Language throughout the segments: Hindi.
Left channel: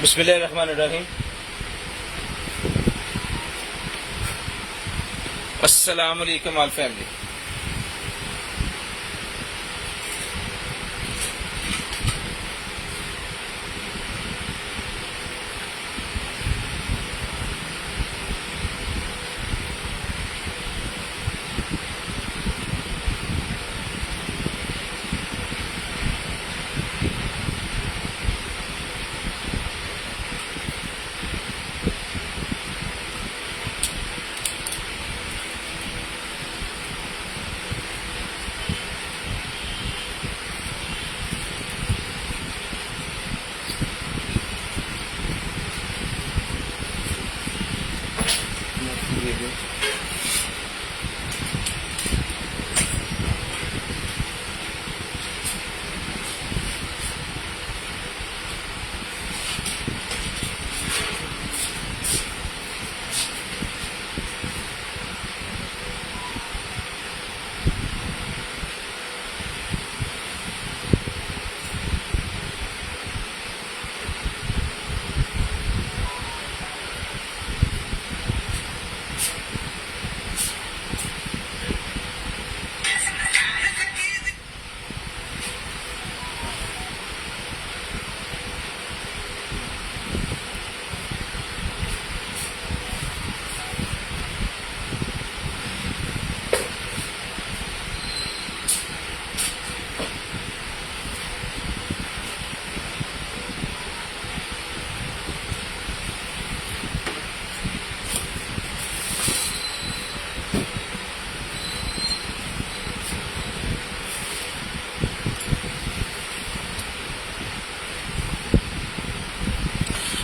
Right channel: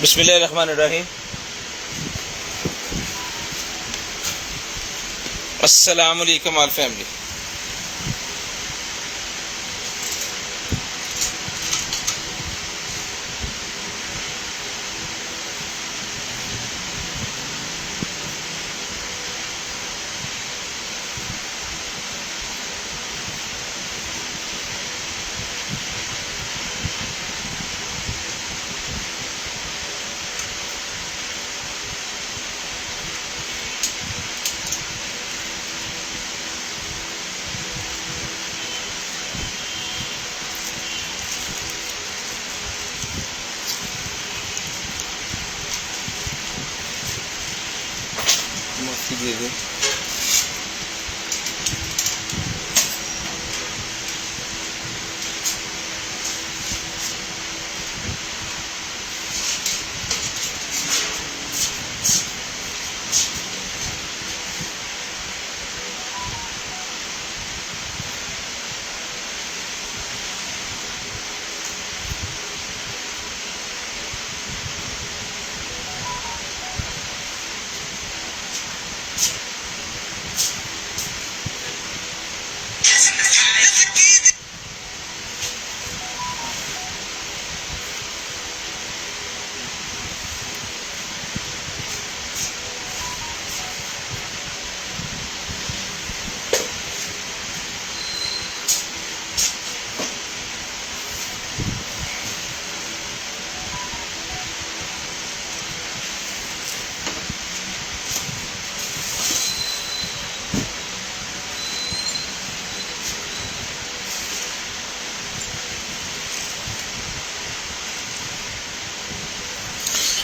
बिस्मिल्लाहिर्रहमानिर्रहीम। अस्सलामु अलैकुम ऑल फैमिली।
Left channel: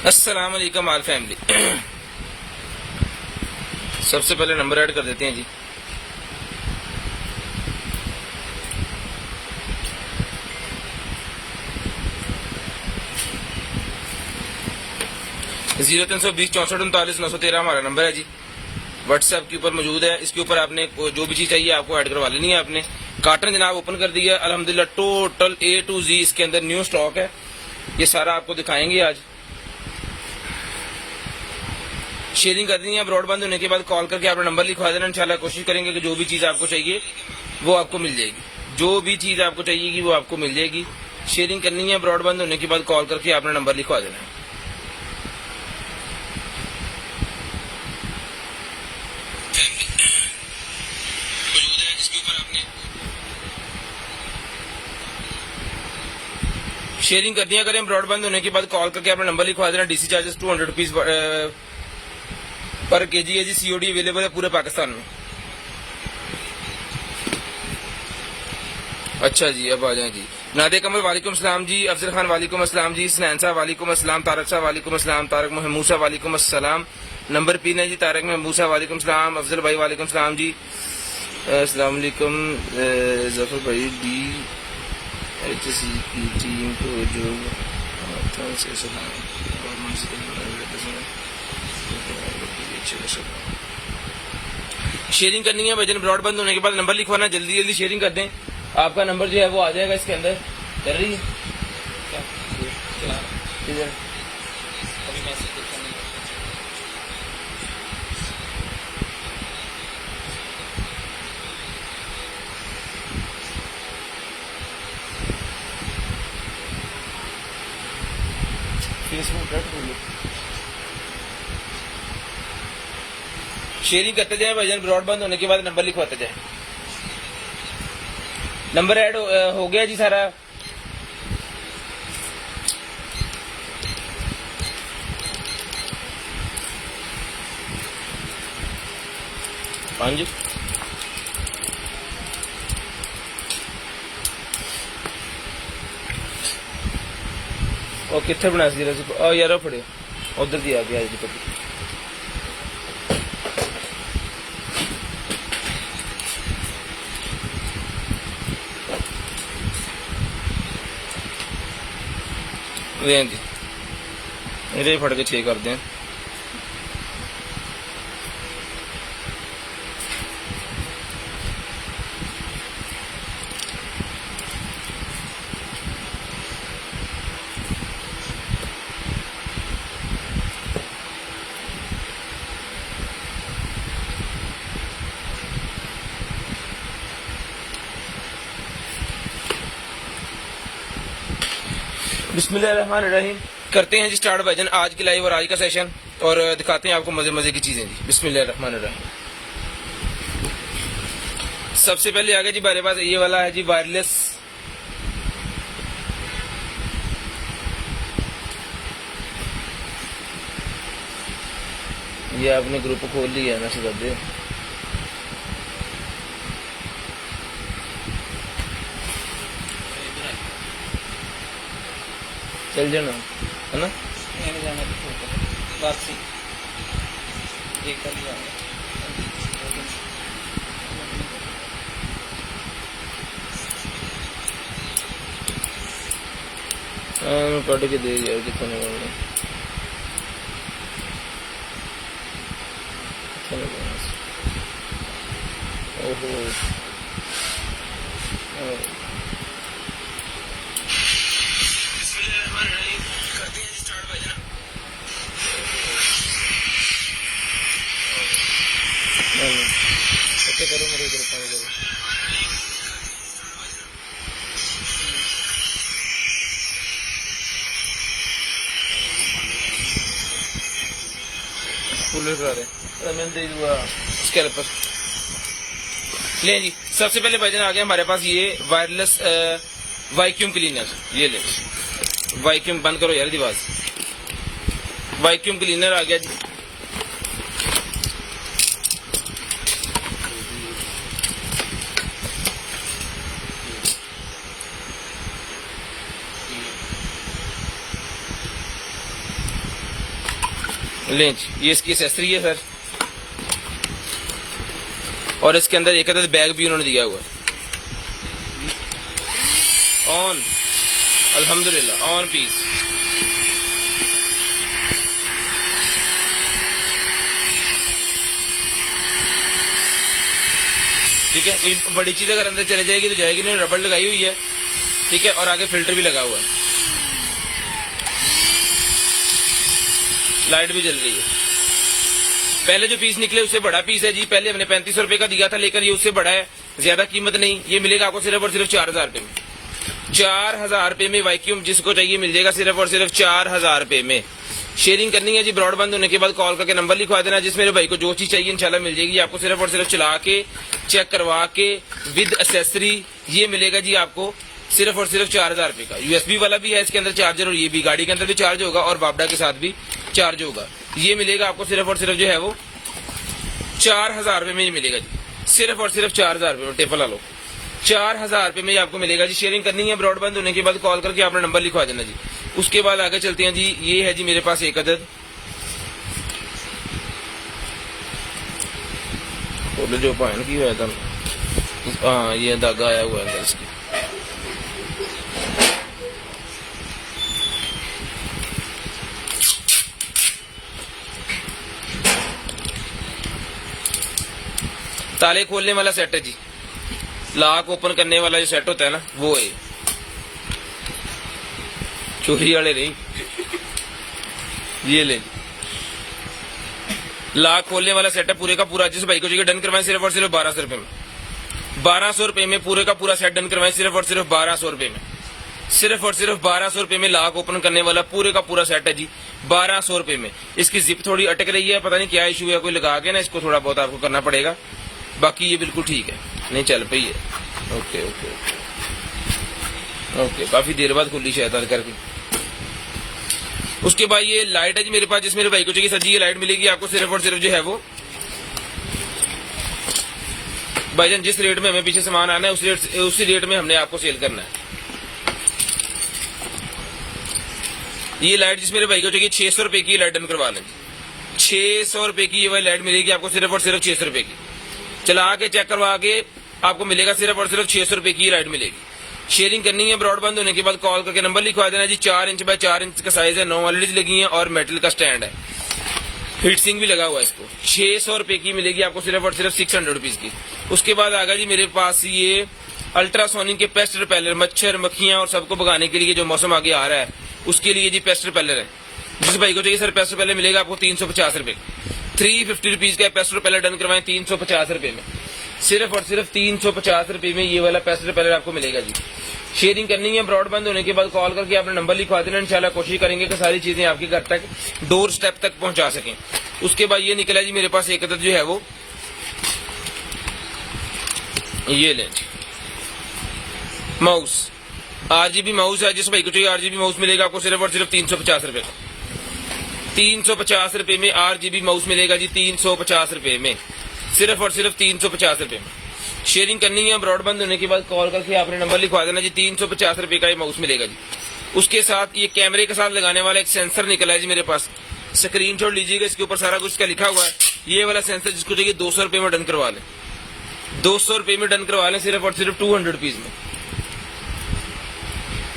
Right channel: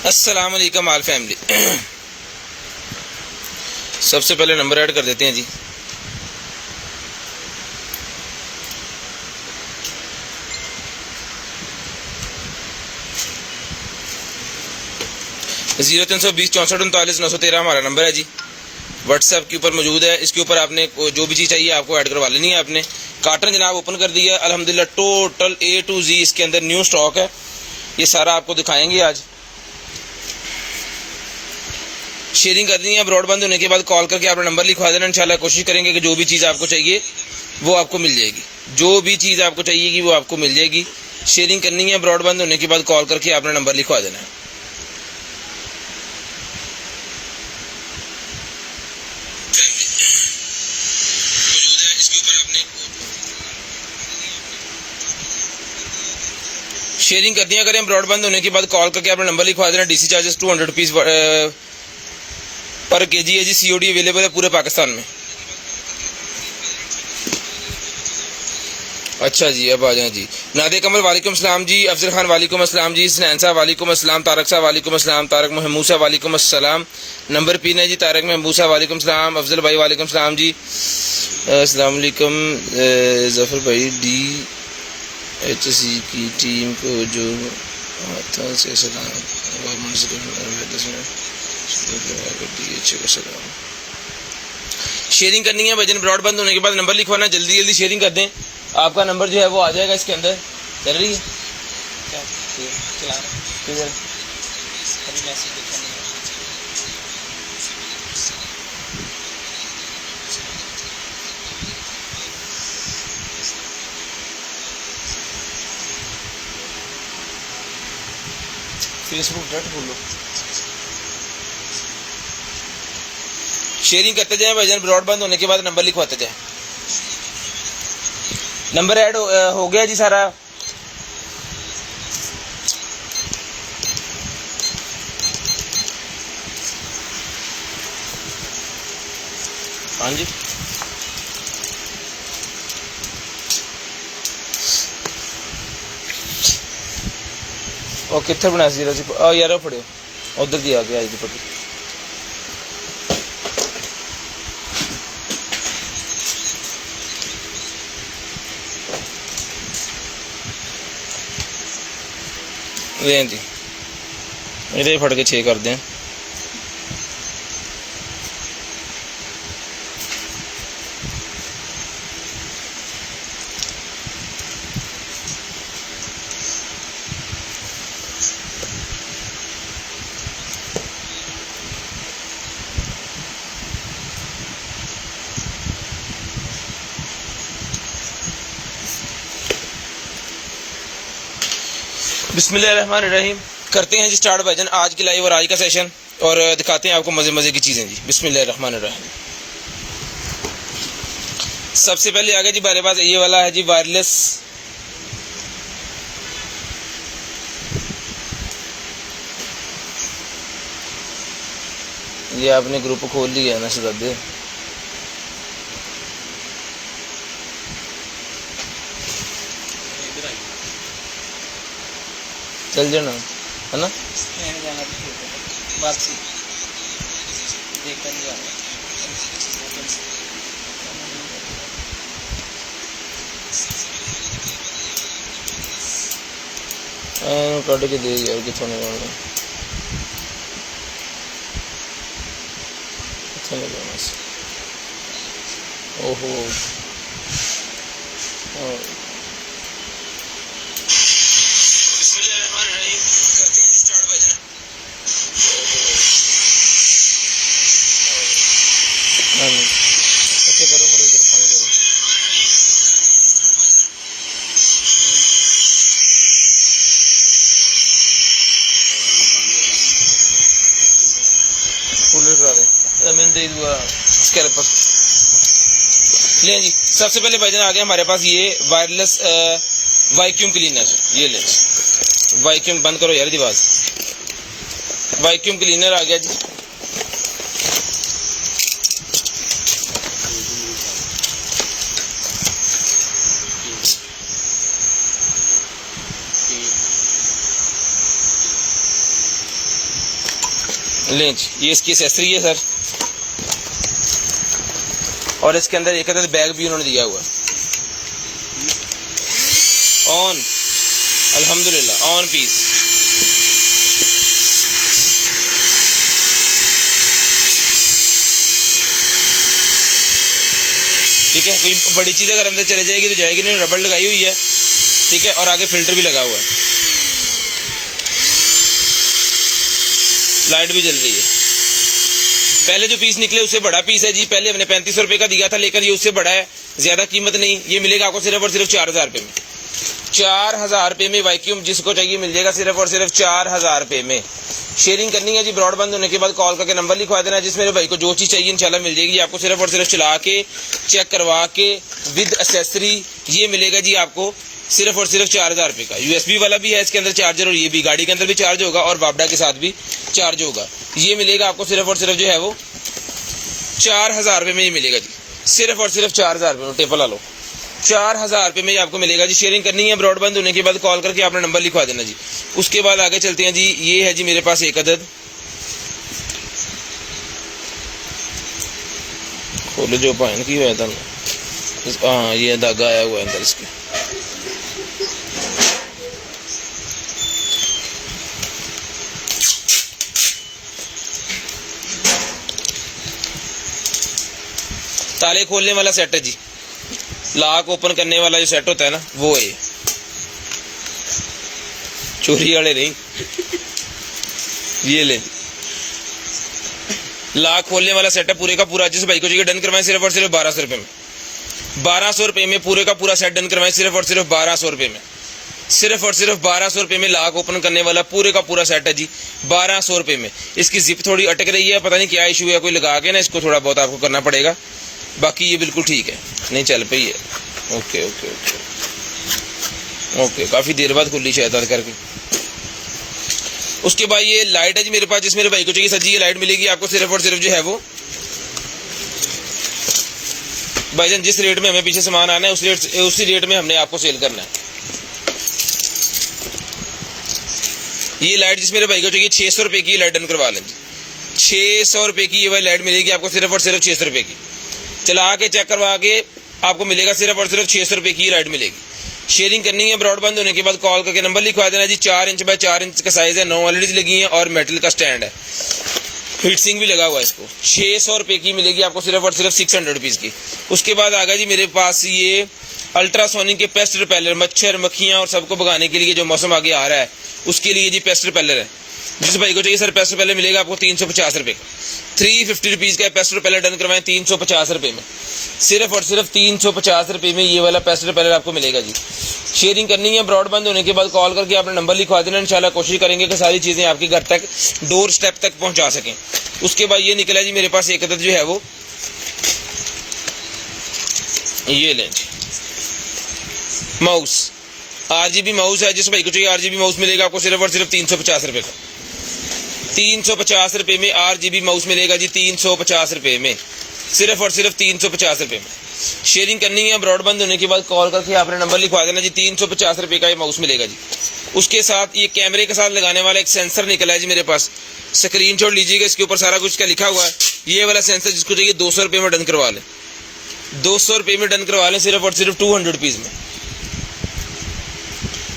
अस्सलाम वालेकुम ऑल फैमिली। सबसे पहले नंबर ऐड कर देते हैं जी। जीरो 320 64 39 913 हमारा नंबर है जी। व्हाट्सएप के ऊपर मौजूद है। इसके ऊपर आपने जो भी चीज़ चाहिए आपको ऐड करवा लेनी है। आपने कार्टन जनाब ओपन कर दिया अल्हम्दुलिल्लाह। टोटल A to Z इसके अंदर न्यू स्टॉक है। ये सारा आपको दिखाएंगे आज। शेयरिंग करनी है। ब्रॉडबैंड होने के बाद कॉल करके आपने नंबर लिखवा देना। इंशाल्लाह कोशिश करेंगे कि जो भी चीज़ आपको चाहिए वो आपको मिल जाएगी। जो भी चीज़ आपको चाहिएगी वो आपको मिल जाएगी। शेयरिंग करनी है। ब्रॉडबैंड होने के बाद कॉल करके आपने नंबर लिखवा देना है। शेयरिंग करनी है करें। ब्रॉडबैंड होने के बाद कॉल करके आपने नंबर लिखवा देना। DC चार्जेस 200 रुपीज़ पर केजी है जी। COD अवेलेबल है पूरे पाकिस्तान में। अच्छा जी, अब आ जाए जी। नादे कमल वालेकुम अस्सलाम जी। अफजल खान वालेकुम अस्सलाम जी। सनैन साहब वालेकुम अस्सलाम। तारक साहब वालेकुम अस्सलाम। तारक महमूद साहब वालेकुम अस्सलाम। नंबर पिन है जी। तारक महमूद साहब वालेकुम अस्सलाम। अफजल भाई वालेकुम अस्सलाम जी। अस्सलाम वालेकुम। जफर भाई DHC की टीम को जो हाथों से सलाम। शेयरिंग करनी है भजन। ब्रॉडबैंड होने के बाद नंबर लिखवाना। जल्दी जल्दी शेयरिंग कर दें। आपका नंबर जो है वो आ जाएगा इसके अंदर। चल रही है क्या? चला अभी मैसेज देखा नहीं। फेसबुक डट बोलो। शेयरिंग करते जाए भाईजान। ब्रॉडबैंड होने के बाद नंबर लिखवाते जाए। नंबर ऐड हो गया जी सारा। हाँ जी, और कितने बना सी यार फड़ो उधर दी आ गया जी। ये फट के 6 कर दें। बिस्मिल्लाहिर्रहमानिर्रहीम। करते हैं जी स्टार्ट भाईजान आज की लाइव और आज का सेशन, और दिखाते हैं आपको मजे मजे की चीजें जी। बिस्मिल्लाहिर्रहमानिर्रहीम। सबसे पहले आ गया जी हमारे पास ये वाला है जी वायरलेस ये आपने ग्रुप खोल लिया है ना सदादे। चल जाना है ना, जाना वापसी देखकर नहीं जाऊंगा। कट के दे यार कितने ओहो ऐसे करो मेरे इधर पानी करो। कूलर करा दे मैंने दे दिया स्कैल्पर। ले जी सबसे पहले भाईजान आ गया हमारे पास ये वायरलेस वैक्यूम क्लीनर। ये ले वैक्यूम बंद करो यार आवाज। वैक्यूम क्लीनर आ गया जी। लेंच ये इसकी एसेसरी है सर, और इसके अंदर एक अदद बैग भी उन्होंने दिया हुआ है। ऑन अल्हम्दुलिल्लाह ऑन पीस। ठीक है, कोई बड़ी चीज अगर अंदर चले जाएगी तो जाएगी नहीं। रबड़ लगाई हुई है, ठीक है, और आगे फिल्टर भी लगा हुआ है, लाइट भी जल रही है। पहले जो पीस निकले उससे बड़ा पीस है जी। पहले हमने 3500 रुपए का दिया था, लेकिन ये उससे बड़ा है, ज्यादा कीमत नहीं। ये मिलेगा आपको सिर्फ और सिर्फ 4000 रुपए में। 4000 रुपए में वैक्यूम जिसको चाहिए मिल जाएगा सिर्फ और सिर्फ 4000 रुपए में। शेयरिंग करनी है जी, ब्रॉडबैंड होने के बाद कॉल करके नंबर लिखवा देना। जिस मेरे भाई को जो चीज चाहिए इंशाल्लाह मिल जाएगी आपको। सिर्फ और सिर्फ चला के चेक करवा के विद एसेसरी ये मिलेगा जी आपको सिर्फ और सिर्फ 4000 रुपए का। यूएसबी वाला भी है इसके अंदर चार्जर, और ये भी गाड़ी के अंदर भी चार्ज होगा और बाबडा के साथ भी चार्ज होगा। ये मिलेगा आपको सिर्फ और सिर्फ जो है वो 4000 रुपए में ही मिलेगा जी। सिर्फ और सिर्फ 4000 रुपए में टेपल ला लो। 4000 रुपए में आपको मिलेगा जी। शेयरिंग करनी है, ब्रॉडबैंड होने के बाद कॉल करके अपना नंबर लिखवा देना जी। उसके बाद आगे चलते हैं जी। ये है जी मेरे पास एक अदद, खोलो जो पाइन की हुआ था। हाँ ये धागा आया हुआ है अंदर इसके। ताले खोलने वाला सेट है जी, लॉक ओपन करने वाला जो सेट होता है ना वो है। चोरी वाले नहीं, ये ले लॉक खोलने वाला सेट है पूरे का पूरा। जिस भाई को चाहिए डन करवाएं सिर्फ और सिर्फ 1200 रुपए में। 1200 रुपए में पूरे का पूरा सेट डन करवाएं सिर्फ और सिर्फ 1200 रुपए में। सिर्फ और सिर्फ 1200 रुपए में लॉक ओपन करने वाला पूरे का पूरा सेट है जी, 1200 रुपए में। इसकी जिप थोड़ी अटक रही है, पता नहीं क्या इशू है, कोई लगा के ना इसको थोड़ा बहुत आपको करना पड़ेगा। बाकी ये बिल्कुल ठीक है, नहीं चल पई है। ओके ओके ओके ओके, काफी देर बाद खुली शायद करके। उसके बाद ये लाइट है जी मेरे पास, जिस मेरे भाई को चाहिए सजी ये लाइट मिलेगी आपको सिर्फ और सिर्फ जो है वो भाईजान जिस रेट में हमें पीछे सामान आना है उसी रेट में हमने आपको सेल करना है। ये लाइट जिस मेरे भाई को चाहिए 600 रुपए की लाइट डन करवा लें। 600 रुपए की ये वाली लाइट मिलेगी आपको सिर्फ और सिर्फ 600 रुपए की। चला के चेक करवा के आपको मिलेगा सिर्फ और सिर्फ 600 रुपए की लाइट मिलेगी। शेयरिंग करनी है, ब्रॉडबैंड होने के बाद कॉल करके नंबर लिखवा देना जी। 4 इंच बाय 4 इंच का साइज है, 9 एलईडी लगी है और मेटल का स्टैंड है, फिक्सिंग भी लगा हुआ है इसको। 600 रुपए की मिलेगी आपको सिर्फ और सिर्फ 600 रुपीज की। उसके बाद आ गया जी मेरे पास ये अल्ट्रासोनिक के पेस्ट रिपेलर, मच्छर मक्खियां और सबको भगाने के लिए जो मौसम आगे आ रहा है उसके लिए जी पेस्ट रिपेलर है। जिस भाई को चाहिए सर पेस्ट रिपेलर मिलेगा आपको 350 रुपए का। 350 रुपीज का पेस्ट रिपेलर डन करवाएं 350 रुपए में। सिर्फ और सिर्फ 350 रुपए में ये वाला पेस्ट रिपेलर आपको मिलेगा जी। शेयरिंग करनी है, ब्रॉडबैंड होने के बाद कॉल करके आपने नंबर लिखवा देना। इंशाल्लाह कोशिश करेंगे कि सारी चीज़ें आपके घर तक डोर स्टेप तक पहुंचा सकें। उसके बाद ये निकला जी मेरे पास एक अदद जो है वो, ये लें माउस, RGB माउस है। जिस भाई को चाहिए RGB माउस मिलेगा आपको सिर्फ और सिर्फ 350 रुपये का। 350 रुपये में RGB माउस मिलेगा जी, 350 रुपये में, सिर्फ और सिर्फ 350 रुपये में। शेयरिंग करनी है, ब्रॉडबैंड होने के बाद कॉल करके आपने नंबर लिखवा देना जी। 350 रुपये का ये माउस मिलेगा जी। उसके साथ ये कैमरे के साथ लगाने वाला एक सेंसर निकला है जी मेरे पास, स्क्रीनशॉट लीजिएगा, इसके ऊपर सारा कुछ का लिखा हुआ है। ये वाला सेंसर जिसको चाहिए 200 रुपये में डन करवा लें, 200 रुपये में डन करवा लें, सिर्फ और सिर्फ 200 रुपीज़ में,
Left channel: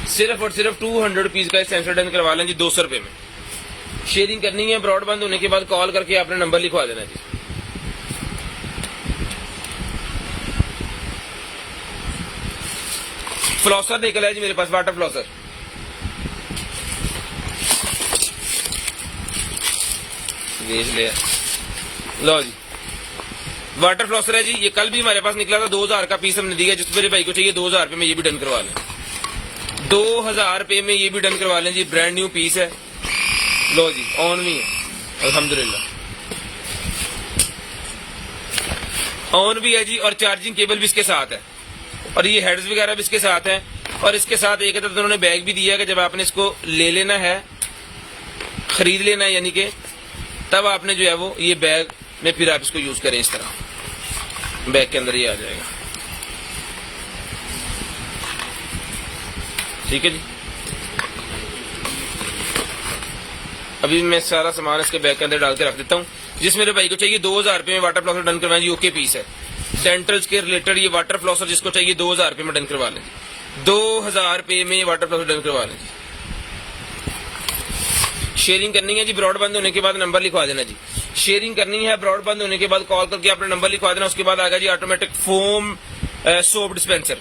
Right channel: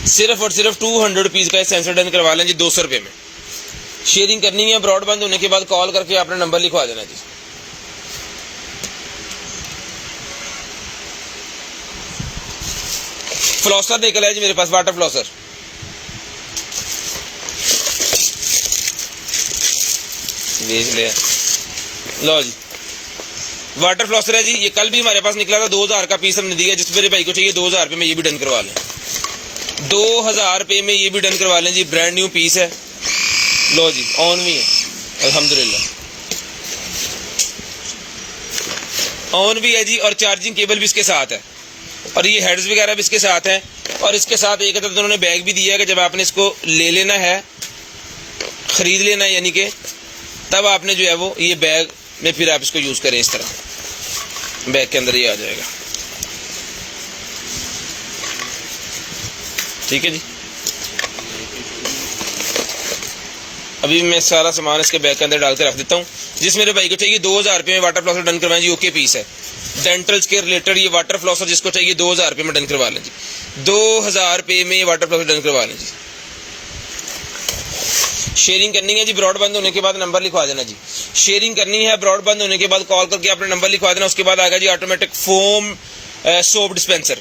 सिर्फ और सिर्फ 200 रुपीज़ का सेंसर डन करवा लें जी 200 रुपये में। शेयरिंग करनी है, ब्रॉडबैंड होने के बाद कॉल करके आपने नंबर लिखवा देना जी। फ्लॉसर निकला है जी मेरे पास, वाटर फ्लॉसर, ले लो जी, वाटर फ्लॉसर है जी। ये कल भी हमारे पास निकला था, 2000 का पीस हमने दिया। जिस मेरे भाई को चाहिए 2000 रुपये में ये भी डन करवा लें, 2000 रुपये में ये भी डन करवा लें जी। ब्रांड न्यू पीस है, लो जी, ऑन भी है अल्हम्दुलिल्लाह, ऑन भी है जी। और चार्जिंग केबल भी इसके साथ है, और ये हेड्स वगैरह भी इसके साथ है। और इसके साथ एक तो उन्होंने बैग भी दिया है कि जब आपने इसको ले लेना है, खरीद लेना है, यानी कि तब आपने जो है वो ये बैग में फिर आप इसको यूज करें। इस तरह बैग के अंदर ये आ जाएगा, ठीक है जी। अभी मैं सारा सामान इसके बैग के अंदर डाल के रख देता हूँ। जिस मेरे भाई को चाहिए 2000 रुपये में वाटर फ्लॉसर डन करवाएं जी, ओके पीस है। डेंटल्स के रिलेटेड ये वाटर फ्लॉसर जिसको चाहिए 2000 रुपये में डन करवा लें जी, 2000 रुपये में ये वाटर फ्लॉसर डन करवा लें जी। शेयरिंग करनी है जी, ब्रॉडबैंड होने के बाद नंबर लिखवा देना जी। शेयरिंग करनी है, ब्रॉडबैंड होने के बाद कॉल करके आपने नंबर लिखवा देना। उसके बाद आएगा जी automatic foam soap dispenser,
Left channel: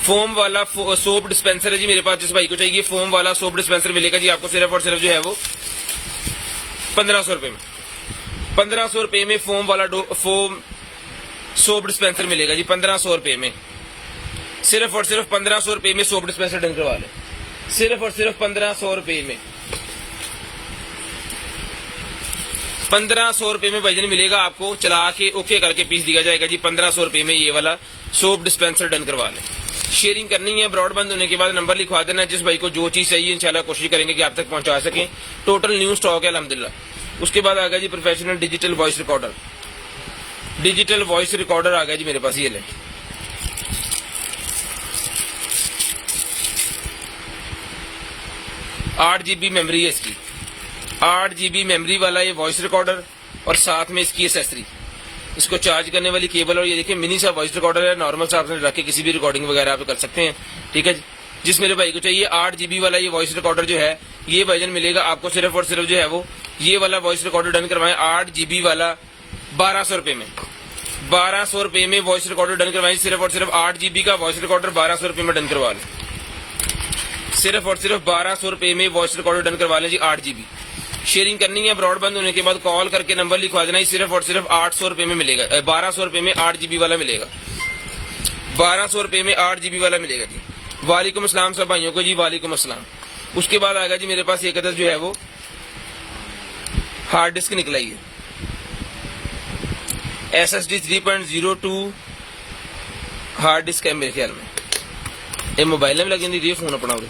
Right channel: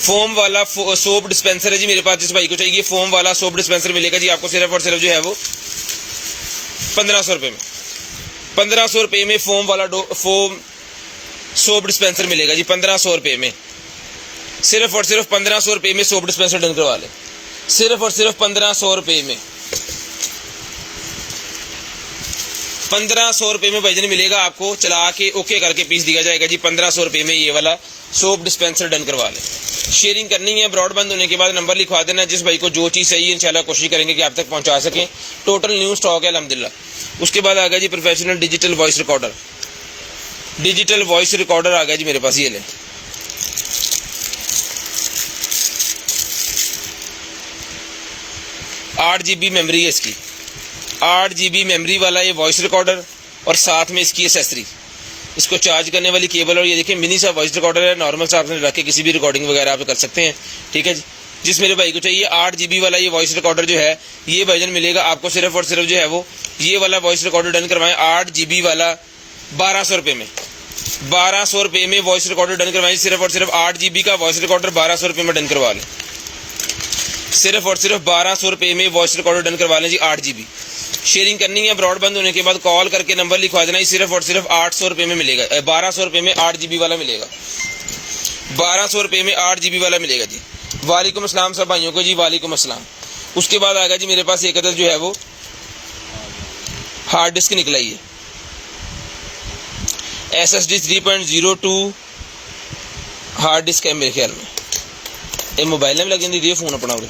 foam वाला सोप डिस्पेंसर है जी मेरे पास। जिस भाई को चाहिए फोम वाला सोप डिस्पेंसर मिलेगा जी आपको सिर्फ और सिर्फ जो है वो 1500 रुपये में, 1500 रुपये में फोम वाला फोम सोप डिस्पेंसर मिलेगा जी, 1500 रुपये में, सिर्फ और सिर्फ 1500 रुपये में सोप डिस्पेंसर डन करवा ले, सिर्फ और सिर्फ 1500 रुपये में, 1500 रुपये में भाईजान मिलेगा आपको। चला के ओके करके पीस दिया जाएगा जी, 1500 रुपये में ये वाला सोप डिस्पेंसर डन करवा लें। शेयरिंग करनी है, ब्रॉडबैंड होने के बाद नंबर लिखवा देना। जिस भाई को जो चीज़ चाहिए इंशाल्लाह कोशिश करेंगे कि आप तक पहुंचा सकें। टोटल न्यू स्टॉक है अल्हम्दुलिल्लाह। उसके बाद आ गया जी professional digital voice recorder, digital voice recorder आ गया जी मेरे पास, ये ले 8 GB मेमोरी है इसकी, 8 GB मेमोरी वाला ये वॉइस रिकॉर्डर, और साथ में इसकी एसेसरी, इसको चार्ज करने वाली केबल। और ये देखिए मिनी सा वॉइस रिकॉर्डर है, नॉर्मल सा आपने रख के किसी भी रिकॉर्डिंग वगैरह आप कर सकते हैं, ठीक है जी। जिस मेरे भाई को चाहिए 8 GB वाला ये वॉइस रिकॉर्डर जो है, ये भाईजान मिलेगा आपको सिर्फ और सिर्फ जो है वो ये वाला वॉइस रिकॉर्डर डन करवाएं 8 GB वाला 1200 रुपये में, 1200 रुपये में वॉइस रिकॉर्डर डन करवाएं। सिर्फ और सिर्फ 8 GB का वॉइस रिकॉर्डर 1200 रुपये में डन करवा लें, सिर्फ और सिर्फ 1200 रुपये में वॉइस रिकॉर्डर डन करवा लें जी, 8 GB। शेयरिंग करनी है, ब्रॉडबैंड होने के बाद कॉल करके नंबर लिखवा देना। सिर्फ और सिर्फ 800 रुपये में मिलेगा, 1200 रुपये में 8 GB वाला मिलेगा, 1200 रुपये में 8 GB वाला मिलेगा जी। वालेकुम अस्सलाम सब भाइयों को जी, वालेकुम अस्सलाम। उसके बाद आएगा जी मेरे पास एक अदद जो है वो हार्ड डिस्क निकला, ये SSD 3.02 हार्ड डिस्क है मेरे ख्याल में। ये मोबाइल में लगे दी फोन अपना उरे,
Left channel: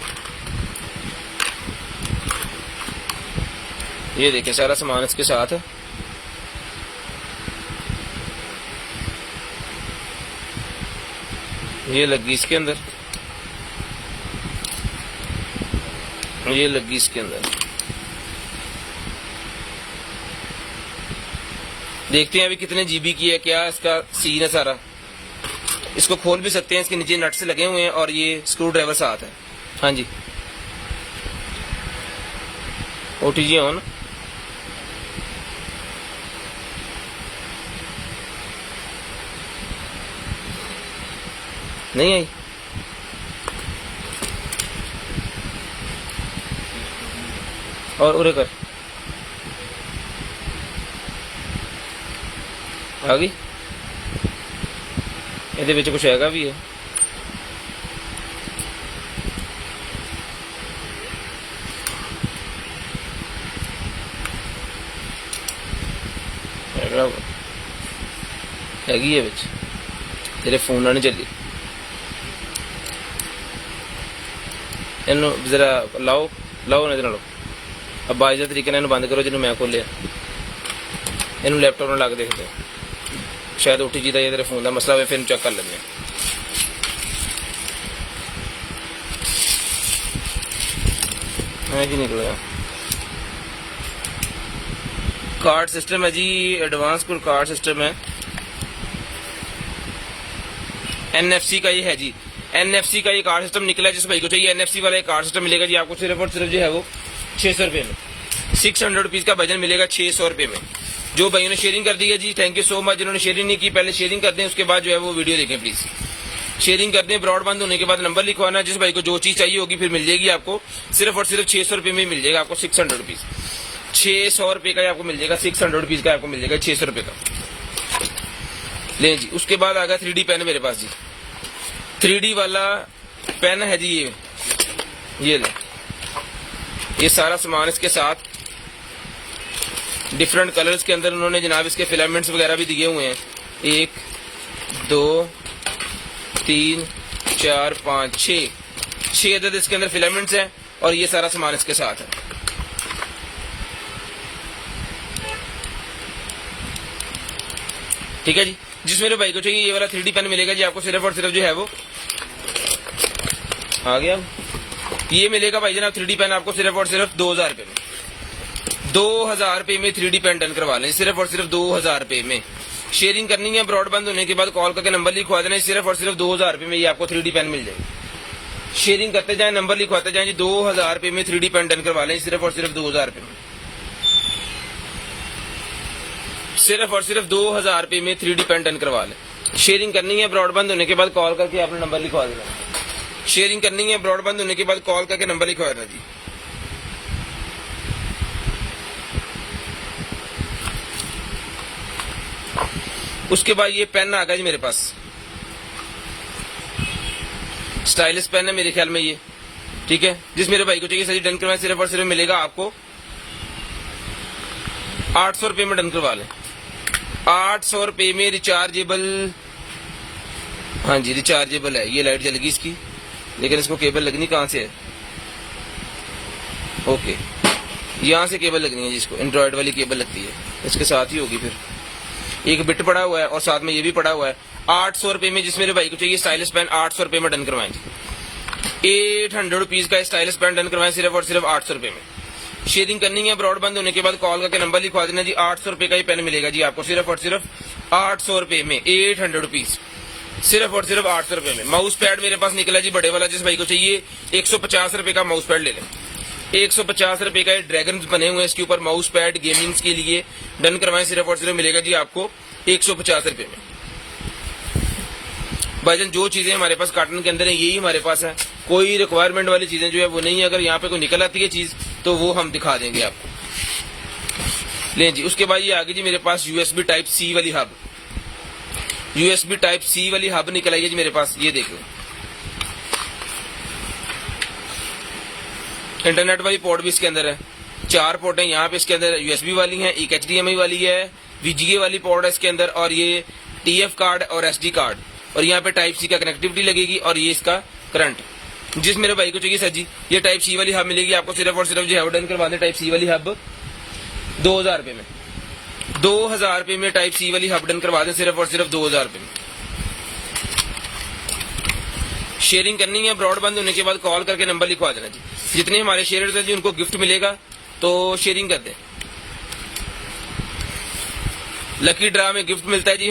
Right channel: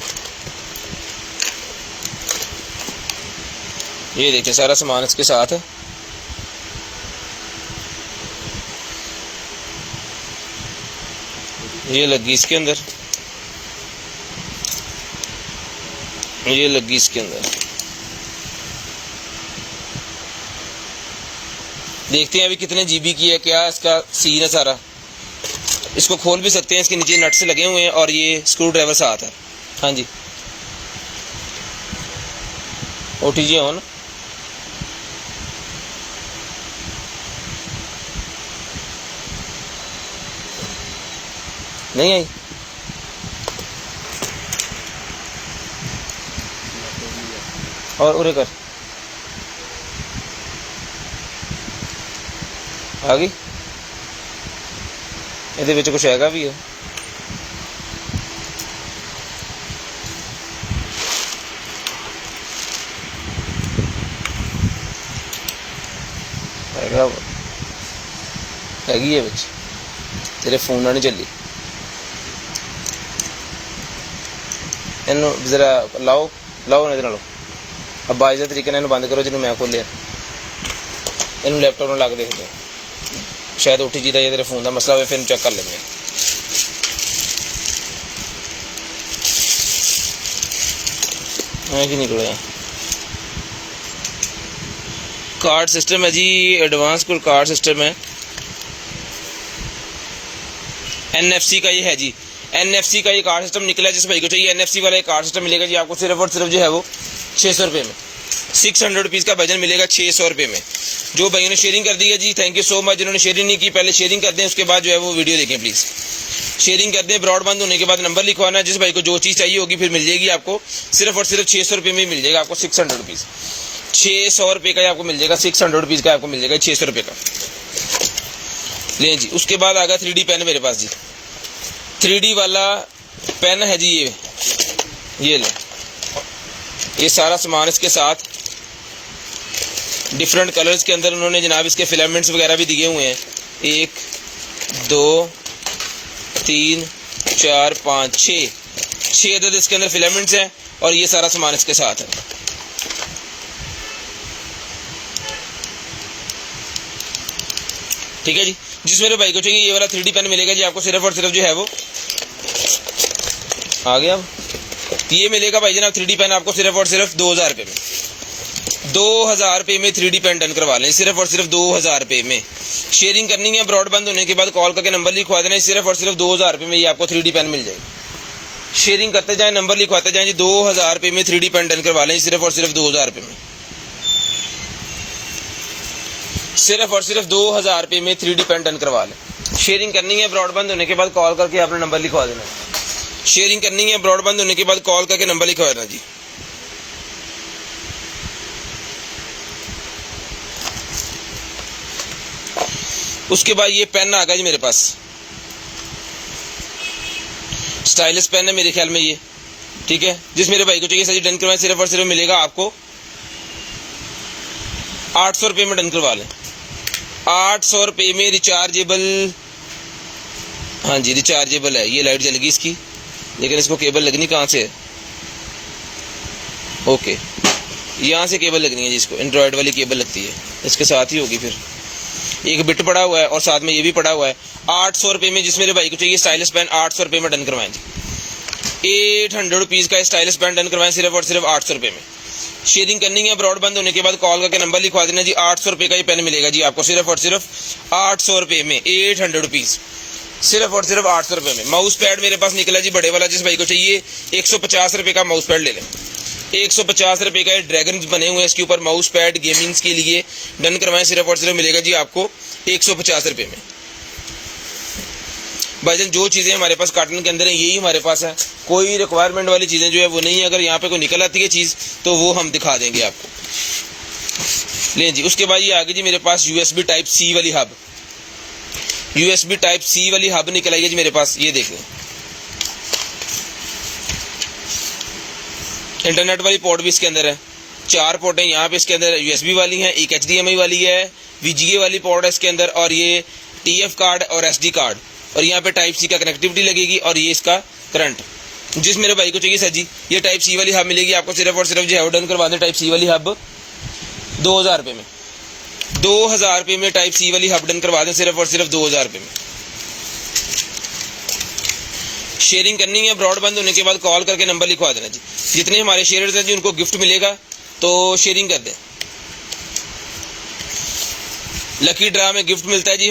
ये देखिए सारा सामान इसके साथ है। ये लगी इसके अंदर, ये लगी इसके अंदर। देखते हैं अभी कितने GB की है, क्या इसका सीन है सारा। इसको खोल भी सकते हैं, इसके नीचे नट से लगे हुए हैं और ये स्क्रू ड्राइवर साथ है। हाँ जी, OTG ऑन, नहीं आई, और उरे कर आ गई। ये कुछ हैगा भी है, हैगी है बिच तेरे फोन ना नहीं चली इनू जरा लाओ लाओ नजर लो अब बाइजा तरीके ने बंद करो जिन्होंने मैं खोलिया इनू लैपटॉप में ला के देखते हैं शायद उठी जीता ये तेरे फोन का मसला हो फिर चेक कर लेंगे कि निकलेगा कार्ड सिस्टम है जी एडवांस कोई कार्ड सिस्टम है NFC का ये है जी NFC का ये कार्ड सिस्टम निकला है जिस भाई को चाहिए NFC वाला कार्ड सिस्टम मिलेगा जी आपको सिर्फ और सिर्फ जो है वो 600 रुपये में 600 रुपीज़ का वजन मिलेगा 600 रुपये में। जो भाइयों ने शेयरिंग कर दी है जी थैंक यू सो मच। जिन्होंने शेयरिंग नहीं की पहले शेयरिंग कर दें उसके बाद जो है वो वीडियो देखें प्लीज़। शेयरिंग कर दें ब्रॉडबैंड होने के बाद नंबर लिखवाना जिस भाई को जो चीज़ चाहिए होगी फिर मिल जाएगी आपको सिर्फ और सिर्फ 600 रुपये में मिल जाएगा आपको 600 रुपीज़ 600 रुपये का आपको मिल जाएगा 600 रुपीज़ का आपको मिल जाएगा 600 रुपये का लें जी। उसके बाद आ गया 3D पेन मेरे पास जी 3D वाला पेन है जी ये लें ये सारा सामान इसके साथ डिफरेंट कलर्स के अंदर उन्होंने जनाब इसके फिलामेंट्स वगैरह भी दिए हुए हैं 1 2 3 4 5 6 अदद इसके अंदर फिलामेंट्स हैं और ये सारा सामान इसके साथ है। ठीक है जी जिस मेरे भाई को चाहिए ये वाला 3D पेन मिलेगा जी आपको सिर्फ और सिर्फ जो है वो आ गया ये मिलेगा भाई जनाब 3D पेन आपको सिर्फ और सिर्फ 2000 रुपये में 2000 रुपये में 3D पेन डन करवा लें सिर्फ और सिर्फ 2000 रुपये में। शेयरिंग करनी है ब्रॉडबैंड होने के बाद कॉल करके नंबर लिखवा देना सिर्फ और सिर्फ 2000 रुपये में ये आपको 3D पेन मिल जाएगी। शेयरिंग करते जाएं नंबर लिखवाते जाएं जी 2000 रुपये में 3D पेन डन करवा लें सिर्फ और सिर्फ 2000 रुपये में सिर्फ और सिर्फ 2000 रुपये में 3D पेन डन करवा लें। शेयरिंग करनी है ब्रॉडबैंड होने के बाद कॉल करके आपने नंबर लिखवा देना। शेयरिंग करनी है ब्रॉडबैंड होने के बाद कॉल करके नंबर लिखवा देना जी। उसके बाद ये पेन आ गया जी मेरे पास स्टाइलिश पेन है मेरे ख्याल में ये ठीक है जिस मेरे भाई को चाहिए सही डन करवाएं सिर्फ और सिर्फ मिलेगा आपको 800 रुपये में डन करवा लें 800 रुपये में रिचार्जेबल। हाँ जी रिचार्जेबल है ये लाइट जल गई इसकी लेकिन इसको केबल लगनी कहाँ से है ओके यहाँ से केबल लगनी है जी इसको एंड्रॉयड वाली केबल लगती है इसके साथ ही होगी फिर एक बिट पड़ा हुआ है और साथ में ये भी पड़ा हुआ है 800 रुपये में जिस मेरे भाई को चाहिए स्टाइलिश पेन 800 रुपये में डन करवाएं जी 800 रुपीज़ का स्टाइलिश पेन डन करवाएं सिर्फ और सिर्फ 800 रुपये में। शेयरिंग करनी है ब्रॉडबैंड होने के बाद कॉल करके नंबर लिखवा देना जी 800 रुपये का ये पेन मिलेगा जी आपको सिर्फ और सिर्फ 800 रुपये में 800 रुपीज़ सिर्फ और सिर्फ 800 रुपये में। माउस पैड मेरे पास निकला जी बड़े वाला जिस भाई को चाहिए 150 रुपये का माउस पैड ले लें 150 रुपये का ड्रैगन बने हुए हैं इसके ऊपर माउस पैड गेमिंग्स के लिए डन करवाएं सिर्फ और सिर्फ मिलेगा जी आपको 150 रुपये में। भाईजान जो चीज़ें हमारे पास कार्टन के अंदर है यही हमारे पास है कोई रिक्वायरमेंट वाली चीज़ें जो है वो नहीं है। अगर यहाँ पे कोई निकल आती है चीज़ तो वो हम दिखा देंगे आपको। लें जी उसके बाद ये आगे जी मेरे पास USB टाइप C वाली हब USB टाइप C वाली हब निकल आई है जी मेरे पास ये देख लो इंटरनेट वाली पोर्ट भी इसके अंदर है 4 पोर्ट हैं यहाँ पे इसके अंदर USB वाली हैं एक HDMI वाली है VGA वाली पोर्ट है इसके अंदर और ये TF कार्ड और SD कार्ड और यहाँ पे टाइप C का कनेक्टिविटी लगेगी और ये इसका करंट। जिस मेरे भाई को चाहिए सर जी ये टाइप C वाली हब मिलेगी आपको सिर्फ और सिर्फ जो है डन करवा दें टाइप C वाली हब 2000 रुपये में 2000 रुपये में टाइप C वाली हब डन करवा दें सिर्फ और सिर्फ 2000 रुपये में। शेयरिंग करनी है ब्रॉडबैंड होने के बाद कॉल करके नंबर लिखवा देना जी। जितने हमारे शेयर्स हैं जी उनको गिफ्ट मिलेगा तो शेयरिंग कर दें। लकी ड्रा में गिफ्ट मिलता है जी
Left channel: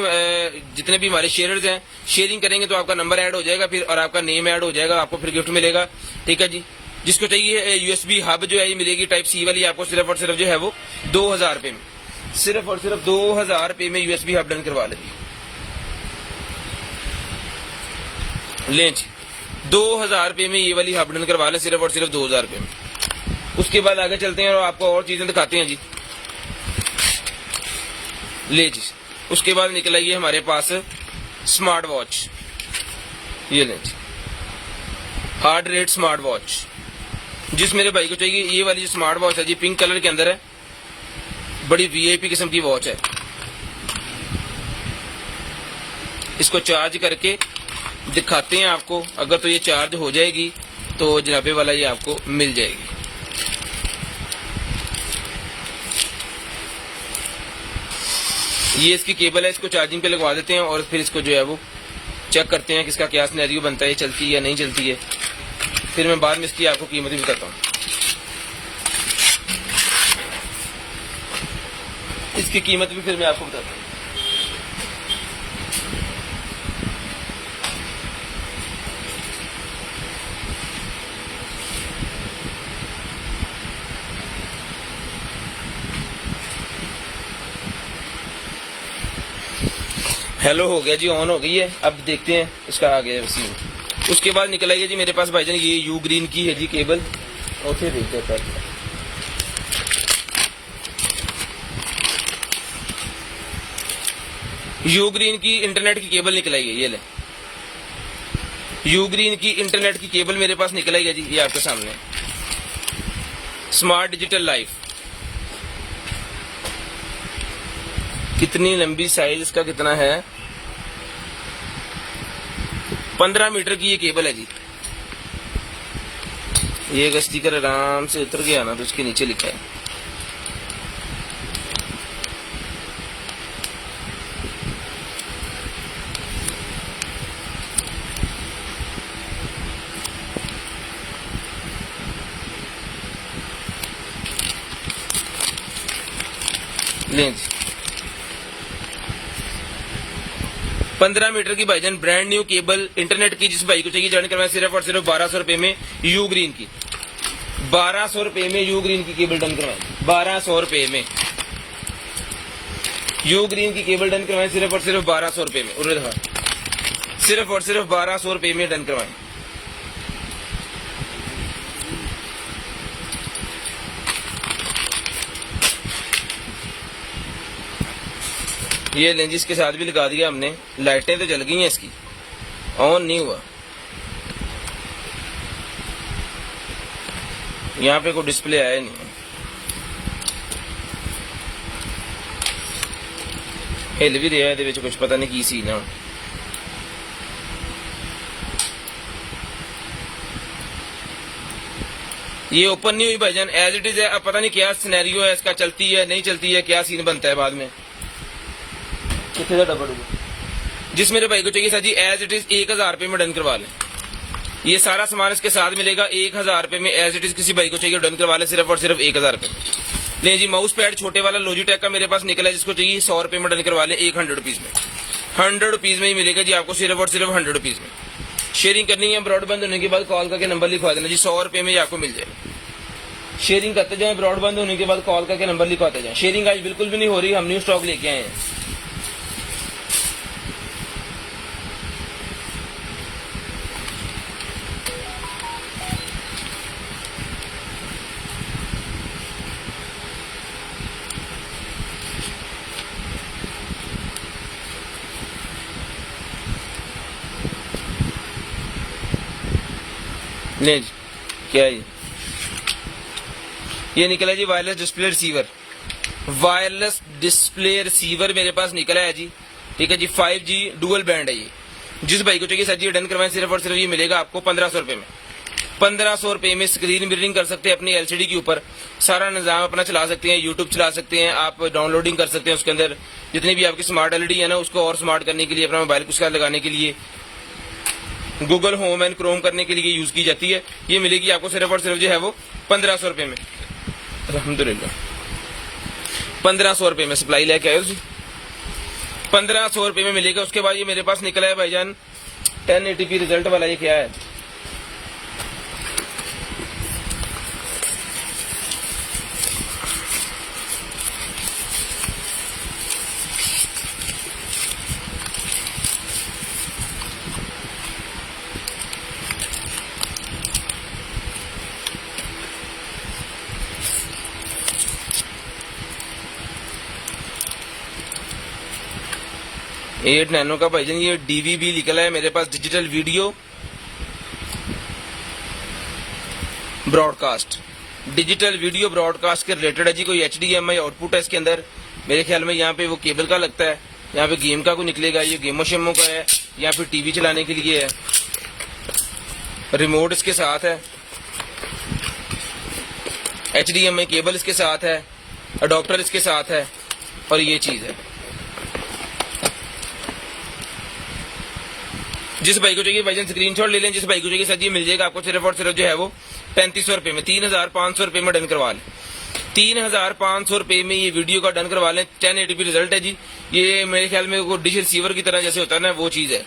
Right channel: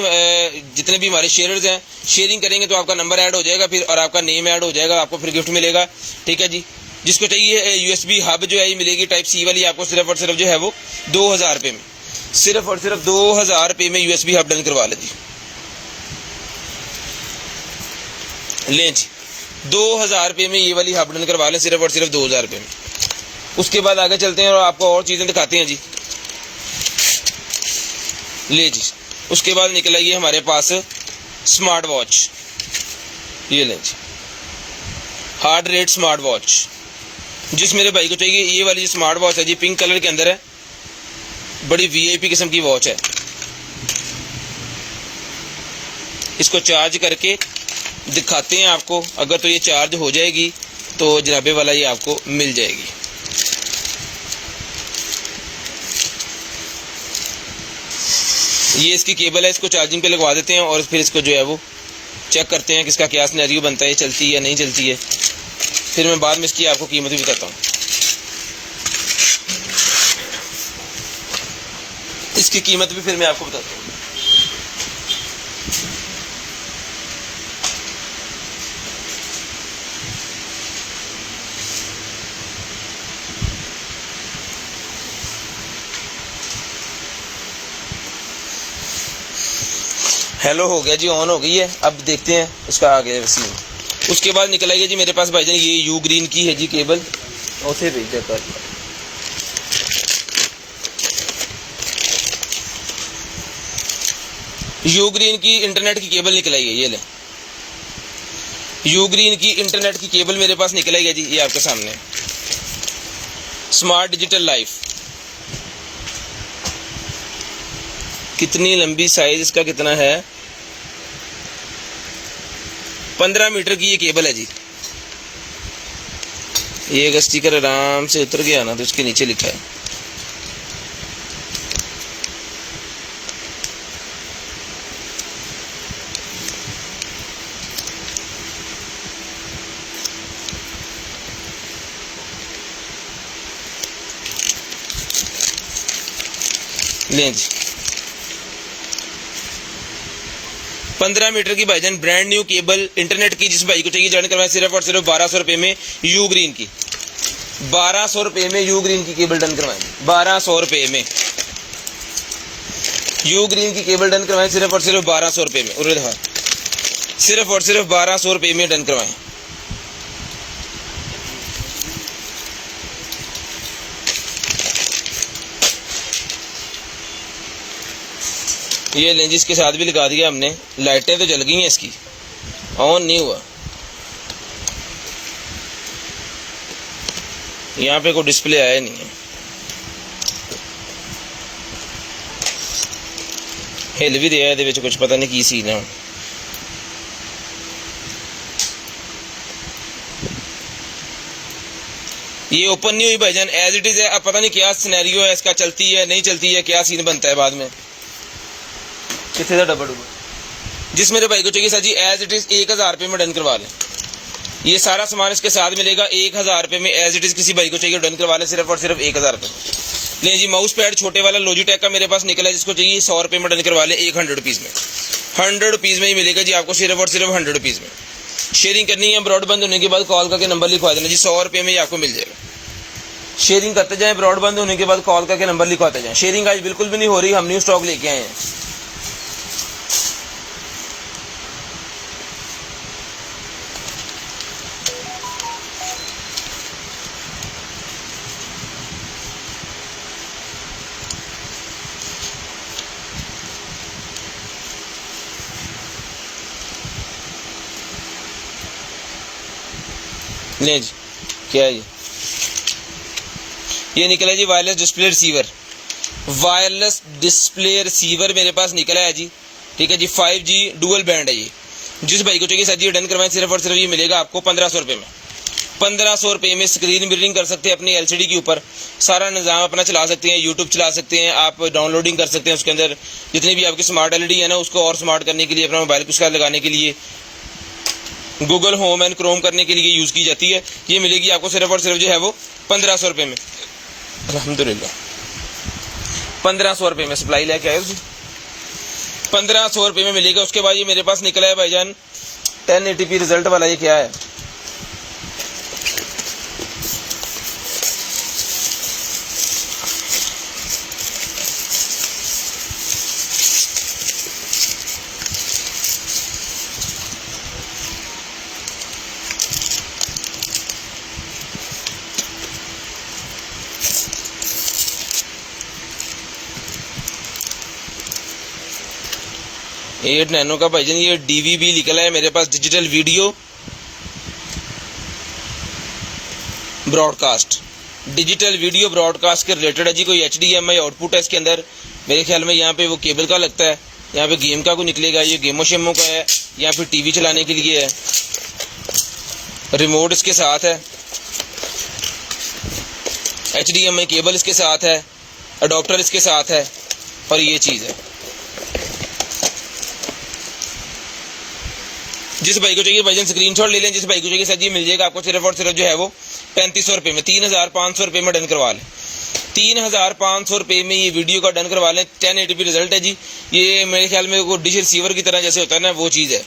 जितने भी हमारे शेयर्स हैं शेयरिंग करेंगे तो आपका नंबर ऐड हो जाएगा फिर और आपका नेम ऐड हो जाएगा आपको फिर गिफ्ट मिलेगा। ठीक है जी जिसको चाहिए USB हब जो है ये मिलेगी टाइप C वाली आपको सिर्फ और सिर्फ जो है वो 2000 रुपये में सिर्फ और सिर्फ 2000 रुपये में USB हब डन करवा लें जी। लें जी 2000 रुपये में ये वाली हब डन करवा लें सिर्फ और सिर्फ 2000 रुपये में। उसके बाद आगे चलते हैं और आपको और चीज़ें दिखाते हैं जी। ले जी उसके बाद निकल आई है हमारे पास स्मार्ट वॉच ये लें जी हार्ट रेट स्मार्ट वॉच जिस मेरे भाई को चाहिए ये वाली स्मार्ट वॉच है जी पिंक कलर के अंदर है बड़ी VIP किस्म की वॉच है इसको चार्ज करके दिखाते हैं आपको। अगर तो ये चार्ज हो जाएगी तो जनाबे वाला ये आपको मिल जाएगी। ये इसकी केबल है, इसको चार्जिंग पे लगवा देते हैं और फिर इसको जो है वो चेक करते हैं कि इसका क्या सिनेरियो बनता है, चलती है या नहीं चलती है। फिर मैं बाद में इसकी आपको कीमत भी बताता हूँ। इसकी कीमत भी फिर मैं आपको बताता हूँ। हेलो हो गया जी, ऑन हो गई है। अब देखते हैं इसका आगे सीन। उसके बाद निकल आई है जी मेरे पास भाईजान ये यू ग्रीन की है जी केबल, उसे भेज देता है। यू ग्रीन की इंटरनेट की केबल निकल आई है, ये ले यू ग्रीन की इंटरनेट की केबल मेरे पास निकल आई है जी, ये आपके सामने। स्मार्ट डिजिटल लाइफ, कितनी लंबी साइज इसका कितना है, 15 मीटर की ये केबल है जी। ये अगर स्टिकर आराम से उतर गया ना तो उसके नीचे लिखा है लें जी 15 मीटर की भाईजान ब्रांड न्यू केबल इंटरनेट की, जिस भाई को चाहिए ज्वाइन करवाएं सिर्फ और सिर्फ 1200 रुपए में यू ग्रीन की। 1200 रुपए में यू ग्रीन की केबल डन करवाएं, 1200 रुपए में यू ग्रीन की केबल डन करवाएं सिर्फ और सिर्फ 1200 रुपए में। और देखा सिर्फ और सिर्फ 1200 रुपए में डन करवाएं। ये लेंस के साथ भी लगा दिया हमने। लाइटें तो जल गई हैं इसकी, ऑन नहीं हुआ। यहाँ पे कोई डिस्प्ले आया नहीं है, हिल भी दिया है, कुछ पता नहीं की सीन है। ये ओपन नहीं हुई भाईजान, एज इट इज है। अब पता नहीं क्या सिनेरियो है इसका, चलती है नहीं चलती है, क्या सीन बनता है बाद में। कितने डब्बा डुब्बा जिस मेरे भाई को चाहिए sir ji as it is 1000 रुपये में डन करवा लें। ये सारा सामान इसके साथ मिलेगा 1000 रुपये में, एज इट इज किसी भाई को चाहिए डन करवा लें सिर्फ और सिर्फ 1000 रुपये में। लें जी माउस पैड छोटे वाला लॉजिटेक का मेरे पास निकला है, जिसको चाहिए 100 रुपये में डन करवा लें, 100 रुपीज़ में। 100 रुपीज़ में ही मिलेगा जी आपको सिर्फ और सिर्फ 100 रुपीज़ में। शेयरिंग करनी है, ब्रॉडबैंड होने के बाद कॉल करके नंबर लिखवा देना जी, 100 रुपये में ही आपको मिल जाएगा। शेयरिंग करते जाएं, ब्रॉडबैंड होने के बाद कॉल करके नंबर लिखवाते जाएं। शेयरिंग आज बिल्कुल भी नहीं हो रही, हम न्यू स्टॉक लेके आए हैं। ले जी क्या है ये निकला जी wireless display receiver. Wireless display receiver मेरे पास निकला है जी, ठीक है जी। 5G डुअल बैंड है ये। जिस भाई को चाहिए सर जी डन करवाएं सिर्फ और सिर्फ ये मिलेगा आपको 1500 रुपये में। 1500 रुपये में स्क्रीन मिररिंग कर सकते हैं अपनी LCD के ऊपर, सारा निज़ाम अपना चला सकते हैं, यूट्यूब चला सकते हैं, आप डाउनलोडिंग कर सकते हैं। उसके अंदर जितनी भी आपकी स्मार्ट LED है ना, उसको और स्मार्ट करने के लिए, अपना मोबाइल उसका लगाने के लिए, गूगल होम एंड क्रोम करने के लिए यूज़ की जाती है। ये मिलेगी आपको सिर्फ और सिर्फ जो है वो 1500 रुपये में। अल्हम्दुलिल्लाह 1500 रुपये में सप्लाई लेके आए जी, 1500 रुपये में मिलेगा। उसके बाद ये मेरे पास निकला है भाईजान 1080p रिजल्ट वाला। ये क्या है, एट नैनो का भाईजान ये DVB निकला है मेरे पास, digital video broadcast. Digital video broadcast के रिलेटेड है जी। कोई HDMI आउटपुट है इसके अंदर, मेरे ख्याल में यहाँ पे वो केबल का लगता है। यहाँ पे गेम का कोई निकलेगा, ये गेमो शेमो का है या फिर टीवी चलाने के लिए है। रिमोट इसके साथ है, HDMI केबल इसके साथ है, अडॉप्टर इसके साथ है और ये चीज़ है। जिस भाई को चाहिए भाईजान स्क्रीनशॉट ले लें। जिस भाई को चाहिए सर जी मिल जाएगा आपको सिर्फ और सिर्फ जो है वो 3500 रुपये में, 3500 रुपये में डन करवा लें। 3500 रुपये में ये वीडियो का डन करवा लें। 1080p रिजल्ट है जी। ये मेरे ख्याल में वो डिश रिसीवर की तरह जैसे होता है ना, वो चीज़ है।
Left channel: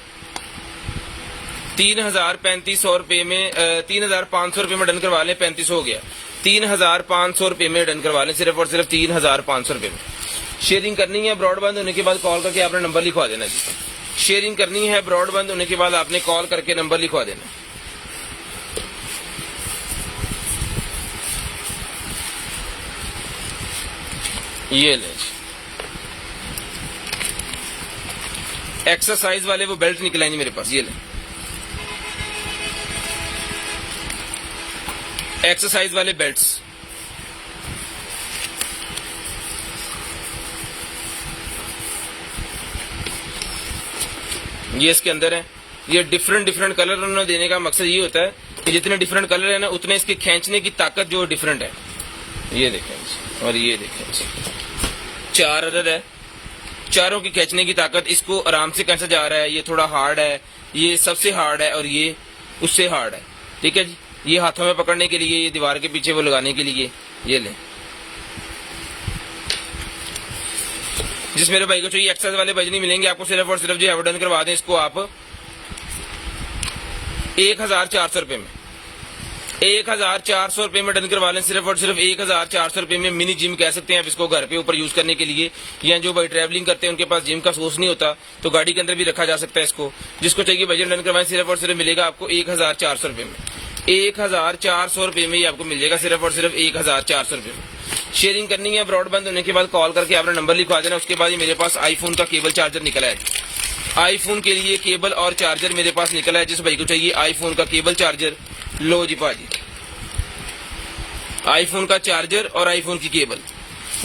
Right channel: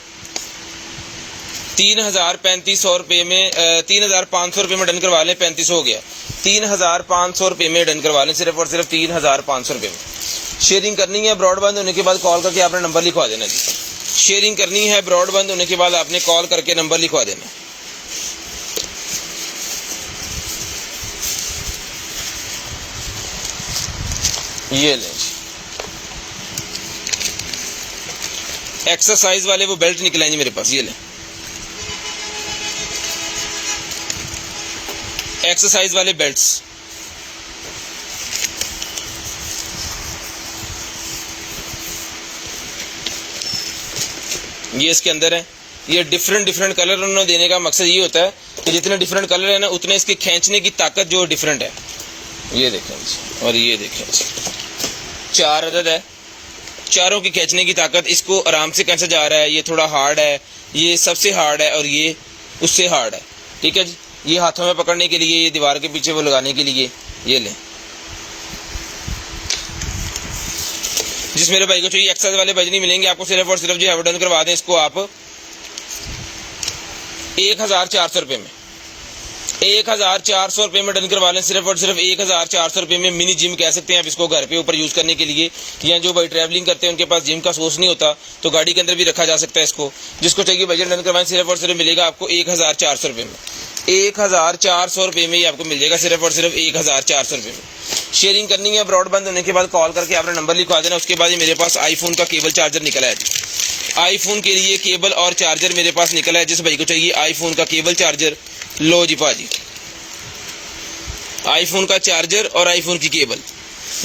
3500 रुपये में 3500 रुपये में डन करवा लें। 3500 हो गया, 3500 रुपये में डन करवा लें, सिर्फ और सिर्फ 3500 रुपये में। शेयरिंग करनी है, ब्रॉडबैंड होने के बाद कॉल करके आपने नंबर लिखवा देना जी। शेयरिंग करनी है, ब्रॉडबैंड होने के बाद आपने कॉल करके नंबर लिखवा देना। ये लें, एक्सरसाइज वाले वो बेल्ट निकल आएंगे मेरे पास। ये लें, एक्सरसाइज वाले बेल्ट्स। ये इसके अंदर है। ये डिफरेंट कलर उन्होंने देने का मकसद ये होता है कि जितने डिफरेंट कलर है ना उतने इसके खींचने की ताकत जो डिफरेंट है। ये देखें जी, और ये देखें जी, 4 अदद है, चारों की खींचने की ताकत। इसको आराम से कैसे जा रहा है, ये थोड़ा हार्ड है, ये सबसे हार्ड है और ये उससे हार्ड है। ठीक है जी। ये हाथों में पकड़ने के लिए, ये दीवार के पीछे वो लगाने के लिए। ये लें। जिस मेरे भाई को चाहिए एक्सरसाइज वाले बैज नहीं मिलेंगे आपको, सिर्फ और सिर्फ जो है डन करवा दें इसको आप 1400 रुपये में। 1400 रुपये में डन करवा लें, सिर्फ और सिर्फ 1400 रुपये में। मिनी जिम कह सकते हैं आप इसको, घर पे ऊपर यूज करने के लिए, या जो भाई ट्रैवलिंग करते हैं उनके पास जिम का सोर्स नहीं होता तो गाड़ी के अंदर भी रखा जा सकता है इसको। जिसको चाहिए बजट डन करवाएं, सिर्फ और सिर्फ मिलेगा आपको 1400 रुपये में। 1400 रुपये में ही आपको मिल जाएगा, सिर्फ और सिर्फ 1400 रुपये में। शेयरिंग करनी है, ब्रॉडबैंड होने के बाद कॉल करके आपने नंबर लिखवा देना। उसके बाद ये मेरे पास आईफोन का केबल चार्जर निकला है। आईफोन के लिए केबल और चार्जर मेरे पास निकला है। जिस भाई को चाहिए आईफोन का केबल चार्जर, लो जी पाजी, आईफोन का चार्जर और आईफोन की केबल।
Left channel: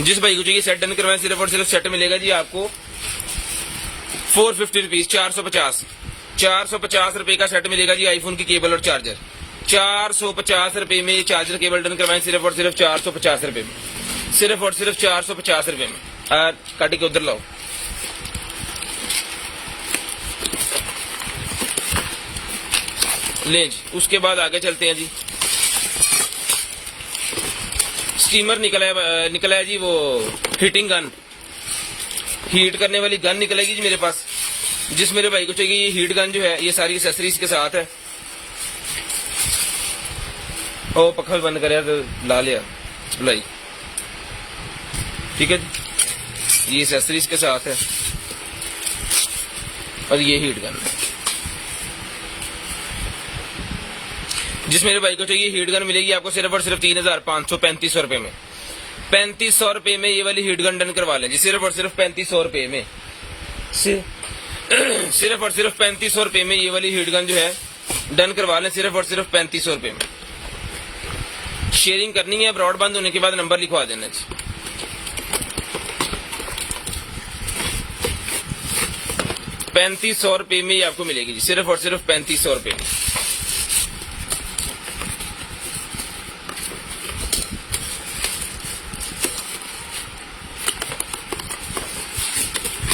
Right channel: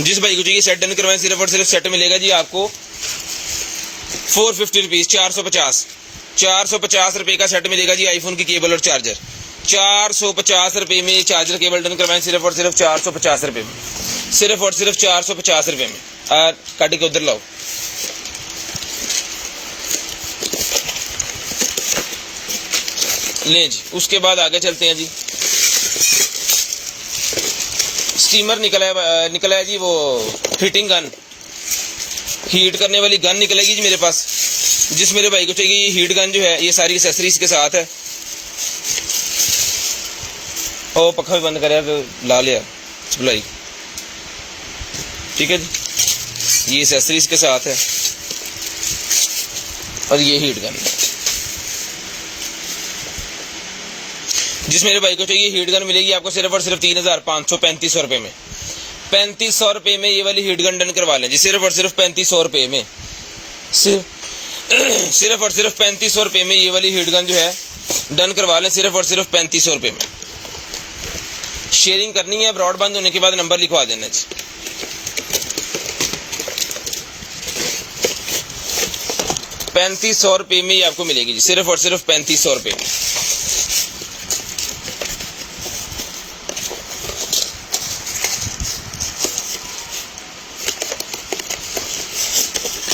जिस भाई को चाहिए सेट डन करवाएं, सिर्फ और सिर्फ सेट मिलेगा जी आपको 450 रुपीज, 450 रुपये का सेट मिलेगा जी आईफोन की केबल और चार्जर। 450 रुपये में चार्जर केबल डन करवाएं, सिर्फ और सिर्फ 450 रुपये में, सिर्फ और सिर्फ 450 रुपये में। काट के उधर लाओ। ले जी, उसके बाद आगे चलते हैं जी। स्टीमर निकला है जी, वो हीटिंग गन, हीट करने वाली गन निकलेगी जी मेरे पास। जिस मेरे भाई को चाहिए ये हीट गन जो है, ये सारी एक्सेसरीज के साथ है। ओ पक्खा भी बंद कर यार, ला लिया बुलाई। ठीक है जी, ये एक्सेसरीज के साथ है और ये हीट गन है। जिस मेरे भाई को चाहिए हीट गन मिलेगी आपको सिर्फ और सिर्फ 3535 रुपये में। 3500 रुपये में ये वाली हीट गन डन करवा लें जी, सिर्फ और सिर्फ 3500 रुपये में। सिर्फ और सिर्फ 3500 रुपये में ये वाली हीट गन जो है डन करवा लें, सिर्फ और सिर्फ 3500 रुपये में। शेयरिंग करनी है, ब्रॉडबैंड होने के बाद नंबर लिखवा देना जी। ₹3500 रुपये में ही आपको मिलेगी जी, सिर्फ और सिर्फ 3500 रुपये में।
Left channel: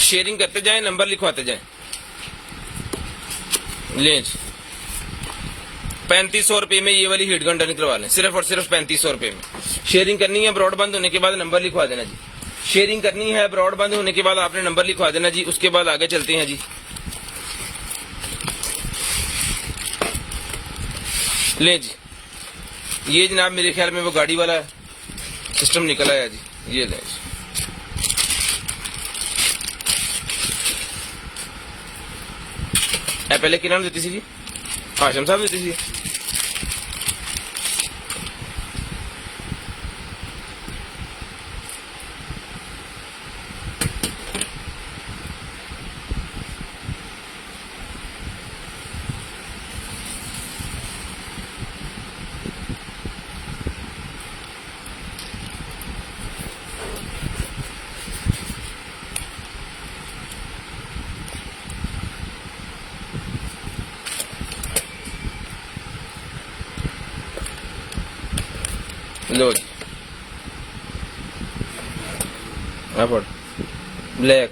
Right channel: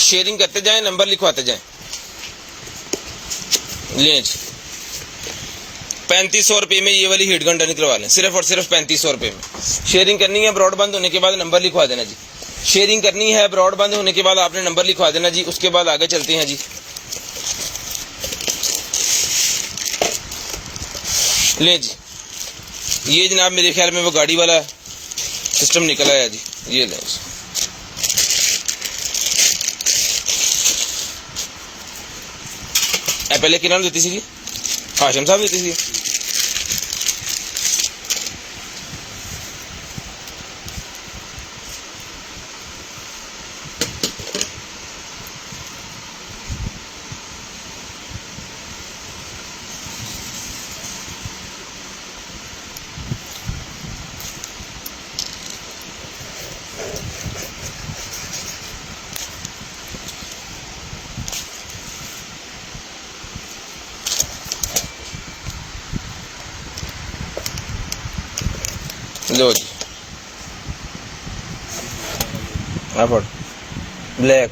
शेयरिंग करते जाएं, नंबर लिखवाते जाएं। लें जी, 3500 रुपये में ये वाली हीट गन डन करवा लें, सिर्फ और सिर्फ 3500 रुपये में। शेयरिंग करनी है, ब्रॉडबैंड होने के बाद नंबर लिखवा देना जी। शेयरिंग करनी है, ब्रॉडबैंड होने के बाद आपने नंबर लिखवा देना जी। उसके बाद आगे चलते हैं जी। ले जी, ये जनाब मेरे ख्याल में वो गाड़ी वाला सिस्टम निकला है जी। ये लें जी, पहले क्या नाम देती थी? हाशम साहब देती थी। लो जी पढ़ ब्लैक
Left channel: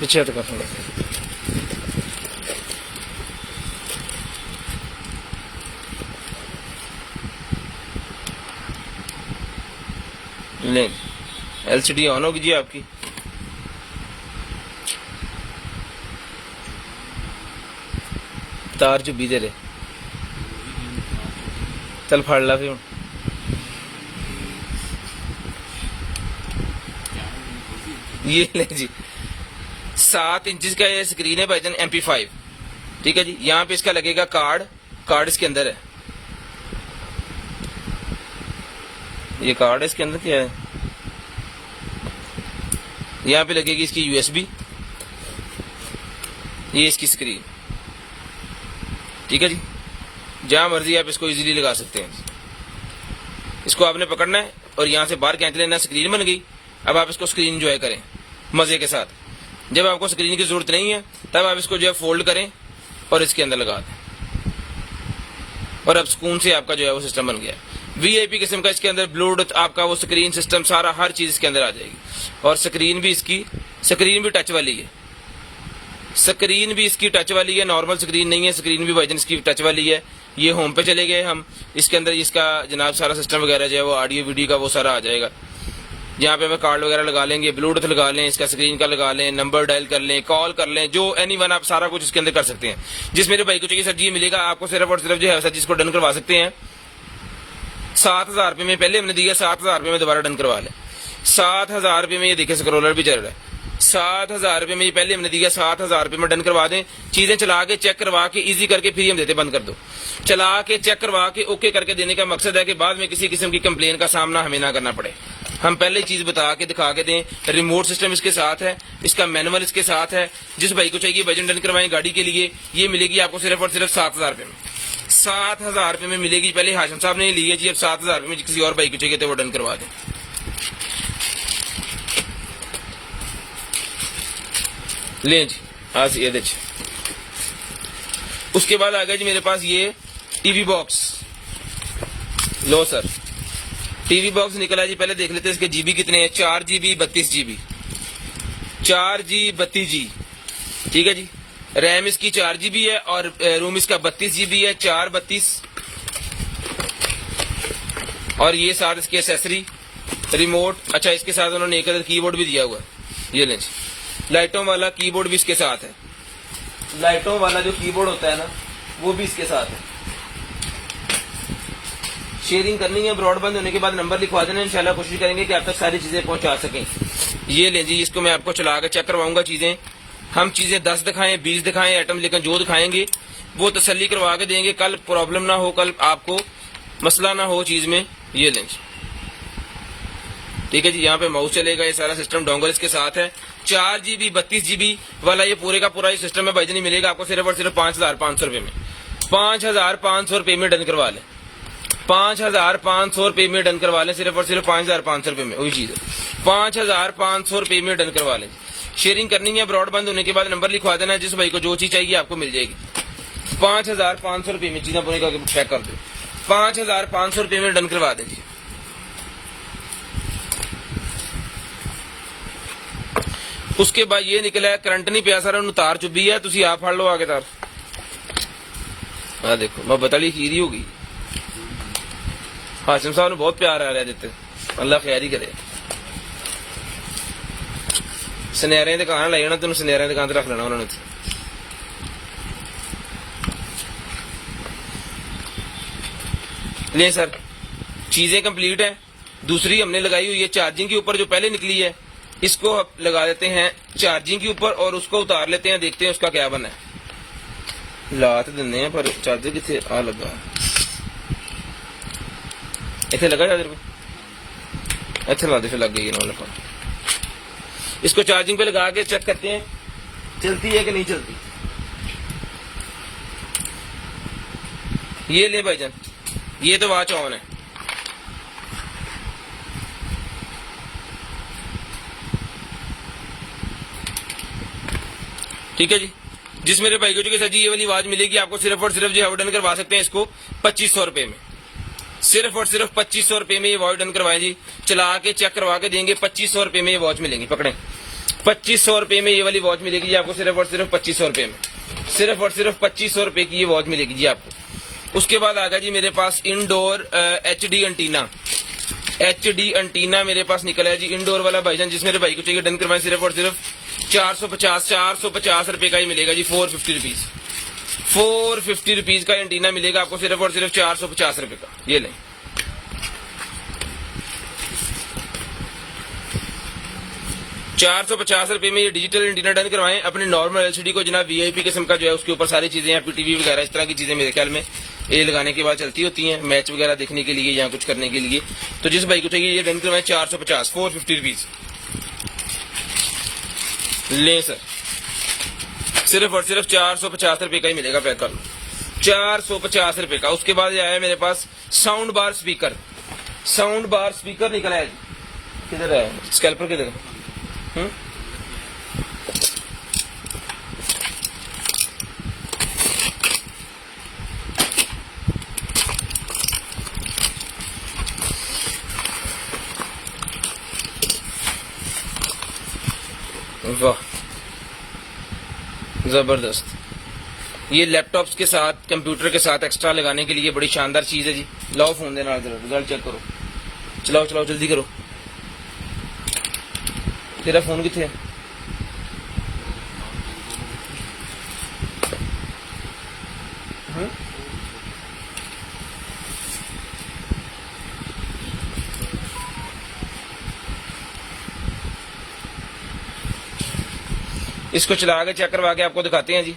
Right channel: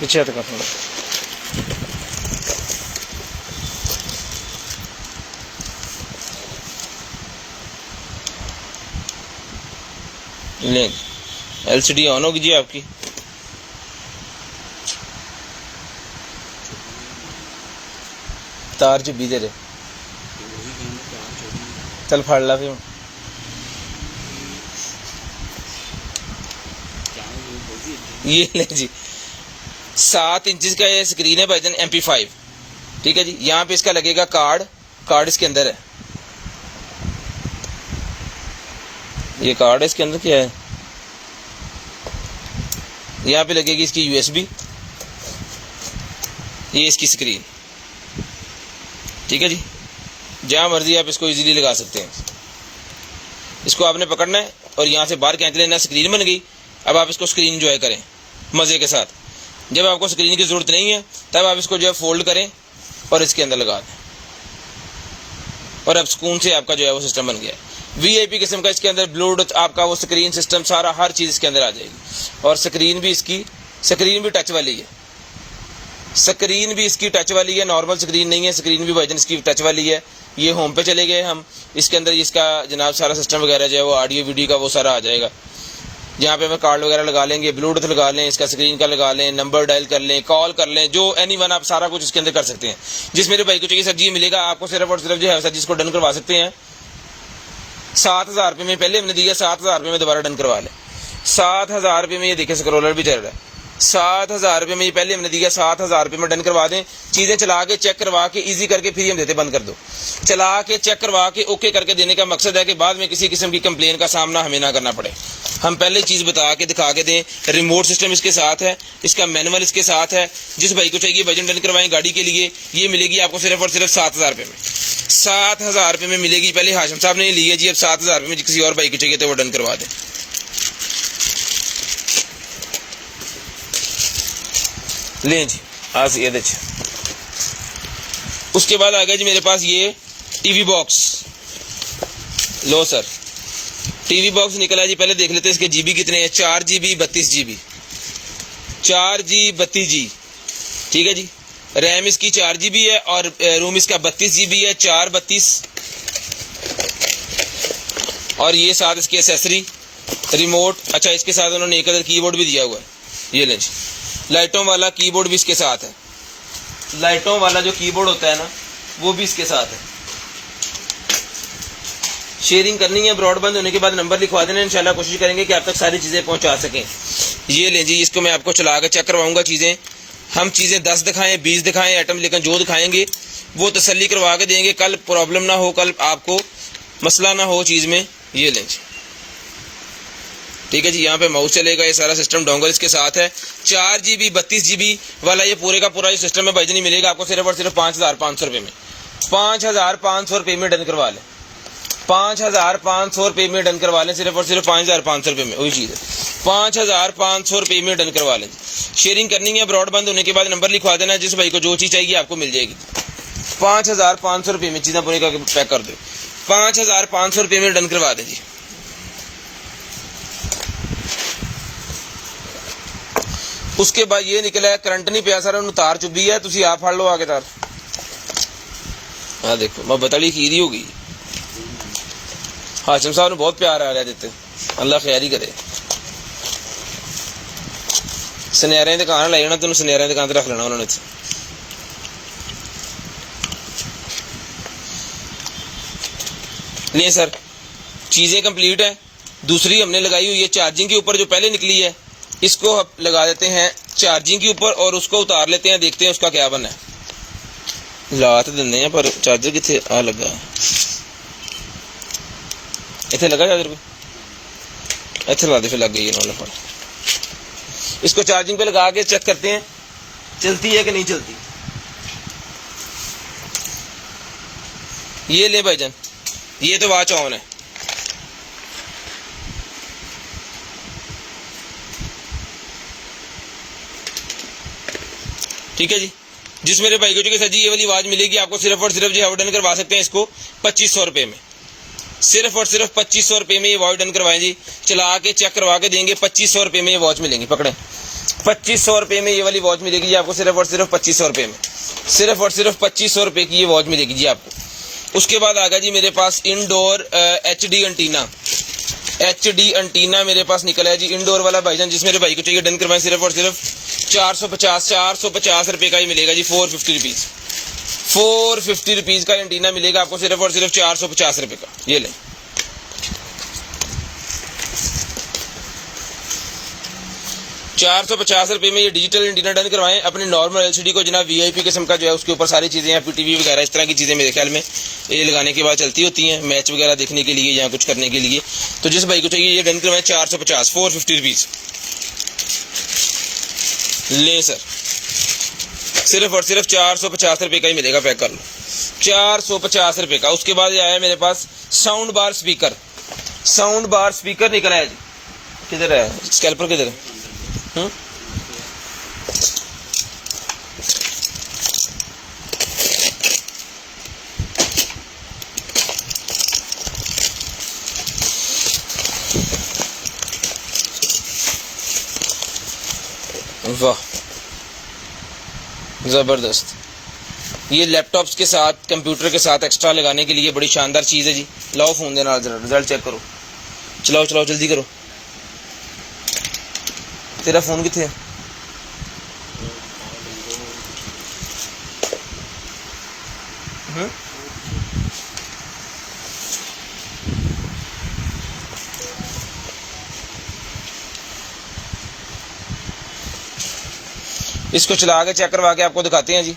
पीछे तो कर लें एलसीडी ऑन होगी जी आपकी। तार जो बीधे रहे चल फाड़ ला फिर ये ले जी 7 इंच का ये स्क्रीन है भाईजान MP5, ठीक है जी। यहाँ पे इसका लगेगा कार्ड इसके अंदर है, ये कार्ड है इसके अंदर। क्या है यहाँ पे लगेगी इसकी USB, ये इसकी स्क्रीन, ठीक है जी। जहां मर्जी आप इसको इजीली लगा सकते हैं। इसको आपने पकड़ना है और यहाँ से बाहर खींच लेना, स्क्रीन बन गई। अब आप इसको स्क्रीन एंजॉय करें मजे के साथ। जब आपको स्क्रीन की जरूरत नहीं है तब आप इसको जो है फोल्ड करें और इसके अंदर लगा दें, और अब सुकून से आपका जो है वो सिस्टम बन गया है। VIP किस्म का इसके अंदर ब्लूटूथ आपका वो स्क्रीन सिस्टम सारा हर चीज इसके अंदर आ जाएगी। और स्क्रीन भी टच वाली है, स्क्रीन भी इसकी टच वाली है, नॉर्मल स्क्रीन नहीं है। स्क्रीन भी भाईजान इसकी टच वाली है। ये होम पे चले गए हम, इसके अंदर इसका जनाब सारा सिस्टम वगैरह जो है वो ऑडियो वीडियो का वो सारा आ जाएगा। यहाँ पे हमें कार्ड वगैरह लगा लेंगे, ब्लूटूथ लगा लें, इसका स्क्रीन का लगा लें, नंबर डायल कर लें, कॉल कर लें, जो एनीवन आप सारा कुछ इसके अंदर कर सकते हैं। जिस मेरे भाई को चाहिए सर जी मिलेगा आपको सिर्फ और सिर्फ जो है सर जी इसको डन करवा सकते हैं 7,000 रुपये में। पहले हमने दिया 7,000 रुपये में, दोबारा डन करवा लें 7,000 रुपये में। ये देखिए स्क्रोलर भी चल रहा है 7,000 रुपये में, ये पहले हमने दिया 7,000 रुपये में। डन करवा दें, चीजें चला के चेक करवा के इजी करके फिर हम देते बंद कर दो। चला के चेक करवा के ओके करके देने का मकसद है कि बाद में किसी किस्म की कंप्लेन का सामना हमें ना करना पड़े। हम पहले चीज बता के दिखा के दें। रिमोट सिस्टम इसके साथ है, इसका मैनुअल इसके साथ है। जिस भाई को चाहिए वजन डन करवाएं गाड़ी के लिए, ये मिलेगी आपको सिर्फ और सिर्फ 7,000 रुपये में। 7,000 रुपये में मिलेगी। पहले हाशिम साहब ने ली है जी, अब 7,000 रुपये में किसी और भाई को चाहिए तो वो डन करवा दें। लें जी आज ये देखिए। उसके बाद आ गया जी मेरे पास ये टीवी बॉक्स। लो सर टीवी बॉक्स निकला जी। पहले देख लेते हैं इसके GB कितने हैं। 4GB 32GB, 4G 32G, ठीक है जी। रैम इसकी 4GB है और रोम इसका 32GB है, 432। और ये साथ इसकी एसेसरी रिमोट। अच्छा इसके साथ उन्होंने एक अदर कीबोर्ड भी दिया हुआ है, ये लें जी। लाइटों वाला कीबोर्ड भी इसके साथ है। लाइटों वाला जो कीबोर्ड होता है ना वो भी इसके साथ है। शेयरिंग करनी है, ब्रॉडबैंड होने के बाद नंबर लिखवा देना, इंशाल्लाह कोशिश करेंगे कि आप तक सारी चीजें पहुंचा सकें। ये लें जी, इसको मैं आपको चला के चेक करवाऊंगा चीजें। हम चीजें 10 दिखाएं 20 दिखाएं आइटम, लेकिन जो दिखाएंगे वो तसल्ली करवा के देंगे, कल प्रॉब्लम ना हो, कल आपको मसला ना हो चीज में। ये लें ठीक है जी। यहाँ पे माउस चलेगा, ये सारा सिस्टम डोंगल इसके साथ है। 4GB 32GB वाला ये पूरे का पूरा ये सिस्टम है भाईजान, मिलेगा आपको सिर्फ और सिर्फ 5,500 रुपये में। 5,500 रुपये में डन करवा लें, 5,500 रुपये में डन करवा लें, सिर्फ और सिर्फ 5,500 रुपये में। वही चीज़ है, 5,500 रुपये में डन करवा लें। शेयरिंग करनी है, ब्रॉडबैंड होने के बाद नंबर लिखवा देना, जिस भाई को जो चीज़ चाहिए आपको मिल जाएगी। 5,500 रुपये में चीज़ें पूरी करके पैक कर दो। 5,500 रुपये में डन करवा दें जी। उसके बाद ये निकला है करंट नहीं पिया सर, तार चुभी है, तुम आप फड़ लो आगे तार। हाँ देखो मैं बतली खीरी हो गई। हाशिम साहब ने बहुत प्यार आ रहा देते, अल्लाह खैर ही करे। सुनहरे की दुकान लाई जाना, तेन सुनहरे की दुकान रख लेना उन्होंने। ले सर चीजें कंप्लीट है। दूसरी हमने लगाई हुई है चार्जिंग के ऊपर, जो पहले निकली है इसको लगा देते हैं चार्जिंग के ऊपर और उसको उतार लेते हैं, देखते हैं उसका क्या बना है। ला तो देने हैं पर चार्जर कितने आ लगा, इतने लगा चार्जर को, इतने ला दे फिर लग गई इन्होंने। पर इसको चार्जिंग पे लगा के चेक करते हैं चलती है कि नहीं चलती। ये ले भाईजान, ये तो वॉच ऑन है। ठीक है जी। जिस मेरे भाई को जो कि सर जी ये वाली आवाज मिलेगी आपको सिर्फ और सिर्फ जो है डन करवा सकते हैं इसको 2500 रुपए में, सिर्फ और सिर्फ 2500 रुपए में ये वॉच डन करवाएं जी। चला के चेक करवा के देंगे, 2500 रुपए में ये वॉच मिलेंगी। पकड़े, 2500 रुपए में ये वाली वॉच मिलेगी जी आपको, सिर्फ और सिर्फ 2500 रुपए में, सिर्फ और सिर्फ 2500 रुपए की ये वॉच मिलेगी जी आपको। उसके बाद आ गया जी मेरे पास indoor HD antenna, HD antenna मेरे पास निकला है जी इंडोर वाला भाईजान। जिस मेरे भाई को चाहिए डन करवाएं, सिर्फ और सिर्फ 450 रुपए का ही मिलेगा जी, 450 रुपीज, 450 रुपीज का एंटीना मिलेगा आपको, सिर्फ और सिर्फ 450 रुपए का। ये लें, 450 रुपए में ये डिजिटल एंटीना डन करवाएं। अपने नॉर्मल LCD को जनाब VIP किस्म का जो है उसके ऊपर सारी चीजें यहाँ PTV वगैरह इस तरह की चीजें मेरे ख्याल में ये लगाने के बाद चलती होती हैं, मैच वगैरह देखने के लिए या कुछ करने के लिए। तो जिस भाई को चाहिए ये डन करवाएं 450, 450 रुपीज लें सर, सिर्फ और सिर्फ 450 रुपए का ही मिलेगा, पैक कर लो 450 रुपए का। उसके बाद आया है मेरे पास sound bar speaker, sound bar speaker निकला है जी। किधर है स्कैल्पर, किधर है? वाह जबरदस्त, ये लैपटॉप्स के साथ कंप्यूटर के साथ एक्स्ट्रा लगाने के लिए बड़ी शानदार चीज है जी। लाओ फोन देना, जरा रिजल्ट चेक करो, चलाओ चलाओ जल्दी करो। तेरा फोन किथे है? इसको चला के चेक करवा के आपको दिखाते हैं जी।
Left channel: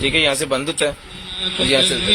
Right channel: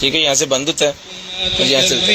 ठीक है, यहाँ से बंद होता है और यहाँ चलता है।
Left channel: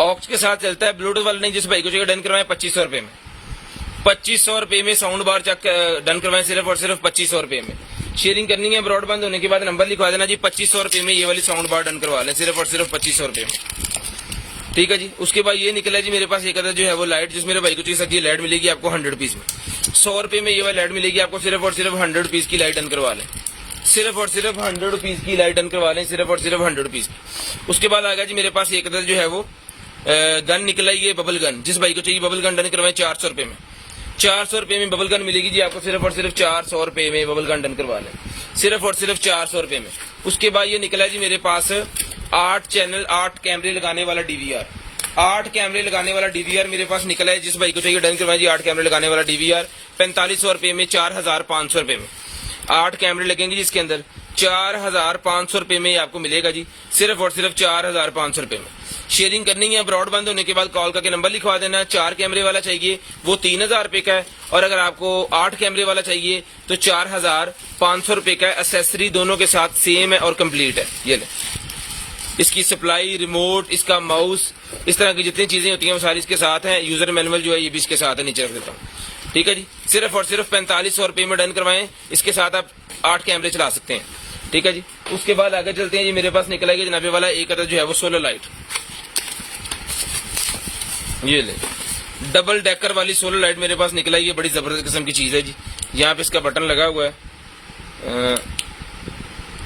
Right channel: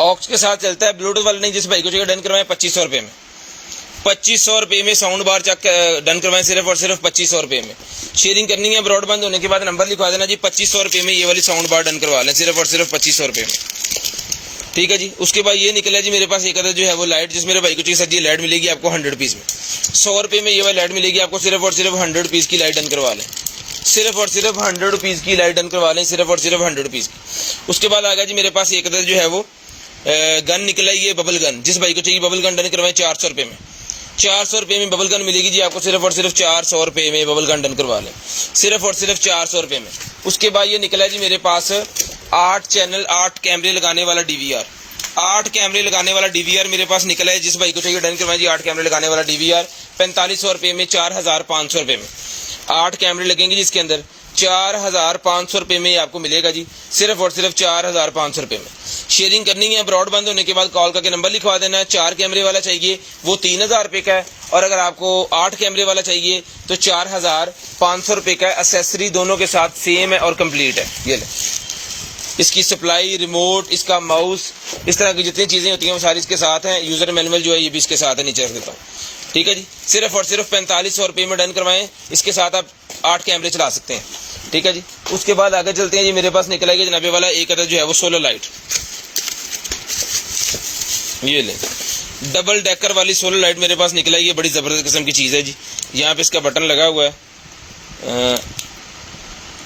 ऑक्स के साथ चलता है, ब्लूटूथ वाला नहीं। जिस भाई को चाहिए डन करवाएं 2500 रुपए में, 2500 रुपए में साउंड बार चेक डन करवाएं, सिर्फ और सिर्फ 2500 रुपए में। शेयरिंग करनी है ब्रॉडबैंड होने के बाद नंबर लिखवा देना जी, 2500 रुपए में ये वाली साउंड बार डन करवा लें, सिर्फ और सिर्फ 2500 रुपए में। ठीक है जी। उसके बाद ये निकला जी मेरे पास एक अदर जो है वो लाइट, जिस मेरे भाई को चाहिए सर ये लाइट मिलेगी आपको 100 रुपीज में, 100 रुपए में ये वाली लाइट मिलेगी आपको, सिर्फ और सिर्फ 100 रुपीज की लाइट डन करवा लें, सिर्फ और सिर्फ 100 रुपीज की लाइट डन करवा लें, सिर्फ और सिर्फ 100 रुपीज की। उसके बाद आ गया जी मेरे पास एक अदर जो है वो गन निकला, ये बबल गन। जिस भाई को चाहिए बबल गन डन करवाएं 400 रुपए में, 400 रुपए में बबल गन मिलेगी जी आपको, सिर्फ और सिर्फ 400 रुपए में बबल गन डन करवा लें, सिर्फ और सिर्फ 400 रुपए में। उसके बाद ये निकला जी मेरे पास 8 चैनल 8 कैमरे लगाने वाला DVR, 8 कैमरे लगाने वाला DVR मेरे पास निकला है। जिस भाई को चाहिए डन करवाएं 8 कैमरे लगाने वाला DVR 4500 रुपए में, 4500 रुपए में 8 कैमरे लगेंगे जिसके अंदर 4500 रुपए में आपको मिलेगा जी, सिर्फ और सिर्फ 4500 रुपए में। शेयरिंग करनी है ब्रॉडबैंड होने के बाद कॉल करके नंबर लिखवा देना। 4 कैमरे वाला चाहिए वो 3000 रुपए का है, और अगर आपको 8 कैमरे वाला चाहिए तो 4500 रुपए का है। एक्सेसरी दोनों के साथ सेम है और कंप्लीट है। ये ले, इसकी सप्लाई, रिमोट, इसका माउस, इस तरह की जितनी चीजें होती हैं वो सारी इसके साथ हैं। यूजर मैनुअल जो है ये भी इसके साथ है, नीचे रख देता हूँ। ठीक है जी, सिर्फ और सिर्फ 4500 रुपए में डन करवाएं, इसके साथ आप 8 कैमरे चला सकते हैं। ठीक है जी। उसके बाद आगे चलते हैं जी, मेरे पास निकला है जनाबे वाला एक अदर जो है वो सोलर लाइट, ये ले डबल डेकर वाली सोलर लाइट मेरे पास निकला है। ये बड़ी जबरदस्त किस्म की चीज है जी। यहाँ पे इसका बटन लगा हुआ है,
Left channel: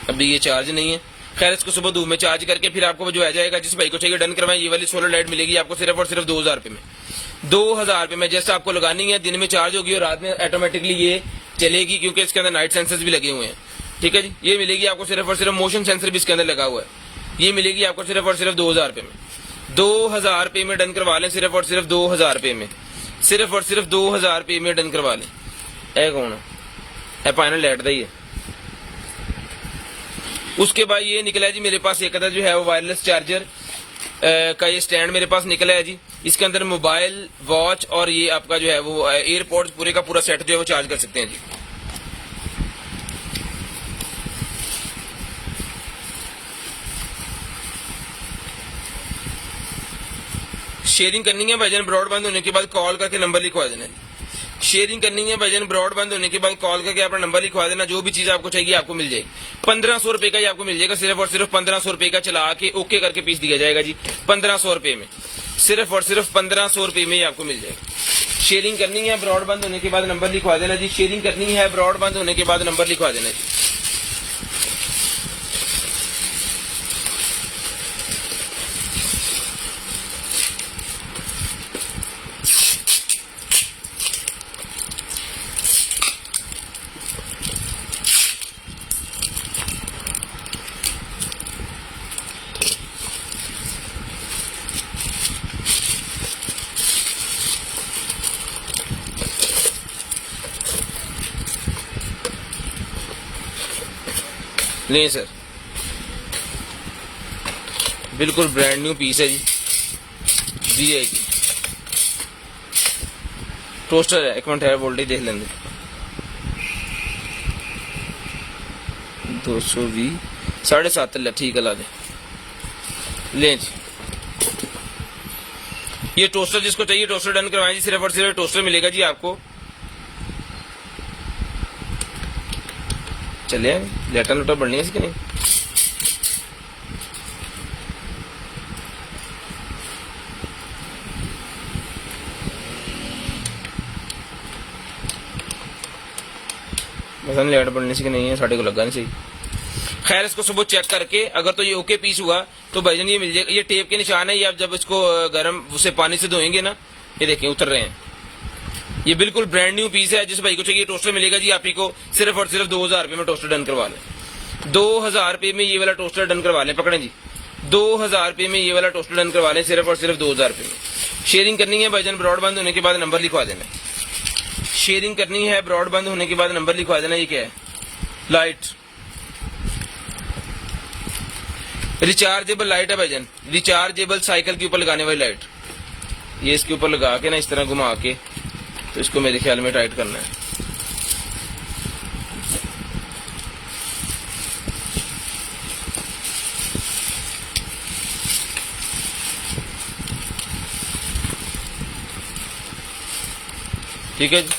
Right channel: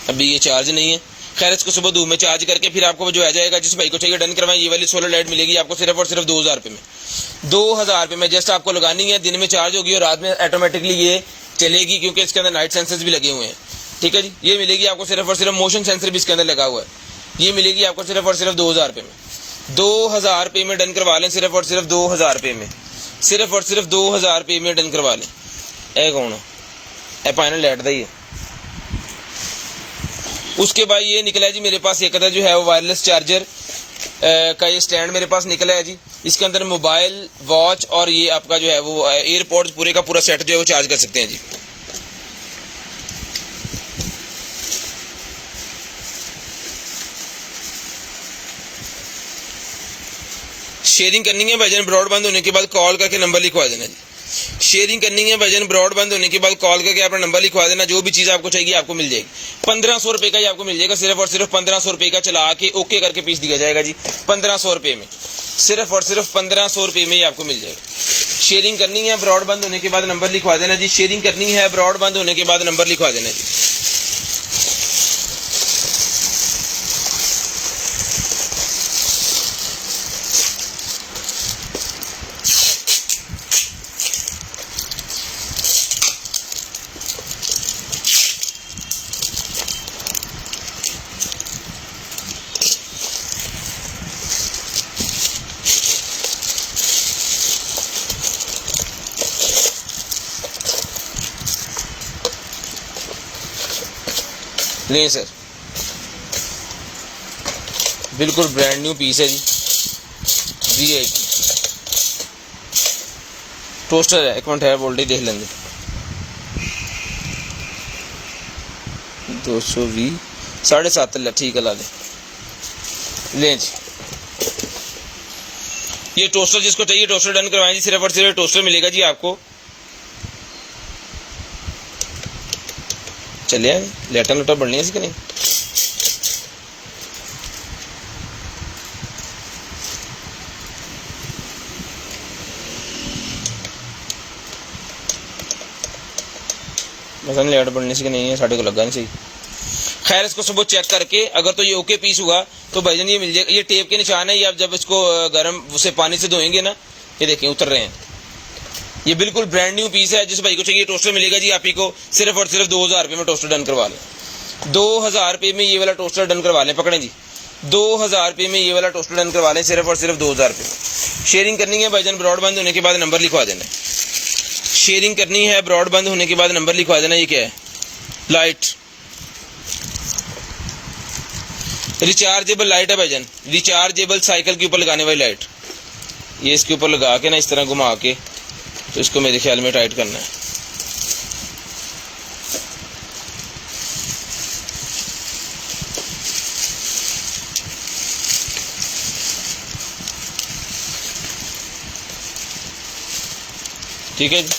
अभी ये चार्ज नहीं है, खैर इसको सुबह धूप में चार्ज करके फिर आपको जो आ जाएगा। जिस भाई को चाहिए डन करवाएं ये वाली सोलर लाइट मिलेगी आपको सिर्फ और सिर्फ 2000 रुपए में, 2000 रुपए में। जस्ट आपको लगानी है, दिन में चार्ज होगी और रात में ऑटोमेटिकली ये चलेगी, क्योंकि इसके अंदर नाइट सेंसर्स भी लगे हुए हैं। ठीक है जी। ये मिलेगी आपको सिर्फ और सिर्फ, मोशन सेंसर भी इसके अंदर लगा हुआ है। ये मिलेगी आपको सिर्फ और सिर्फ 2000 रुपए में, 2000 रुपए में डन करवा लें, सिर्फ और सिर्फ 2000 रुपए में, सिर्फ और सिर्फ 2000 रुपए में डन करवा लें। ए कौन है? ए फाइनल लाइट दा ही है। उसके बाद ये निकला है जी मेरे पास एक अदर जो है वो वायरलेस चार्जर, का ये स्टैंड मेरे पास निकला है जी। इसके अंदर मोबाइल, वॉच और ये आपका जो है वो एयरपोर्ट पूरे का पूरा सेट जो है वो चार्ज कर सकते हैं जी। शेयरिंग करनी है भाईजान, ब्रॉडबैंड होने के बाद कॉल करके नंबर लिखवा देना जी। शेयरिंग करनी है भाईजान, ब्रॉडबैंड होने के बाद कॉल करके अपना नंबर लिखवा देना। जो भी चीज़ आपको चाहिए आपको मिल जाएगी। 1500 रुपये का ही आपको मिल जाएगा, सिर्फ और सिर्फ 1500 रुपये का चला के ओके करके पीस दिया जाएगा जी। 1500 रुपये में, सिर्फ और सिर्फ 1500 रुपये में ही आपको मिल जाएगा। शेयरिंग करनी है, ब्रॉडबैंड होने के बाद नंबर लिखवा देना जी। शेयरिंग करनी है, ब्रॉडबैंड होने के बाद नंबर लिखवा देना जी। लें सर, बिल्कुल ब्रांड न्यू पीस है जी। VIP टोस्टर है, 1 मिनट है, वोल्टेज देख लेंगे। 220 7.5 ठीक है, ला दे। लें जी, ये टोस्टर जिसको चाहिए टोस्टर डन करवाएं जी। सिर्फ और सिर्फ टोस्टर मिलेगा जी आपको। चले लेटा लुटा बढ़नी है इसकी नहीं। बस लेट बढ़ने से नहीं है, साढ़े को लगा नहीं चाहिए। खैर, इसको सुबह चेक करके अगर तो ये ओके पीस हुआ तो भाईजान ये मिल जाएगा। ये टेप के निशान है, ये आप जब इसको गर्म उसे पानी से धोएंगे ना, ये देखें उतर रहे हैं। ये बिल्कुल ब्रांड न्यू पीस है। जिस भाई को चाहिए टोस्टर मिलेगा जी आप ही को। सिर्फ और सिर्फ 2000 रुपये में टोस्टर डन करवा लें। 2000 रुपये में ये वाला टोस्टर डन करवा लें। पकड़ें जी, 2000 रुपये में ये वाला टोस्टर डन करवा लें, सिर्फ और सिर्फ 2000 रुपये में। शेयरिंग करनी है भाईजान, ब्रॉडबैंड होने के बाद नंबर लिखवा देना। शेयरिंग करनी है, ब्रॉडबैंड होने के बाद नंबर लिखवा देना। ये क्या है? लाइट, रिचार्जेबल लाइट है भाईजान। रिचार्जेबल साइकिल के ऊपर लगाने वाली लाइट। ये इसके ऊपर लगा के ना इस तरह घुमा के, तो इसको मेरे ख्याल में टाइट करना है। ठीक है जी।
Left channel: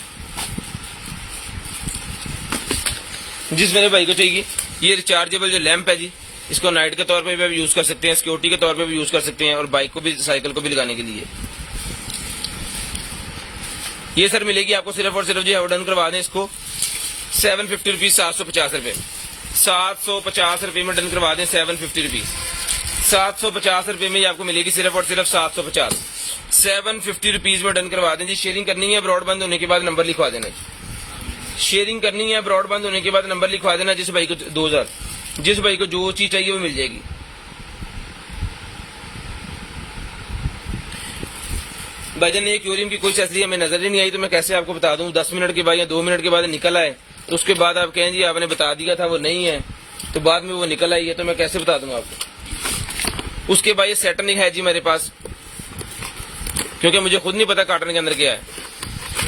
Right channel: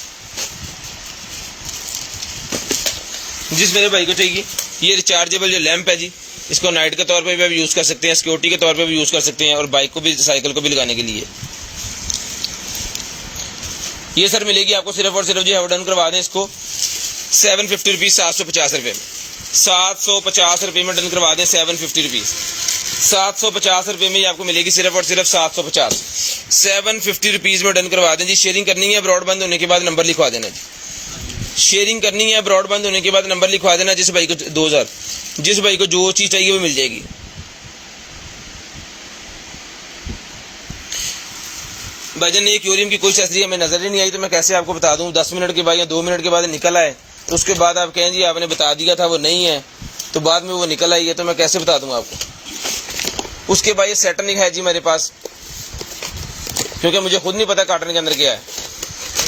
जिस मेरे भाई को चाहिए, ये रिचार्जेबल जो लैंप है जी, इसको नाइट के तौर पे भी आप यूज कर सकते हैं, सिक्योरिटी के तौर पे भी यूज कर सकते हैं, और बाइक को भी, साइकिल को भी लगाने के लिए। ये सर मिलेगी आपको सिर्फ और सिर्फ जो है डन करवा दें इसको 750 रुपीज, 750 रुपये में। 750 रुपये में डन करवा दें, 750 रुपीज। 750 रुपये में आपको मिलेगी सिर्फ और सिर्फ 750 रुपीज में डन करवा दें जी। शेयरिंग करनी है, ब्रॉडबैंड होने के बाद नंबर लिखवा देना जी। शेयरिंग करनी है, ब्रॉडबैंड होने के बाद नंबर लिखवा देना। जिस भाई को 2000, जिस भाई को जो चीज चाहिए वो मिल जाएगी। भाईजान ये क्यूरियम की कोई एक्सेसरी हमें नजर ही नहीं आई, तो मैं कैसे आपको बता दूं। 10 मिनट के बाद या 2 मिनट के बाद निकल आए, तो उसके बाद आप कहें जी आपने बता दिया था वो नहीं है, तो बाद में वो निकल आई है, तो मैं कैसे बता दूंगा आपको। उसके बाद ये सेट नहीं है जी मेरे पास, क्योंकि मुझे खुद नहीं पता कार्टन के अंदर क्या है।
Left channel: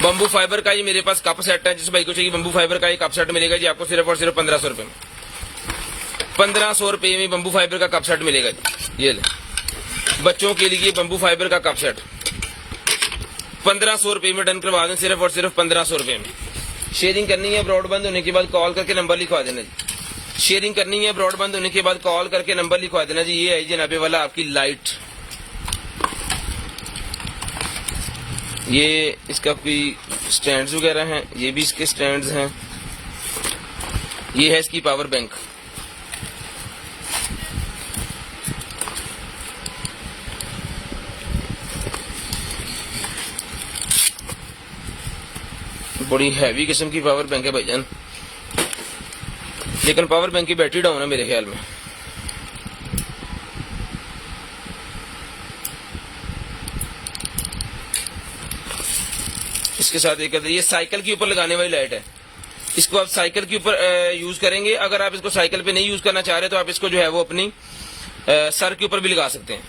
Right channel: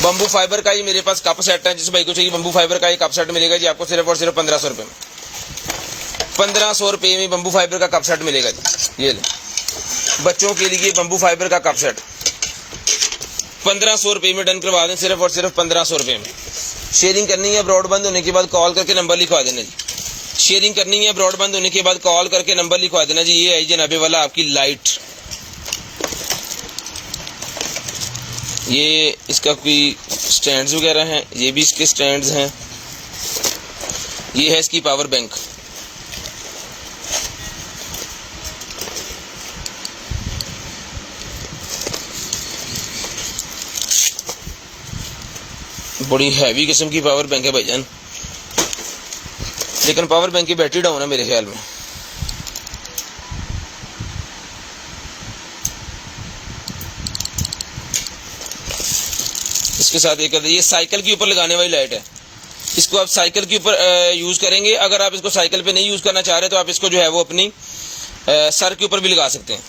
बम्बू फाइबर का ही मेरे पास कप सेट है। जिस भाई को चाहिए बम्बू फाइबर का ही कप सेट मिलेगा जी आपको सिर्फ और सिर्फ 1500 रुपये में। 1500 रुपये में बम्बू फाइबर का कप सेट मिलेगा जी। ये ले, बच्चों के लिए बम्बू फाइबर का कप सेट 1500 रुपये में डन करवा दें, सिर्फ और सिर्फ 1500 रुपये में। शेयरिंग करनी है, ब्रॉडबैंड होने के बाद कॉल करके नंबर लिखवा देना जी। शेयरिंग करनी है, ब्रॉडबैंड होने के बाद कॉल करके नंबर लिखवा देना जी। ये है जनाबे वाला आपकी लाइट। ये इसका कोई स्टैंड्स वगैरह हैं, ये भी इसके स्टैंड्स हैं। ये है इसकी पावर बैंक। बड़ी हैवी किस्म की पावर बैंक है भाईजान, लेकिन पावर बैंक की बैटरी डाउन है मेरे ख्याल में। इसके साथ एक ये साइकिल के ऊपर लगाने वाली लाइट है। इसको आप साइकिल के ऊपर यूज करेंगे। अगर आप इसको साइकिल पे नहीं यूज करना चाह रहे तो आप इसको जो है वो अपनी सर के ऊपर भी लगा सकते हैं।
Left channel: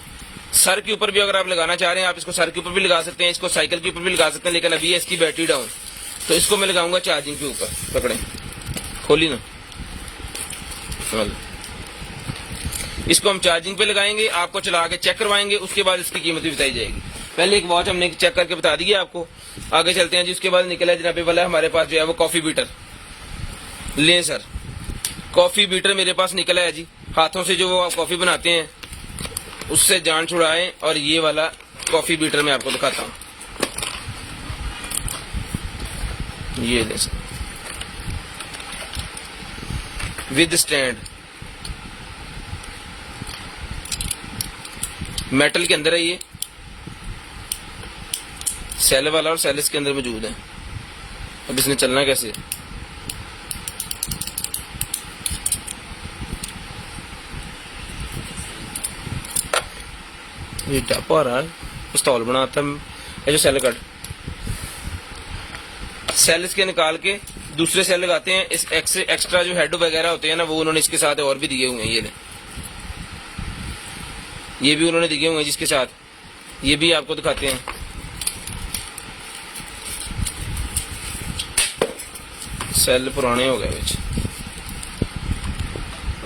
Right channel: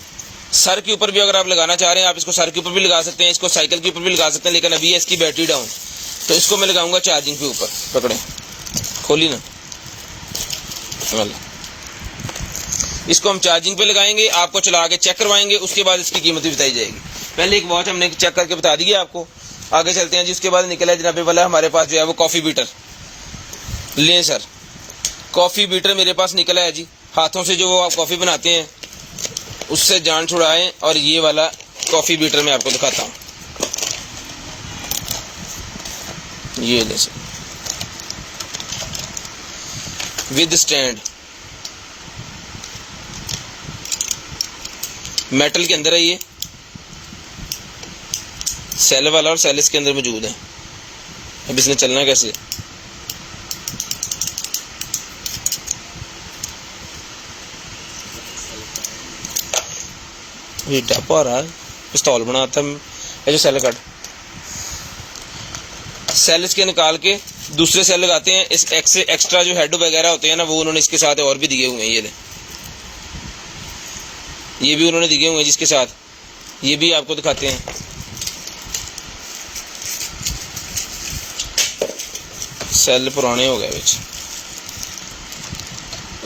सर के ऊपर भी अगर आप लगाना चाह रहे हैं, आप इसको सर के ऊपर भी लगा सकते हैं, इसको साइकिल के ऊपर भी लगा सकते हैं, लेकिन अभी है इसकी बैटरी डाउन, तो इसको मैं लगाऊंगा चार्जिंग के ऊपर। पकड़े, खोली ना, इसको हम चार्जिंग पे लगाएंगे, आपको चला के चेक करवाएंगे, उसके बाद इसकी कीमत भी बताई जाएगी। पहले एक वॉच हमने चेक करके बता दी है आपको, आगे चलते हैं जी। उसके बाद निकला है जनाबे वाला हमारे पास जो है वो कॉफी बीटर। लें सर, कॉफी बीटर मेरे पास निकला है जी, हाथों से जो वो आप कॉफी बनाते हैं उससे जान छुड़ाएं, और ये वाला कॉफी बीटर मैं आपको दिखाता हूं। ये ले सर, विद स्टैंड, मेटल के अंदर है ये, सेल वाला और सेल इसके अंदर मौजूद है। अब इसने चलना कैसे, ये डब्बा आ रहा है, पिस्तौल बनाता है ये जो सेल कट, सेल इसके निकाल के दूसरे सेल लगाते हैं। इस एक्स्ट्रा जो हेड वगैरह होते हैं ना, वो उन्होंने इसके साथ और भी दिए हुए हैं। ये भी उन्होंने दिए हुए हैं जिसके साथ, ये भी आपको दिखाते हैं। सेल पुराने हो गए बिच,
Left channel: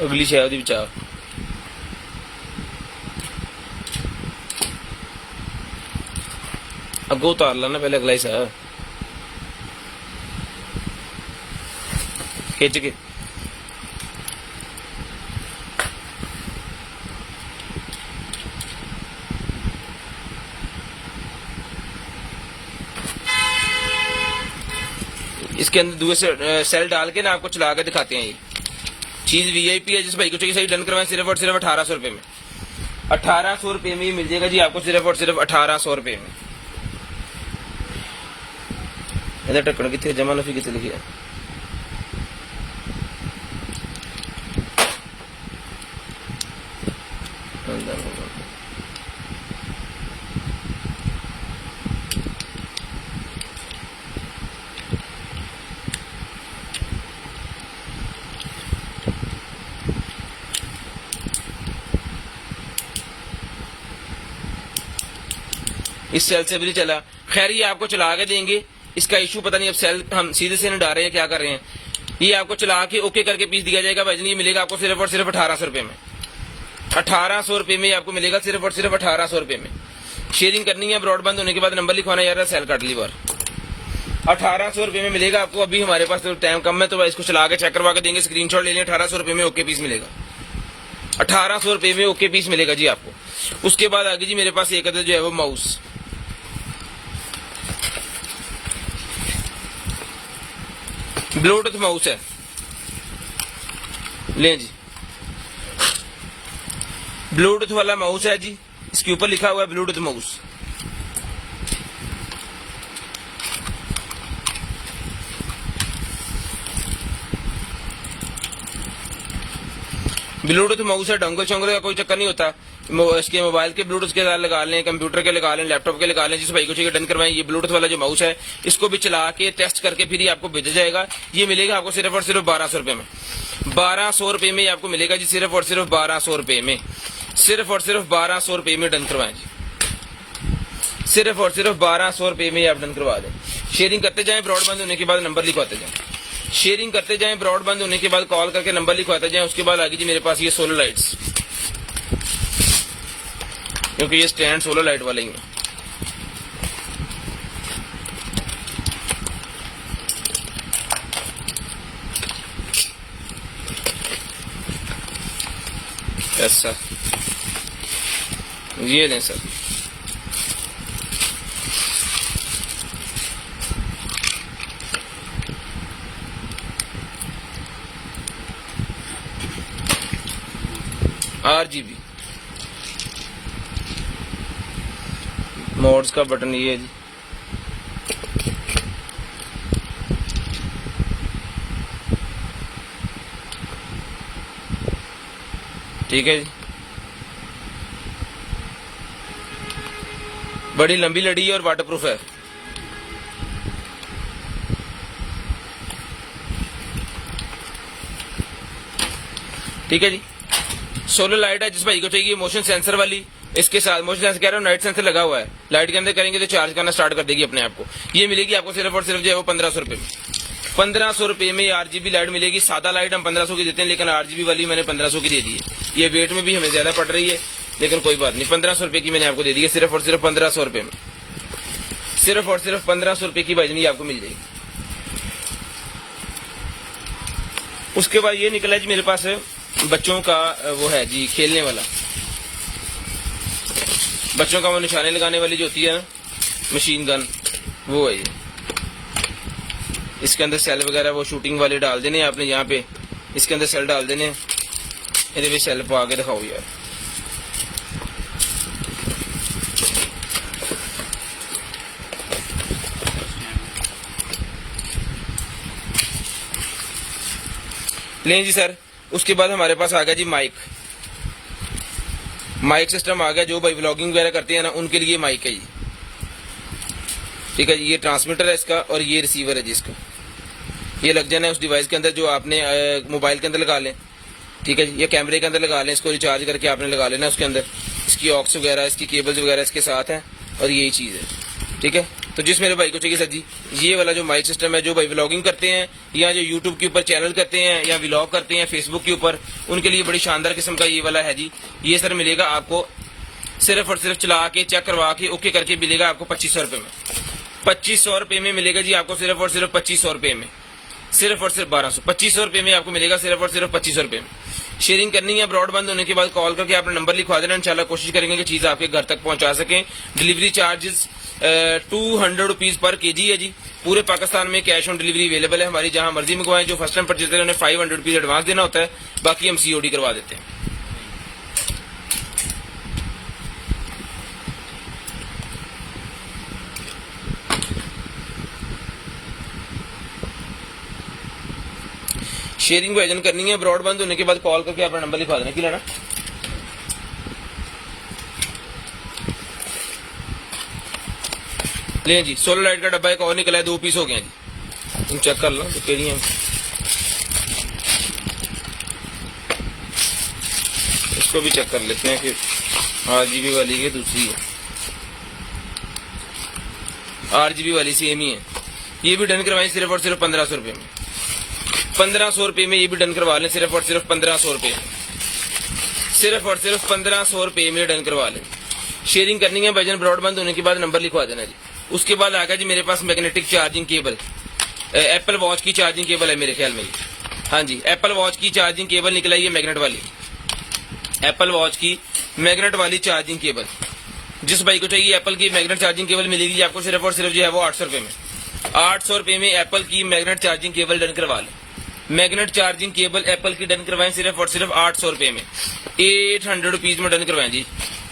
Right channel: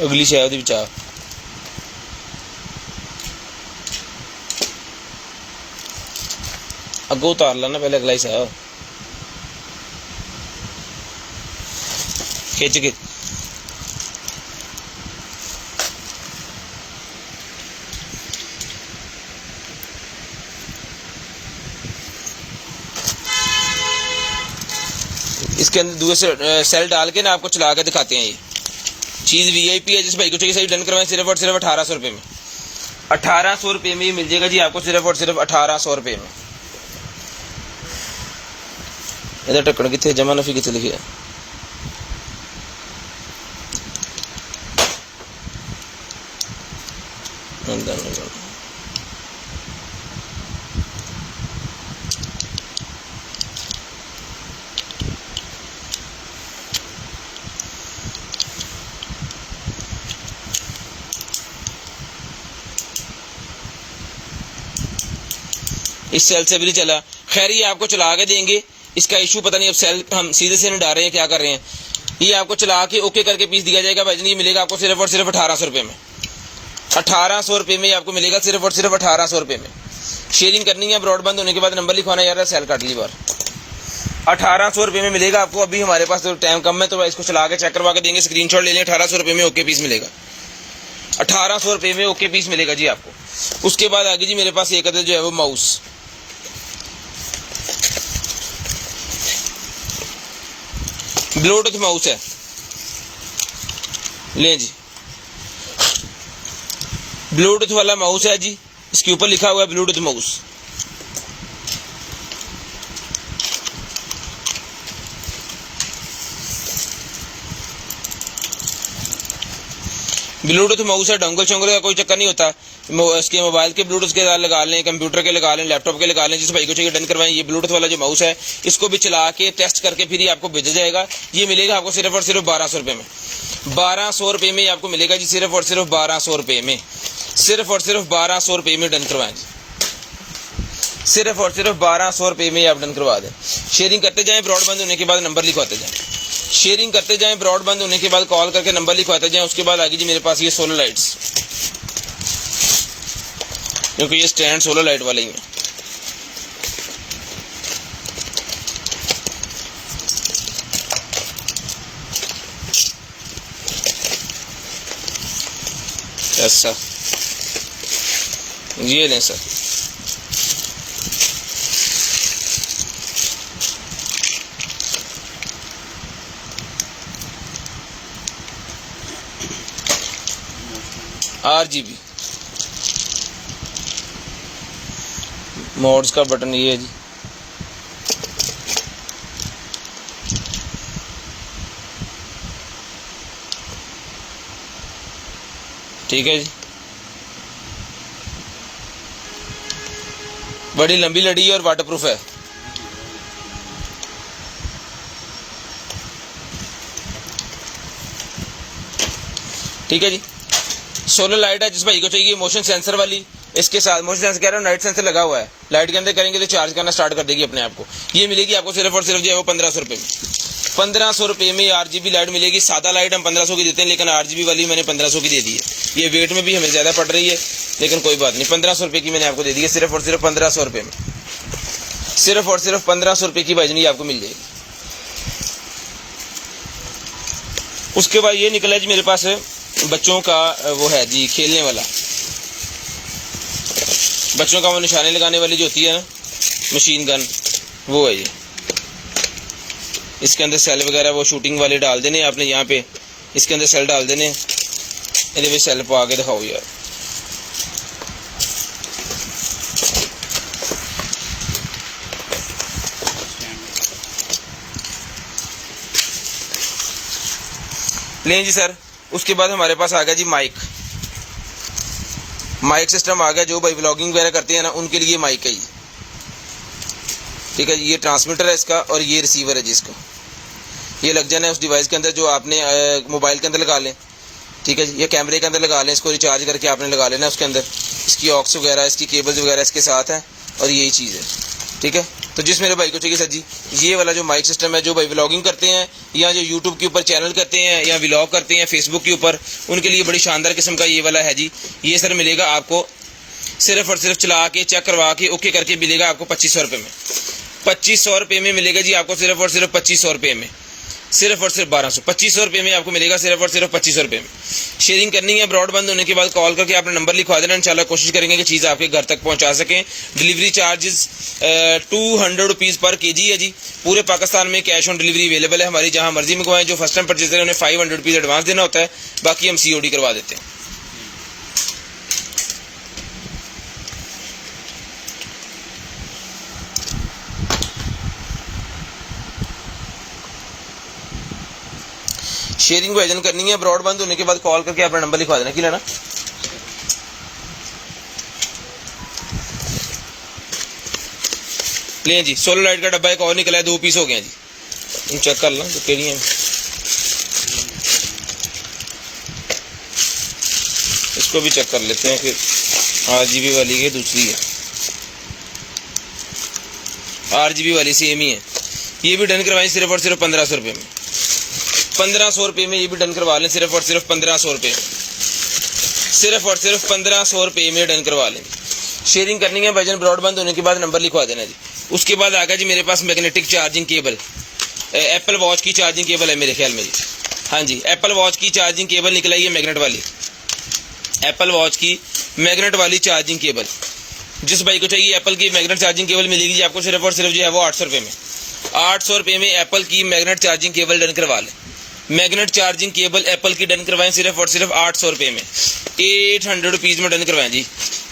अगली शायद बचा, अगो उतार ला ना पहले, अगला ही सा खिंच के। इसके अंदर दूसरे सेल डाल के ना आपको चला के दिखाते हैं। ये चीज़ वीआईपी है, जिस भाई को चाहिए सही डन करवाएं, सिर्फ और सिर्फ 1800 रुपये में। 1800 रुपये में ये मिल जाएगा जी आपको, सिर्फ और सिर्फ 1800 रुपये में। इधर टक्कड़ कितने, जमा नफी कितने लिखी है, इस सेल से भी नहीं चला। खैर ये आपको चला के देंगे, इसका इशू पता नहीं, अब सेल हम सीधे से नहीं डाल रहे हैं, क्या कर रहे हैं। ये आपको चला के ओके करके पीस दिया जाएगा भाई, ये मिलेगा आपको सिर्फ और सिर्फ 1800 रुपये में। 1800 रुपये में आपको मिलेगा, सिर्फ और सिर्फ 1800 रुपये में। शेयरिंग करनी है, ब्रॉडबैंड होने के बाद नंबर लिखवाना यार, सेल काट ली बार। 1800 रुपये में मिलेगा आपको। अभी हमारे पास तो टाइम कम है, तो इसको चला के चेक करवा के देंगे, स्क्रीनशॉट ले लेंगे। 1800 रुपये में ओके पीस मिलेगा, 1800 रुपये में ओके पीस मिलेगा जी आपको। उसके बाद आगे जी मेरे पास एक अदर जो है वो माउस, ब्लूटूथ माउस है, लें जी, ब्लूटूथ वाला माउस है जी, इसके ऊपर लिखा हुआ है ब्लूटूथ माउस। ब्लूटूथ माउस है, डोंगल शोंगल का कोई चक्कर नहीं होता। इसके मोबाइल के ब्लूटूथ के साथ लगा लें, कंप्यूटर के लगा लें, लैपटॉप के लगा लें, जिस भाई को चाहिए डन करवाएं। ये ब्लूटूथ वाला जो माउस है, इसको भी चला के टेस्ट करके फिर ही आपको भेजा जाएगा। ये मिलेगा आपको सिर्फ और सिर्फ 1200 रुपये में। 1200 रुपये में आपको मिलेगा जी, सिर्फ और सिर्फ 1200 रुपये में। सिर्फ और सिर्फ 1200 रुपये में डन करवाएं जी, सिर्फ और सिर्फ 1200 रुपये में आप डन करवा दें। शेयरिंग करते जाएं, ब्रॉडबैंड होने के बाद नंबर लिखवाते जाएं। शेयरिंग करते जाएं, ब्रॉडबैंड होने के बाद कॉल करके नंबर लिखवाते जाएं। उसके बाद आगे जी मेरे पास ये सोलर लाइट्स, क्योंकि ये स्टैंड सोलर लाइट वाले ही हैं। ऐसा ये लें सर, RGB मोड्स का बटन ये है जी। ठीक है जी, बड़ी लंबी लड़ी है और वाटरप्रूफ है। ठीक है जी, सोलर लाइट है, जिस भाई को चाहिए मोशन सेंसर वाली, इसके साथ मोशन सेंसर कह रहा हूँ, लाइट सेंसर लगा हुआ है, लाइट के अंदर करेंगे तो चार्ज करना स्टार्ट कर देगी अपने आप को। ये मिलेगी आपको सिर्फ और सिर्फ जो है वो 1500 रुपये में। 1500 रुपये में RGB लाइट मिलेगी। सादा लाइट हम 1500 की देते हैं, लेकिन RGB वाली मैंने 1500 की दे दी है। ये वेट में भी हमें ज़्यादा पड़ रही है, लेकिन कोई बात नहीं, 1500 रुपये की मैंने आपको दे दी है, सिर्फ और सिर्फ 1500 रुपये में। सिर्फ और सिर्फ 1500 रुपये की भाईजान ये आपको मिल जाएगी। उसके बाद ये निकला जी मेरे पास बच्चों का वो है जी खेलने वाला, बच्चों का वो निशाने लगाने वाली जो होती है ना मशीन गन, वो है ये। इसके अंदर सेल वगैरह वो शूटिंग वाले डाल देने आपने, यहाँ पे इसके अंदर सेल डाल देने। ये भी सेल पा के दिखाओ यार। लें जी सर। उसके बाद हमारे पास आ गया जी माइक सिस्टम आ गया। जो भाई व्लॉगिंग वगैरह करते हैं ना उनके लिए माइक है ये, ठीक है जी। ये ट्रांसमीटर है इसका और ये रिसीवर है जी इसका। ये लग जाना है उस डिवाइस के अंदर जो आपने मोबाइल के अंदर लगा लें, ठीक है जी, या कैमरे के अंदर लगा लें। इसको रिचार्ज करके आपने लगा लेना उसके अंदर। इसकी ऑक्स वगैरह, इसकी केबल्स वगैरह इसके साथ है और यही चीज़ है, ठीक है। तो जिस मेरे भाई को चाहिए सर जी ये वाला जो माइक सिस्टम है, जो भाई व्लॉगिंग करते हैं या जो यूट्यूब के ऊपर चैनल करते हैं या व्लॉग करते हैं फेसबुक के ऊपर, उनके लिए बड़ी शानदार किस्म का ये वाला है जी। ये सर मिलेगा आपको सिर्फ और सिर्फ चला के चेक करवा के ओके करके मिलेगा आपको 2500 रुपये में। 2500 रुपये में मिलेगा जी आपको, सिर्फ और सिर्फ 2500 रुपये में, सिर्फ और सिर्फ 1200। 2500 रुपये में आपको मिलेगा सिर्फ और सिर्फ 2500 रुपये में। शेयरिंग करनी है, ब्रॉडबैंड होने के बाद कॉल करके आपने नंबर लिखवा देना। इंशाल्लाह कोशिश करेंगे कि चीज़ आपके घर तक पहुंचा सकें। डिलीवरी चार्जेस 200 रुपीज़ पर kg है जी। पूरे पाकिस्तान में कैश ऑन डिलीवरी अवेलेबल है हमारी, जहां मर्जी मंगवाएं। जो फर्स्ट टाइम परचेज करें उन्हें 500 रुपीज़ एडवांस देना होता है, बाकी हम COD करवा देते हैं। शेयरिंग भाईजान करनी है, ब्रॉडबैंड होने के बाद कॉल करके अपना नंबर लिखवा देना। कि ना ले जी। सोलर लाइट का डब्बा एक और निकला है, 2 पीस हो गए जी। तुम चेक कर लो तो तेरी है। इसको भी चेक कर लेते हैं फिर। RGB वाली है, दूसरी है RGB वाली सेम ही है। ये भी डन करवाएं सिर्फ और सिर्फ 1500 रुपये में। 1500 रुपये में ये भी डन करवा लें, सिर्फ और सिर्फ 1500 रुपये में, सिर्फ और सिर्फ 1500 रुपये में डन करवा लें। शेयरिंग करनी है भाईजान, ब्रॉडबैंड होने के बाद नंबर लिखवा देना जी। उसके बाद आ गया जी मेरे पास magnetic charging cable. Apple watch की चार्जिंग केबल है मेरे ख्याल में जी। हाँ जी, एप्पल वॉच की चार्जिंग केबल निकला है, मैग्नेट वाली एप्पल वॉच की मैग्नेट वाली चार्जिंग केबल। जिस भाई को चाहिए एप्पल की मैग्नेट चार्जिंग केबल मिलेगी जी आपको सिर्फ और सिर्फ जो है वो 800 रुपये में। 800 रुपये में एप्पल की मैग्नेट चार्जिंग केबल डन करवा लें। मैग्नेट चार्जिंग केबल एप्पल की डन करवाएं सिर्फ और सिर्फ 800 रुपये में। 800 रुपीज़ में डन करवाएं जी,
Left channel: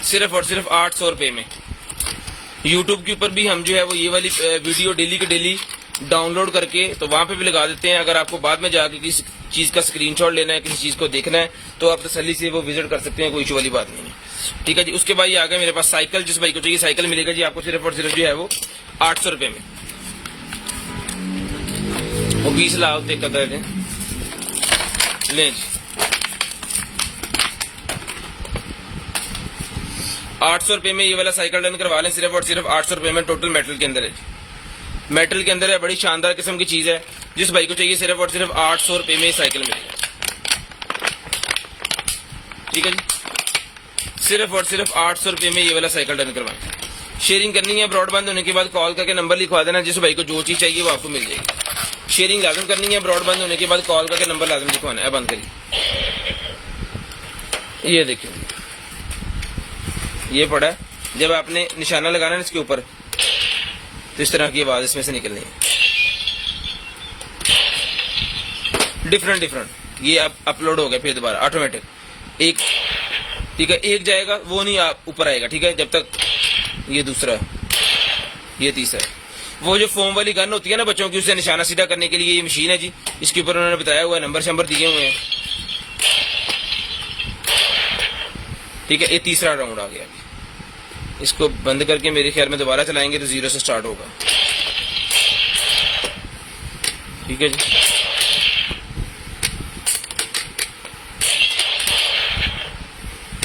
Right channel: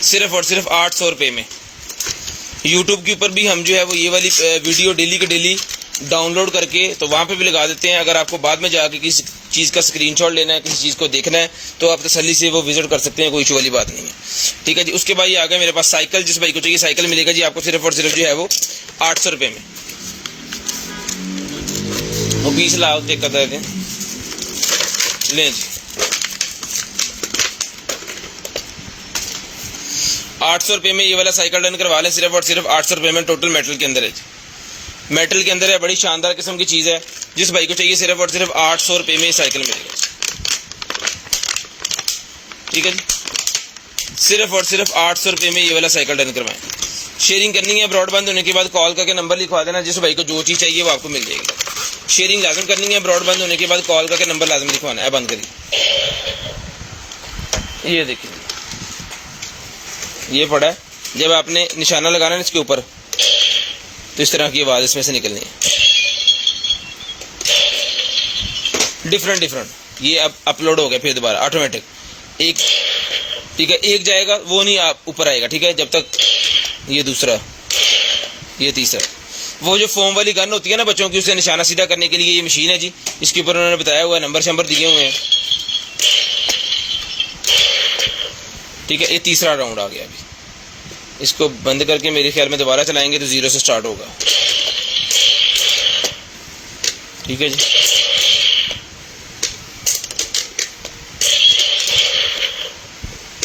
सिर्फ और सिर्फ 800 रुपये में। यूट्यूब के ऊपर भी हम जो है वो ये वाली वीडियो डेली के डेली डाउनलोड करके तो वहाँ पे भी लगा देते हैं। अगर आपको बाद में जाके किसी चीज़ का स्क्रीनशॉट लेना है, किसी चीज़ को देखना है, तो आप तसल्ली से वो विजिट कर सकते हैं, कोई इशू वाली बात नहीं है, ठीक है जी। उसके बाद ये आ गया मेरे पास साइकिल। जिस भाई को चाहिए साइकिल मिलेगा जी आपको सिर्फ और सिर्फ जो है वो 800 रुपये में। वो 20 लाख देख कर देते हैं ले 800 रुपये में ये वाला साइकिल डन करवा लें, सिर्फ और सिर्फ 800 रुपये में। टोटल मेटल के अंदर है, मेटल के अंदर है, बड़ी शानदार किस्म की चीज़ है। जिस भाई को चाहिए सिर्फ और सिर्फ 800 रुपये में साइकिल मिलेगा, ठीक है जी। सिर्फ और सिर्फ 800 रुपये में ये वाला साइकिल डन करवाएं। शेयरिंग करनी है, ब्रॉडबैंड होने के बाद कॉल करके नंबर लिखवा देना। जिस भाई को जो चीज़ चाहिए वो आपको मिल जाएगी। शेयरिंग लाजम करनी है, ब्रॉडबैंड होने के बाद कॉल करके नंबर लाजम लिखवाना है। बंद करिए, ये देखिए ये पड़ा है। जब आपने निशाना लगाना है इसके ऊपर तो इस तरह की आवाज़ इसमें से निकलनी है, डिफरेंट। ये अब अपलोड हो गया फिर दोबारा ऑटोमेटिक। एक ठीक है, एक जाएगा वो नहीं आप ऊपर आएगा, ठीक है। जब तक ये दूसरा, ये तीसरा, वो जो फोम वाली गन होती है ना बच्चों की, उसे निशाना सीधा करने के लिए ये मशीन है जी। इसके ऊपर उन्होंने बताया हुआ है, नंबर शंबर दिए हुए हैं, ठीक है। ये तीसरा राउंड आ गया। इसको बंद करके मेरे ख्याल में दोबारा चलाएंगे तो 0 से स्टार्ट होगा, ठीक है जी।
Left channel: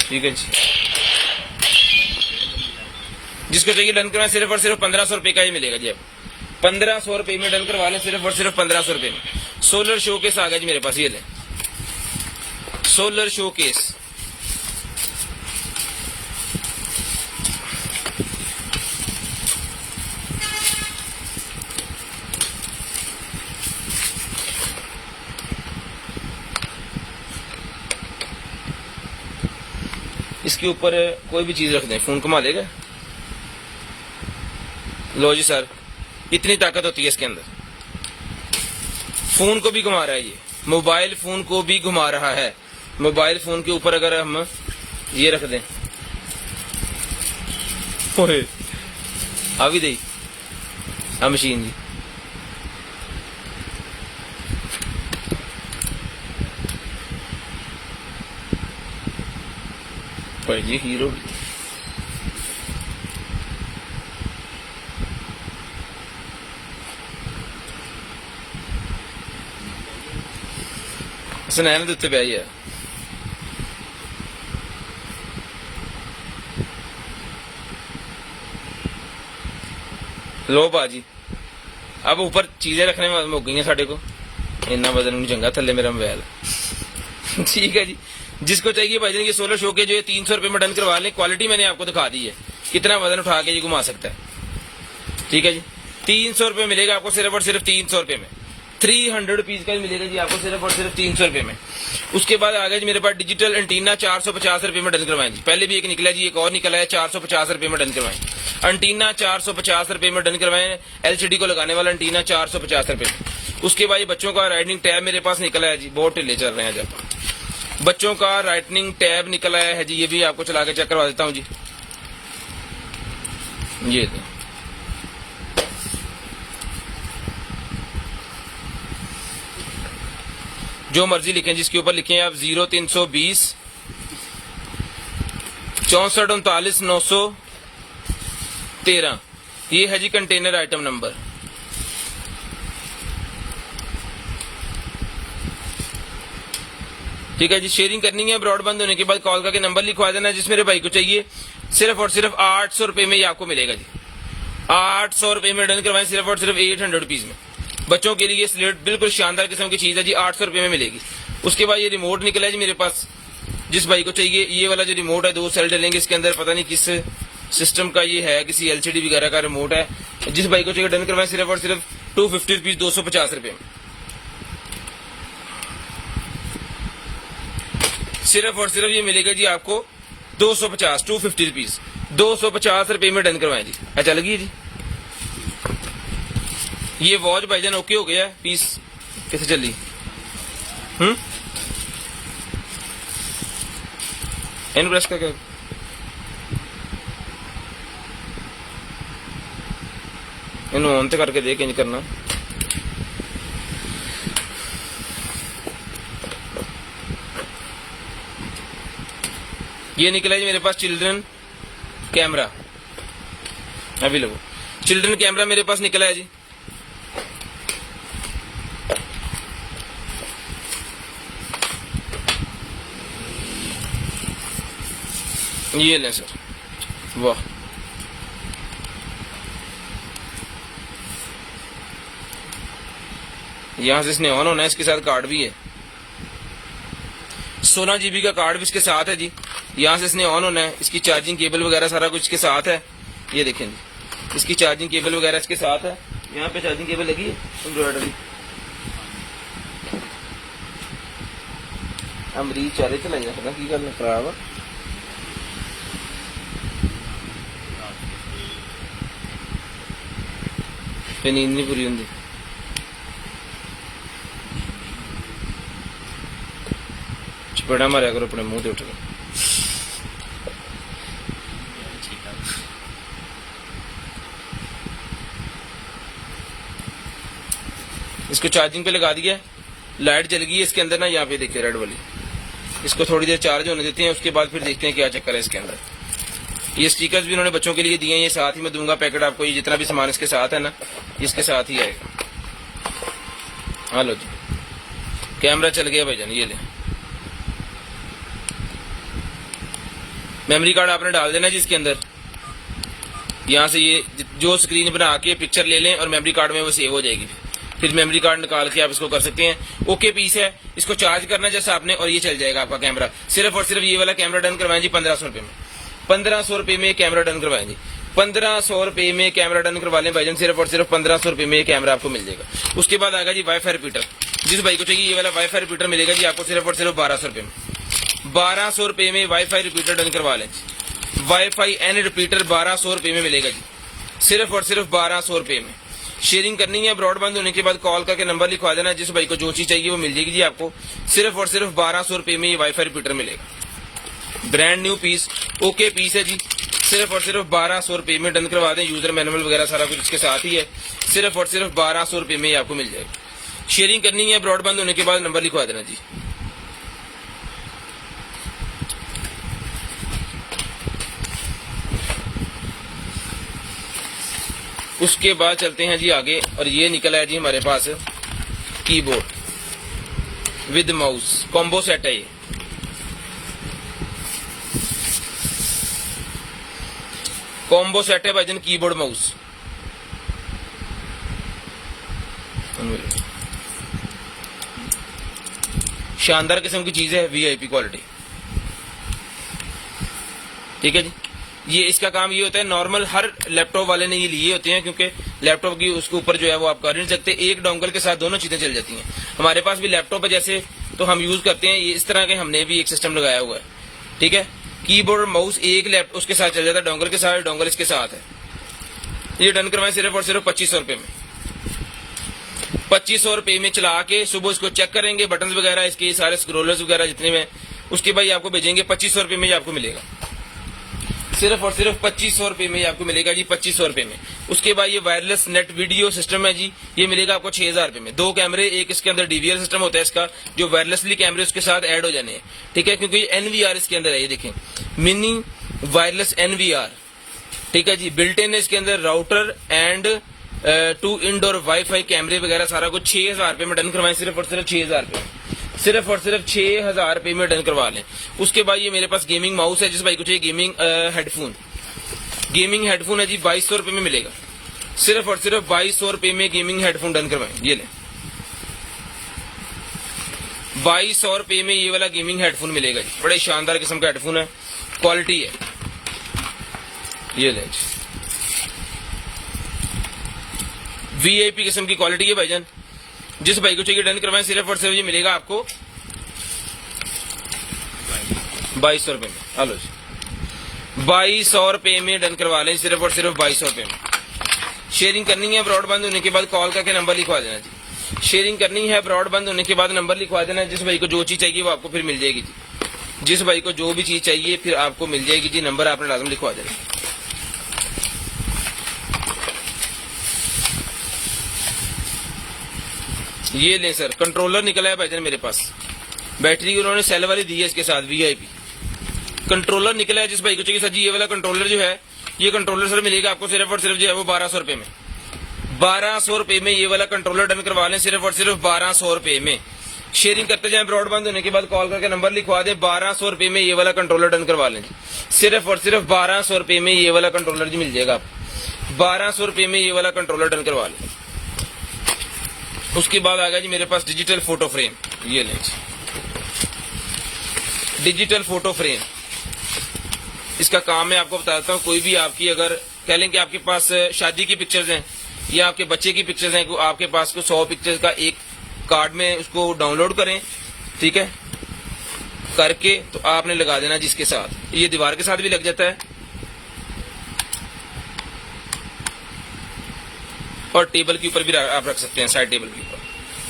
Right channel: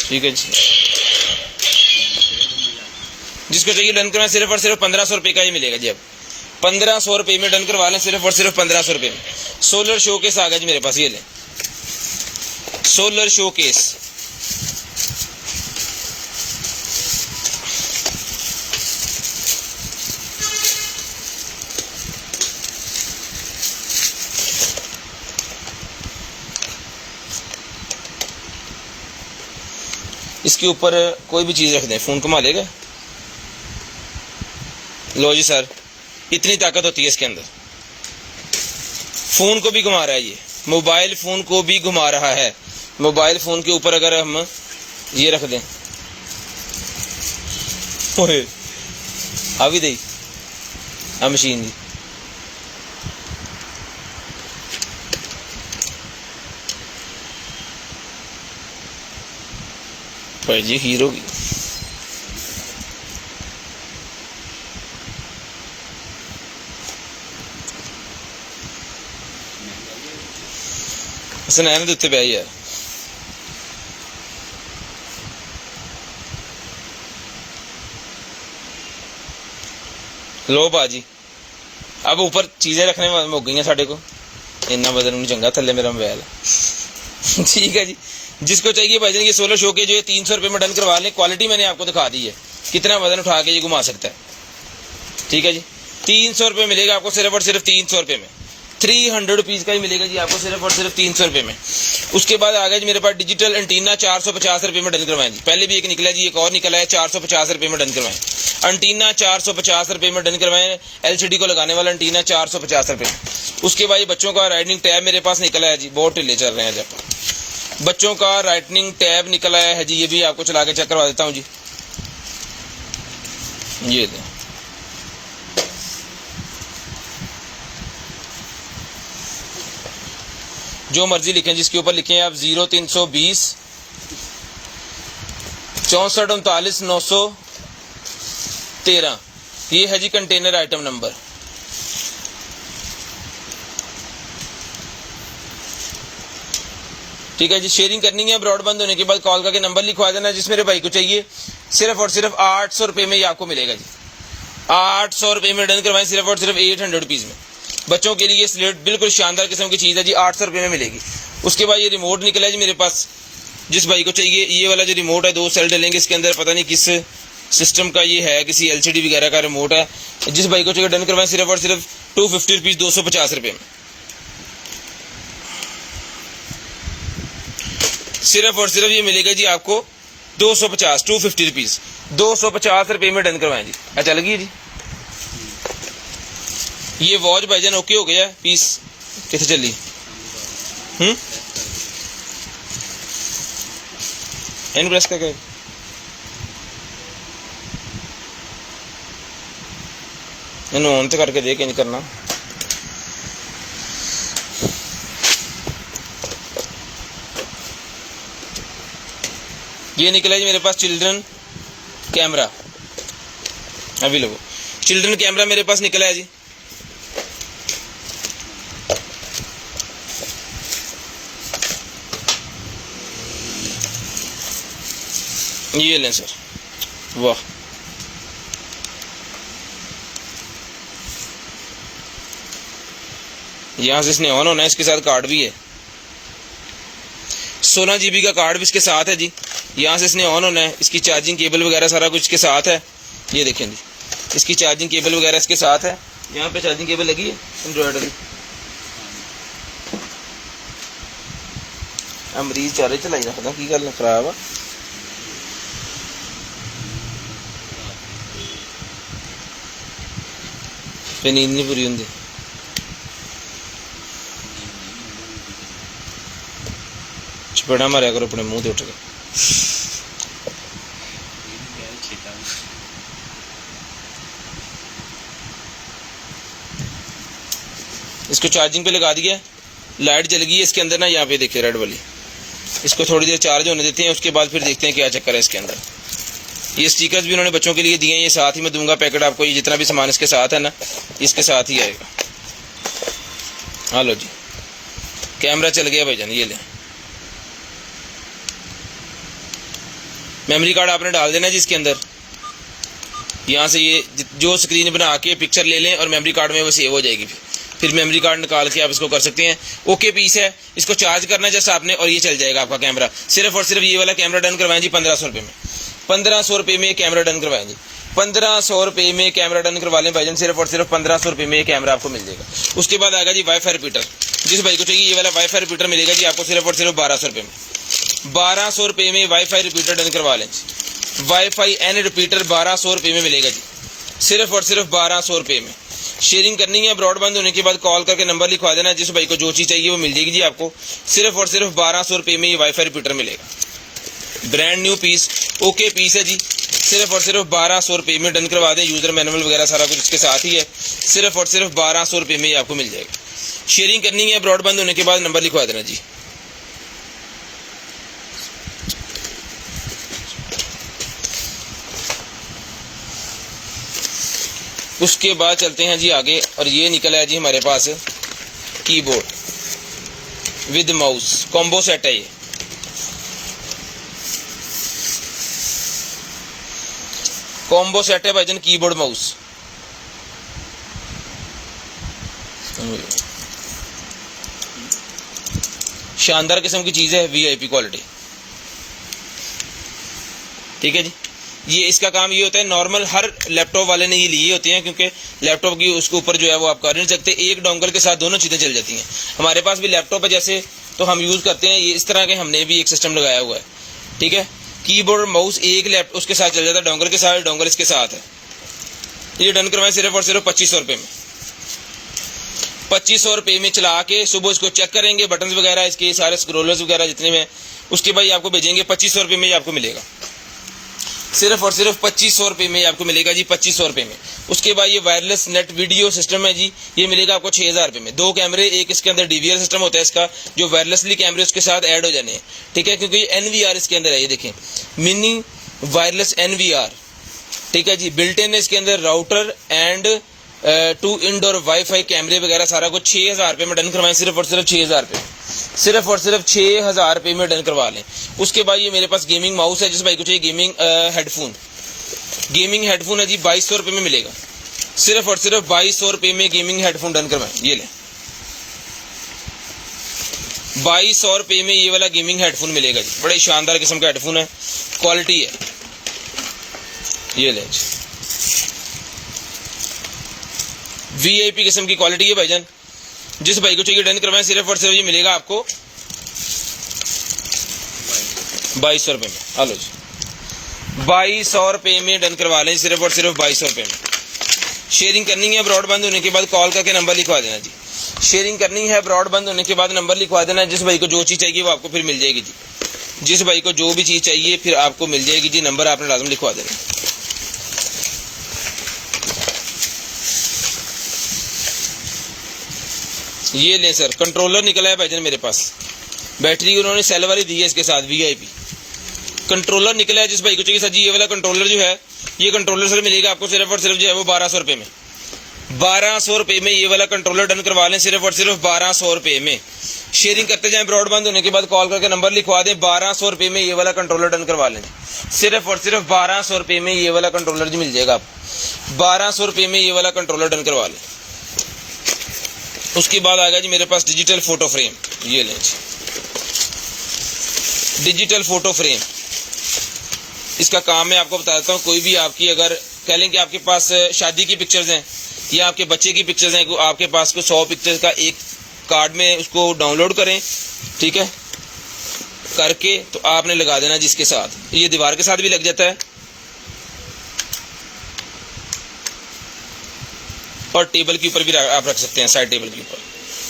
ठीक है जी, जिसको चाहिए डन करवाएं, सिर्फ और सिर्फ 1500 रुपये का ही मिलेगा जी। अब 1500 रुपये में डन करवा लें, सिर्फ और सिर्फ 1500 रुपये में। सोलर शो केस आ गया जी मेरे पास, ये लें सोलर शो केस। इसके ऊपर कोई भी चीज रख दें, फोन घुमा लेगा। लो जी सर, इतनी ताकत होती है इसके अंदर। फोन को भी घुमा रहा है ये, मोबाइल फोन को भी घुमा रहा है। मोबाइल फोन के ऊपर अगर हम ये रख दें, ओए अभी दे मशीन जी। भाई जी हीरो की सुनैन के उत्ते पै यार। लो बाजी, अब ऊपर चीजें रखने में मुक गई साढ़े को, इन्ना वजन नहीं चंगा, थले मेरा मोबाइल ठीक है जी। जिसको चाहिए भाईजान ये सोलर शो के जो है 300 रुपये में डन करवा लें। क्वालिटी मैंने आपको दिखा दी है, कितना वजन उठा के ये घुमा सकता है। ठीक है जी, 300 रुपये मिलेगा आपको, सिर्फ और सिर्फ 300 रुपये में। 300 रुपीज का ही मिलेगा जी आपको, सिर्फ और सिर्फ 300 रुपये में। उसके बाद आ गया जी मेरे पास डिजिटल एंटीना, 450 रुपये में डन करवाएं जी। पहले भी एक निकला जी, एक और निकला है, 450 रुपये में डन करवाएं। एंटीना 450 रुपये में डन करवाएं। एलसीडी को लगाने वाला एंटीना 450 रुपये में। उसके बाद ये बच्चों का राइटनिंग टैब मेरे पास निकला है जी, बहुत ढिले चल रहे हैं जब। बच्चों का राइटनिंग टैब निकला है जी, ये भी आपको चला के चेक करवा देता हूँ जी। ये दे जो मर्जी लिखें जिसके ऊपर लिखें आप 0320 64 39 913। ये है जी कंटेनर आइटम नंबर। ठीक है जी, शेयरिंग करनी है ब्रॉड बंद होने के बाद कॉल करके नंबर लिखवा देना जिस मेरे भाई को चाहिए। सिर्फ और सिर्फ 800 रुपये में ये आपको मिलेगा जी। 800 रुपये में डन करवाएं, सिर्फ और सिर्फ 800 रुपीज में। बच्चों के लिए स्लेट बिल्कुल शानदार किस्म की चीज है जी, 800 रुपये में मिलेगी। उसके बाद ये रिमोट निकला है जी मेरे पास, जिस भाई को चाहिए ये वाला जो रिमोट है, 2 सेल डलेंगे इसके अंदर, पता नहीं किस सिस्टम का ये है, किसी एलसीडी वगैरह का रिमोट है। जिस भाई को चाहिए डन करवाएं, सिर्फ और सिर्फ 250 रुपीज, 250 रुपये में। सिर्फ और सिर्फ ये मिलेगा जी आपको 250, 250 रुपीज, 250 रुपये में डन करवाएं जी। अच्छा लगी जी। ये वॉच भाईजान ओके हो गया, पीस कैसे चली? इन प्रेस का क्या, इन ऑन तो करके देख इंज करना। ये निकला जी मेरे पास चिल्ड्रन कैमरा, अभी लो चिल्ड्रन कैमरा मेरे पास निकला है जी। ये लें सर, वाह यहां से इसने ऑन होना है, इसके साथ कार्ड भी है, 16 GB का कार्ड भी इसके साथ है जी। यहाँ से इसने ऑन होना है, इसकी चार्जिंग केबल वगैरह सारा कुछ इसके साथ है। ये देखें जी, इसकी चार्जिंग केबल वगैरह इसके साथ है। यहाँ पे चार्जिंग केबल लगी है एंड्रॉइड की। मरीज चारे चलाई रखना की गल खराब है। फिर नींद नहीं पूरी होंगी। चपेड़ा मारिया करो अपने मुंह से उठ के। इसको चार्जिंग पे लगा दिया, लाइट जल गई है इसके अंदर ना, यहाँ पे देखिए रेड वाली। इसको थोड़ी देर चार्ज होने देते हैं, उसके बाद फिर देखते हैं क्या चक्कर है इसके अंदर। ये स्टिकर्स भी उन्होंने बच्चों के लिए दिए हैं, ये साथ ही मैं दूंगा पैकेट आपको। ये जितना भी सामान इसके साथ है ना, इसके साथ ही आएगा। हाँ लो जी, कैमरा चल गया भाईजान, ये ले। मेमोरी कार्ड आपने डाल देना जी इसके अंदर। यहाँ से ये जो स्क्रीन बना के पिक्चर ले लें और मेमोरी कार्ड में वो सेव हो जाएगी। फिर मेमोरी कार्ड निकाल के आप इसको कर सकते हैं। ओके पीस है, इसको चार्ज करना है जैसे आपने और ये चल जाएगा आपका कैमरा। सिर्फ और सिर्फ ये वाला कैमरा डन करवाएं जी 1500 रुपये में। 1500 रुपये में कैमरा डन करवाएं जी। 1500 रुपये में कैमरा डन करवा लें भाईजान, सिर्फ और सिर्फ 1500 रुपये में ये कैमरा आपको मिल जाएगा। उसके बाद आएगा जी वाईफाई रिपीटर। जिस भाई को चाहिए ये वाला वाईफाई रिपीटर मिलेगा जी आपको सिर्फ और सिर्फ 1200 रुपये में। 1200 रुपये में वाईफाई रिपीटर डन करवा लें जी। वाईफाई एन रिपीटर 1200 रुपये में मिलेगा जी, सिर्फ और सिर्फ 1200 रुपये में। शेयरिंग करनी है, ब्रॉडबैंड होने के बाद कॉल करके नंबर लिखवा देना। जिस भाई को जो चीज़ चाहिए वो मिल जाएगी जी आपको, सिर्फ और सिर्फ 1200 रुपये में ये वाईफाई रिपीटर मिलेगा। Brand new piece, okay piece है जी, सिर्फ और सिर्फ 1200 रुपये में डन करवा दें। यूजर मैनुअल वगैरह सारा कुछ इसके साथ ही है, सिर्फ और सिर्फ 1200 रुपये में ये आपको मिल जाएगा। शेयरिंग करनी है, ब्रॉडबैंड होने के बाद नंबर लिखवा देना जी। उसके बाद चलते हैं जी आगे, और ये निकला है जी हमारे पास keyboard with mouse combo set है। ये कॉम्बो सेट है भाईजान, कीबोर्ड माउस। शानदार किस्म की चीज है, वीआईपी क्वालिटी। ठीक है जी। ये इसका काम ये होता है, नॉर्मल हर लैपटॉप वाले ने ये लिए होती हैं, क्योंकि लैपटॉप की उसके ऊपर जो है वो आप कर नहीं सकते, एक डोंगल के साथ दोनों चीजें चल जाती हैं। हमारे पास भी लैपटॉप है जैसे, तो हम यूज करते हैं ये इस तरह के, हमने भी एक सिस्टम लगाया हुआ है। ठीक है, कीबोर्ड माउस एक लैपटॉप उसके साथ चल जाता है, डोंगल के साथ, डोंगल इसके साथ है। ये डन करवाएं सिर्फ और सिर्फ 2500 रुपये में। 2500 रुपये में चला के सुबह इसको चेक करेंगे, बटन वगैरह इसके सारे स्क्रोलर्स वगैरह जितने में, उसके बाद आपको भेजेंगे 2500 रुपये में ये आपको मिलेगा। सिर्फ और सिर्फ 2500 रुपये में आपको मिलेगा जी, 2500 रुपये में। उसके बाद ये वायरलेस नेट वीडियो सिस्टम है जी, ये मिलेगा आपको 6000 रुपये में। 2 कैमरे, एक इसके अंदर डीवीआर सिस्टम होता है इसका, जो वायरलेसली कैमरे उसके साथ ऐड हो जाने हैं। ठीक है, क्योंकि एनवीआर इसके अंदर है, ये देखें मिनी वायरलेस एनवीआर। ठीक है जी, बिल्ट इन है इसके अंदर राउटर एंड 2 इंडोर वाईफाई कैमरे वगैरह सारा कुछ। 6000 रुपये में डन करवाएं, सिर्फ और सिर्फ 6000 रुपये, सिर्फ और सिर्फ 6000 रुपये में डन करवा लें। उसके बाद ये मेरे पास गेमिंग माउस है, जिस भाई को चाहिए गेमिंग हेडफोन। गेमिंग हेडफोन है जी 2200 रुपये में मिलेगा, सिर्फ और सिर्फ 2200 रुपये में गेमिंग हेडफोन डन करवाएं। ये लें, 2200 रुपये में ये वाला गेमिंग हेडफोन मिलेगा जी, बड़े शानदार किस्म का हेडफोन है, क्वालिटी है। ये लें जी, वीआईपी किस्म की क्वालिटी है भाईजान। जिस भाई को चाहिए डन करवाएं, सिर्फ और सिर्फ ये मिलेगा आपको 2200 रुपये में। हेलो जी, 2200 रुपये में डन करवा लें, सिर्फ और सिर्फ 2200 रुपये में। शेयरिंग करनी है, ब्रॉडबैंड होने के बाद कॉल करके नंबर लिखवा देना जी। शेयरिंग करनी है, ब्रॉडबैंड होने के बाद नंबर लिखवा देना। जिस भाई को जो चीज़ चाहिए वो आपको फिर मिल जाएगी जी। जिस भाई को जो भी चीज़ चाहिए फिर आपको मिल जाएगी जी। नंबर आपने लाजम लिखवा देना। ये लें सर, कंट्रोलर निकला है भाईजान मेरे पास, बैटरी उन्होंने सेल वाली दी है इसके साथ, वीआईपी कंट्रोलर निकला है। जिस भाई को चाहिए सर जी ये वाला कंट्रोलर जो है, ये कंट्रोलर सर मिलेगा आपको सिर्फ और सिर्फ जो है वो 1200 रुपये में। 1200 रुपये में ये वाला कंट्रोलर डन करवा लें, सिर्फ और सिर्फ 1200 रुपये में। शेयरिंग करते जाएं, ब्रॉडबैंड होने के बाद कॉल करके नंबर लिखवा दें। 1200 रुपये में ये वाला कंट्रोलर डन करवा लें, सिर्फ और सिर्फ 1200 रुपये में ये वाला कंट्रोलर जी मिल जाएगा आपको। 1200 रुपये में ये वाला कंट्रोलर डन करवा लें। उसके बाद आ गया जी मेरे पास डिजिटल फोटो फ्रेम। ये लें जी, डिजिटल फोटो फ्रेम। इसका काम मैं आपको बता देता हूँ। कोई भी आपकी अगर कह लें कि आपके पास शादी की पिक्चर्स हैं या आपके बच्चे की पिक्चर्स हैं, आपके पास को 100 पिक्चर्स का एक कार्ड में उसको डाउनलोड करें, ठीक है, करके तो आपने लगा देना जिसके साथ, ये दीवार के साथ भी लग जाता है और टेबल के ऊपर भी आप रख सकते हैं, साइड टेबल के ऊपर।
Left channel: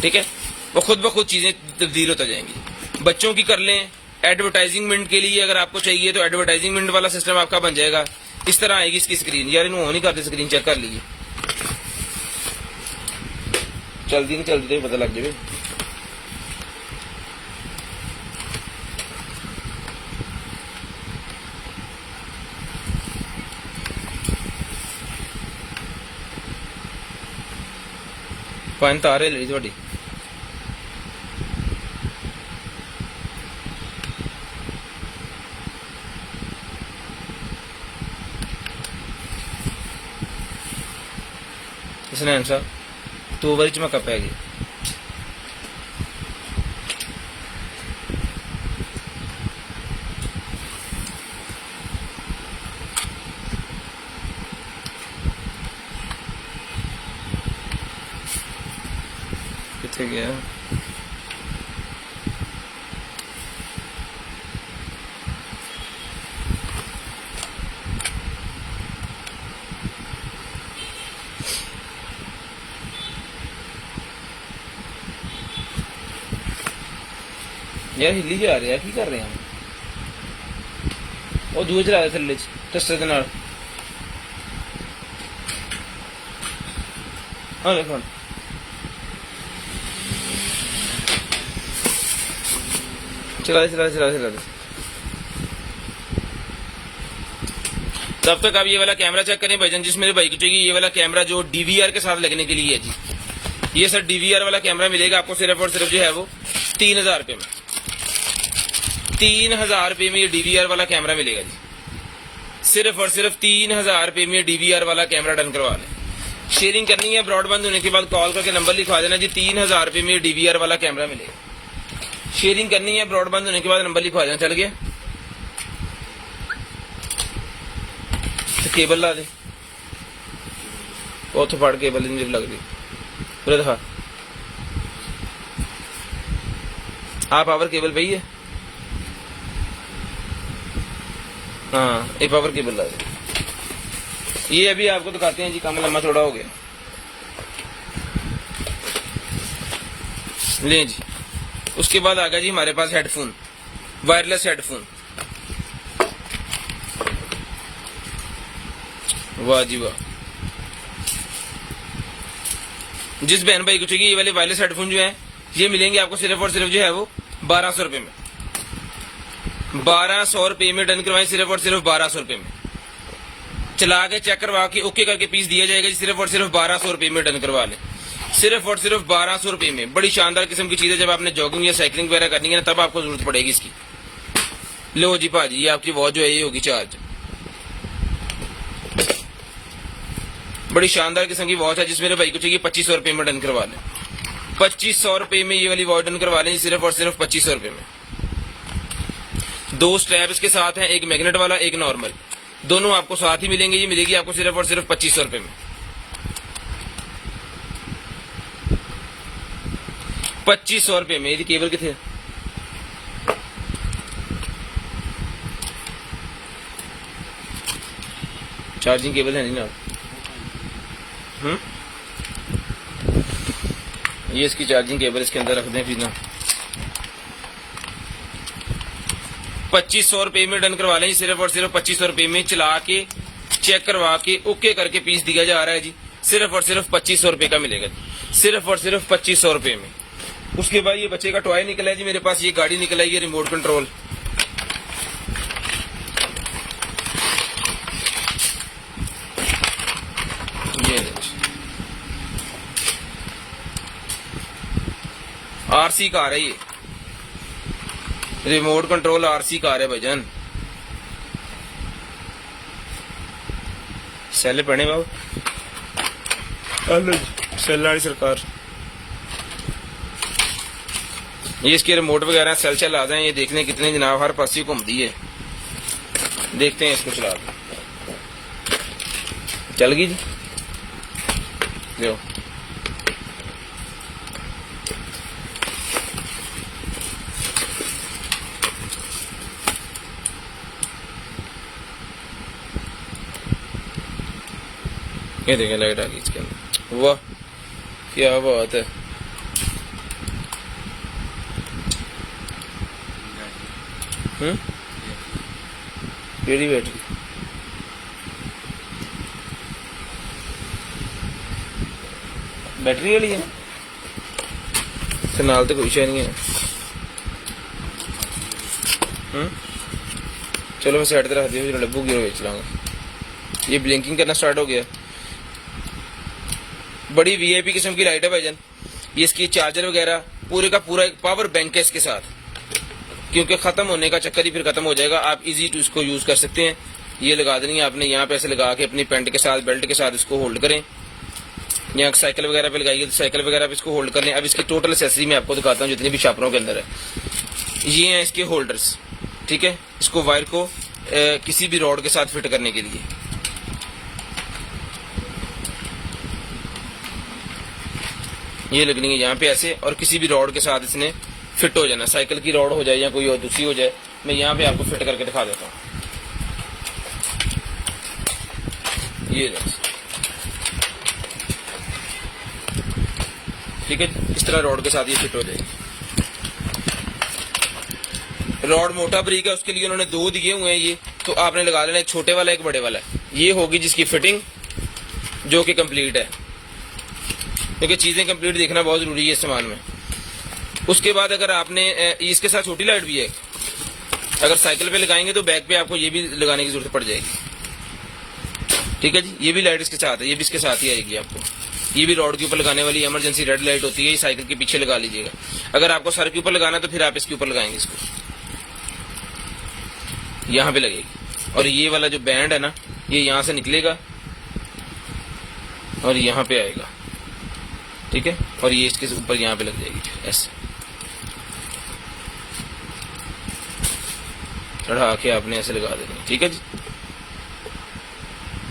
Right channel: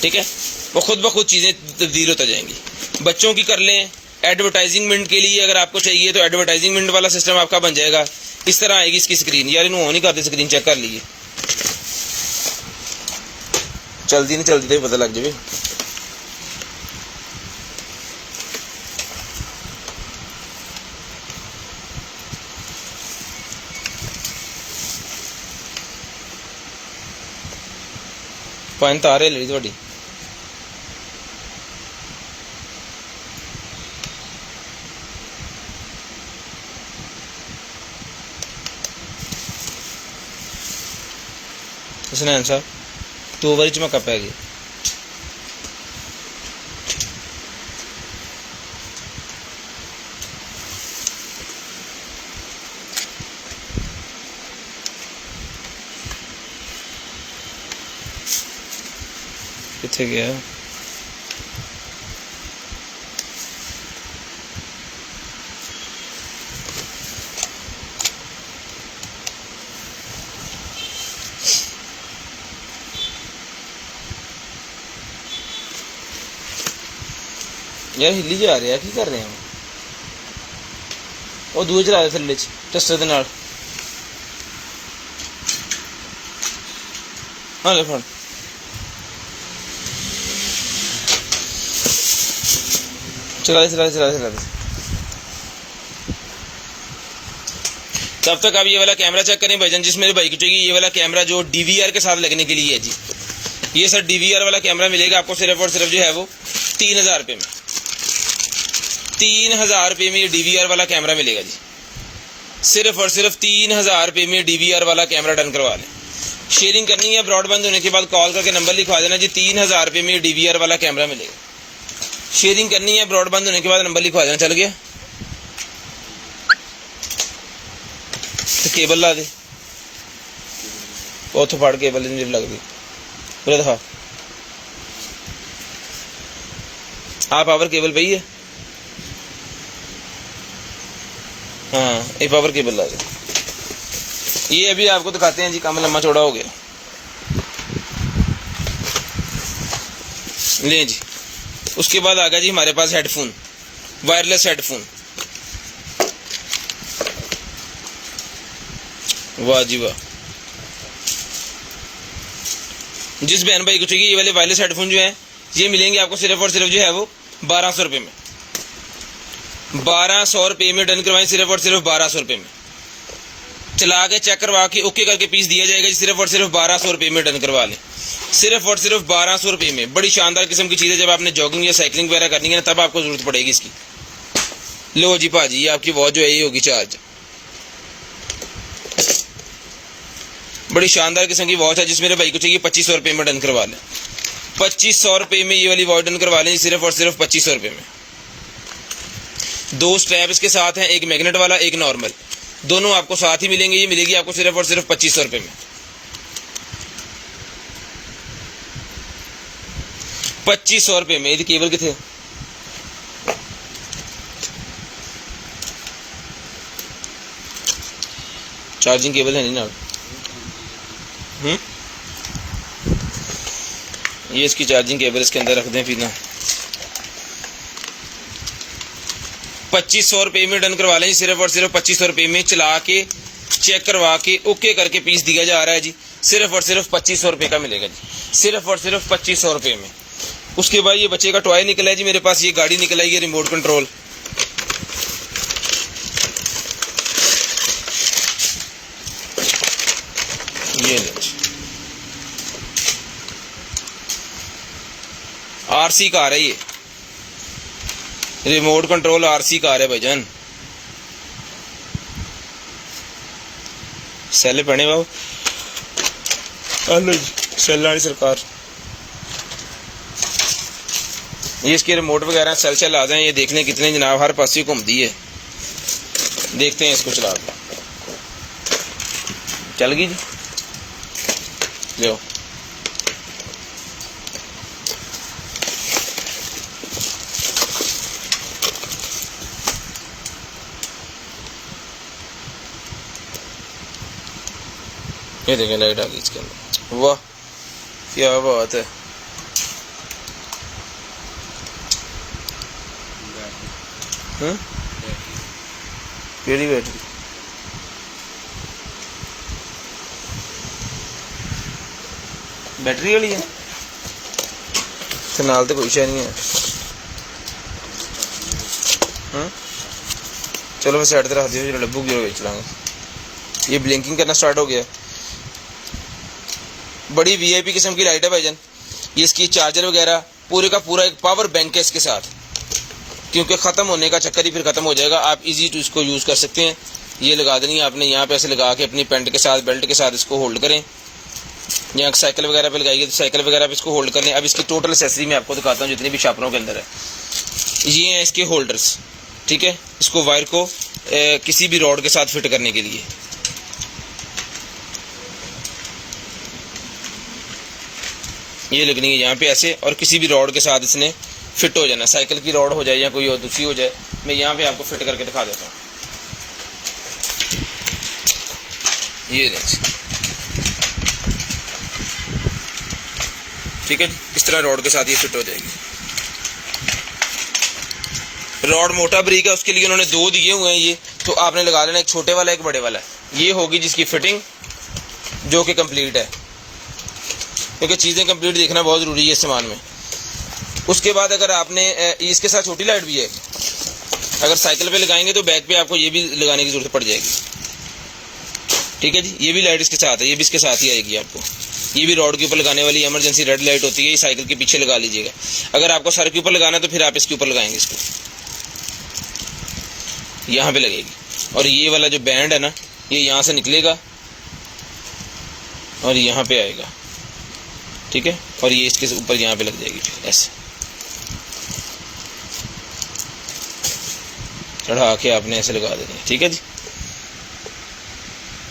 ठीक है, वो खुद ब खुद चीज़ें तब्दील होता जाएंगी। बच्चों की कर लें, एडवर्टाइजिंगमेंट के लिए अगर आपको चाहिए तो एडवर्टाइजिंगमेंट वाला सिस्टम आपका बन जाएगा। इस तरह आएगी इसकी स्क्रीन। यार इन्होंने नहीं करते, स्क्रीन चेक कर लीजिए, चलती नहीं चलती तो पता लग जाए। पानी तार ले ली थोड़ी। हसनैन साहब 2 बारी चमका पै गया। कितने गया है? यार हिली जा रहा है, की कर रहे हैं हम? वो दूए चला रहे थल्ले टस्टर दे नाल। हाँ ले फोन चला दे। तब तक आप ये वाला कैमरा चेक करें भाईजान, जिस मेरे भाई को चाहिए ये वाला कैमरा जो डीवीआर के साथ लगने के लिए है जी। ये सर डीवीआर वाला कैमरा मिलेगा आपको सिर्फ और सिर्फ जो है वो 3000 रुपये में। 3000 रुपये में ये डीवीआर वाला कैमरा मिलेगा जी। सिर्फ और सिर्फ 3000 रुपये में डीवीआर वाला कैमरा डन करवा लें। शेयरिंग करनी है, ब्रॉडबैंड होने के बाद कॉल करके नंबर लिखवा देना जी। 3000 रुपये में डीवीआर वाला कैमरा मिलेगा। शेयरिंग करनी है, ब्रॉडबैंड होने के बाद नंबर लिखवा देना। चल गया तो केबल ला दे, उतो फाड़ केबल नहीं लग दी पूरे दिखा। हाँ पावर केबल पई है, हाँ एक पावर केबल ला दे। ये अभी आपको दिखाते हैं जी, काम लम्बा चौड़ा हो गया। ले जी, उसके बाद आ गया जी हमारे पास हेडफोन, वायरलेस हेडफोन। वाह जी वाह। जिस बहन भाई को चाहिए ये वाले वायरलेस हेडफोन जो है ये मिलेंगे आपको सिर्फ और सिर्फ जो है वो 1200 रुपये में। 1200 रुपये में डन करवाएं, सिर्फ और सिर्फ 1200 रुपये में। चला के चेक करवा के ओके करके पीस दिया जाएगा जी। सिर्फ और सिर्फ 1200 रुपये में डन करवा लें, सिर्फ और सिर्फ 1200 रुपये में। बड़ी शानदार किस्म की चीज़ है, जब आपने जॉगिंग या साइकिलिंग वगैरह करनी है ना तब आपको जरूरत पड़ेगी इसकी। लो जी भाजी, ये आपकी वॉच जो है ये होगी चार्ज। बड़ी शानदार किस्म की वॉच है, जिस मेरे भाई को चाहिए 2500 रुपये में डन करवा लें। 2500 रुपये में ये वाली वॉच डन करवा लें सिर्फ और सिर्फ 2500 रुपये में। 2 स्ट्रैप इसके साथ हैं, एक मैग्नेट वाला एक नॉर्मल, दोनों आपको साथ ही मिलेंगे। ये मिलेगी आपको सिर्फ और सिर्फ 2500 रुपये में। 2500 रुपये में। यदि केबल कितने चार्जिंग केबल है नहीं ना? ये इसकी चार्जिंग केबल इसके अंदर रख दें फिर ना। 2500 रुपये में डन करवा लें सिर्फ और सिर्फ 2500 रुपये में। चला के चेक करवा के ओके करके पीस दिया जा रहा है जी। सिर्फ और सिर्फ 2500 रुपये का मिलेगा जी, सिर्फ और सिर्फ 2500 रुपये में। उसके बाद ये बच्चे का टॉय निकला है जी मेरे पास, ये गाड़ी निकला है, ये रिमोट कंट्रोल। ये आरसी कार है, ये रिमोट कंट्रोल आरसी कार है भाईजान। सेल पड़े बाबू, सेल वाली सरकार। ये इसके रिमोट वगैरह सेल चल आ जाए, ये देखने कितने जनाब हर पास ही घूमती है। देखते हैं इसको चला के। चल गई जी, लो ये देखें लाइट आ गई इसके अंदर। वाह क्या बात है। केड़ी बैटरी? बैटरी वाली है ते नाल ते कोई शे नहीं है। चलो मैं साइड ते रख दियो, डब्बू की बेच लांगे। ये ब्लिंकिंग करना स्टार्ट हो गया। बड़ी वीआईपी किस्म की लाइट है भाईजान। ये इसकी चार्जर वगैरह पूरे का पूरा एक पावर बैंक है इसके साथ, क्योंकि ख़त्म होने का चक्कर ही फिर ख़त्म हो जाएगा। आप इजी टू इसको यूज़ कर सकते हैं। ये लगा देनी है आपने यहाँ पे, ऐसे लगा के अपनी पैंट के साथ बेल्ट के साथ इसको होल्ड करें यहाँ साइकिल वगैरह पे लगाएगी तो साइकिल वगैरह पे इसको होल्ड करने। अब इसकी टोटल एक्सेसरी मैं आपको दिखाता हूँ जितनी भी शार्पनरों के अंदर है। ये हैं इसके होल्डर्स, ठीक है। इसको वायर को किसी भी रॉड के साथ फिट करने के लिए। ये लगनी है यहाँ पे ऐसे, और किसी भी रॉड के साथ इसने फिट हो जाना। साइकिल की रॉड हो जाए या कोई और दूसरी हो जाए, मैं यहाँ पे आपको फिट करके दिखा देता हूँ। ये ठीक है, इस तरह रॉड के साथ ये फिट हो जाएगी। रॉड मोटा बारीक है, उसके लिए उन्होंने दो दिए हुए हैं ये, तो आपने लगा लेना, एक छोटे वाला एक बड़े वाला। ये होगी जिसकी फिटिंग जो कि कंप्लीट है, क्योंकि चीज़ें कंप्लीट देखना बहुत ज़रूरी है इस सामान में। उसके बाद अगर आपने इसके साथ छोटी लाइट भी है, अगर साइकिल पे लगाएंगे तो बैक पे आपको ये भी लगाने की जरूरत पड़ जाएगी, ठीक है जी। ये भी लाइट इसके साथ है, ये भी इसके साथ ही आएगी आपको। ये भी रॉड के ऊपर लगाने वाली इमरजेंसी रेड लाइट होती है, ये साइकिल के पीछे लगा लीजिएगा। अगर आपको सर के ऊपर लगाना है तो फिर आप इसके ऊपर लगाएंगे, इसको यहाँ पे लगेगी। और ये वाला जो बैंड है ना, ये यहाँ से निकलेगा और यहाँ पे आएगा, ठीक है। और ये इसके ऊपर यहाँ पे लग जाएगी, फिर ऐसे चढ़ा के आपने ऐसे लगा देनी है, ठीक है जी।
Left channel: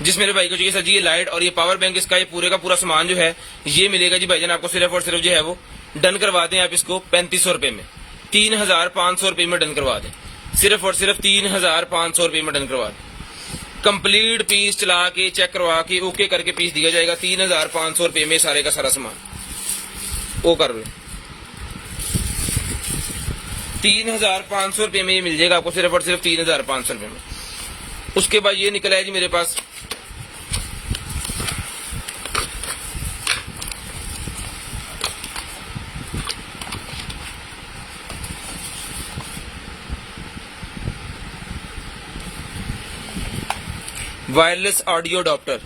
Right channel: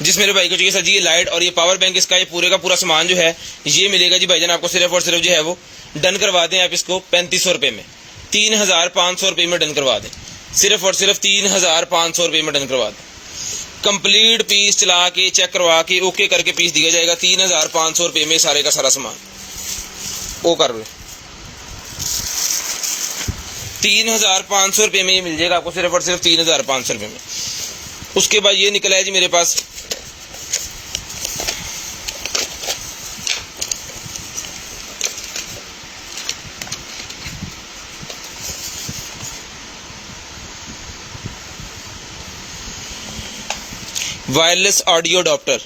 जिस मेरे भाई को चाहिए सर जी ये लाइट और ये पावर बैंक, इसका ये पूरे का पूरा सामान जो है ये मिलेगा जी भाईजान आपको सिर्फ और सिर्फ जो है वो डन करवा दें आप इसको 3500 रुपये में, 3500 रुपये में डन करवा दें। सिर्फ और सिर्फ 3500 रुपये में डन करवा दें। कंप्लीट पीस चला के चेक करवा के ओके करके पीस दिया जाएगा 3500 रुपये में, सारे का सारा सामान वो कर रहे 3500 रुपये में ये मिल जाएगा आपको, सिर्फ और सिर्फ 3500 रुपये में। उसके बाद ये निकला है जी मेरे पास wireless audio adapter.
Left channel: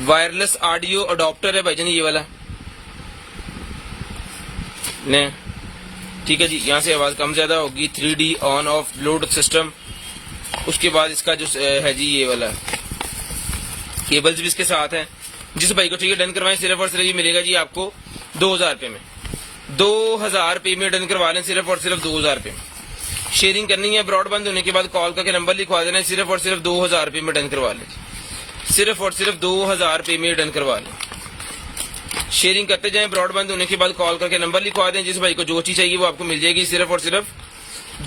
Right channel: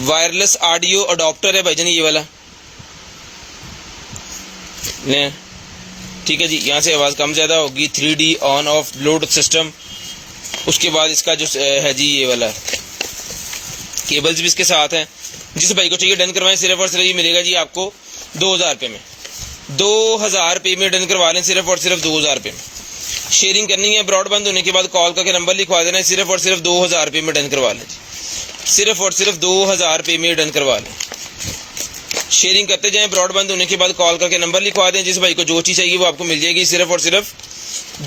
Wireless audio adapter है भाईजान ये वाला, नहीं ठीक है जी। यहाँ से आवाज़ कम ज़्यादा होगी, 3D on off Bluetooth system. उसके बाद इसका जो है जी ये वाला केबल्स भी इसके साथ हैं। जिस भाई को चाहिए डन करवाएं, सिर्फ और सिर्फ ये मिलेगा जी आपको 2000 रुपये में। 2000 रुपये में डन करवा लें, सिर्फ और सिर्फ 2000 रुपये में। शेयरिंग करनी है, ब्रॉडबैंड होने के बाद कॉल करके नंबर लिखवा देना है, सिर्फ और सिर्फ 2000 रुपये में डन करवा लें। सिर्फ और सिर्फ 2000 रुपये में डन करवा लें। शेयरिंग करते जाएं, ब्रॉडबैंड होने के बाद कॉल करके नंबर लिखवा दें। जिस भाई को जो चीज़ चाहिए वो आपको मिल जाएगी, सिर्फ और सिर्फ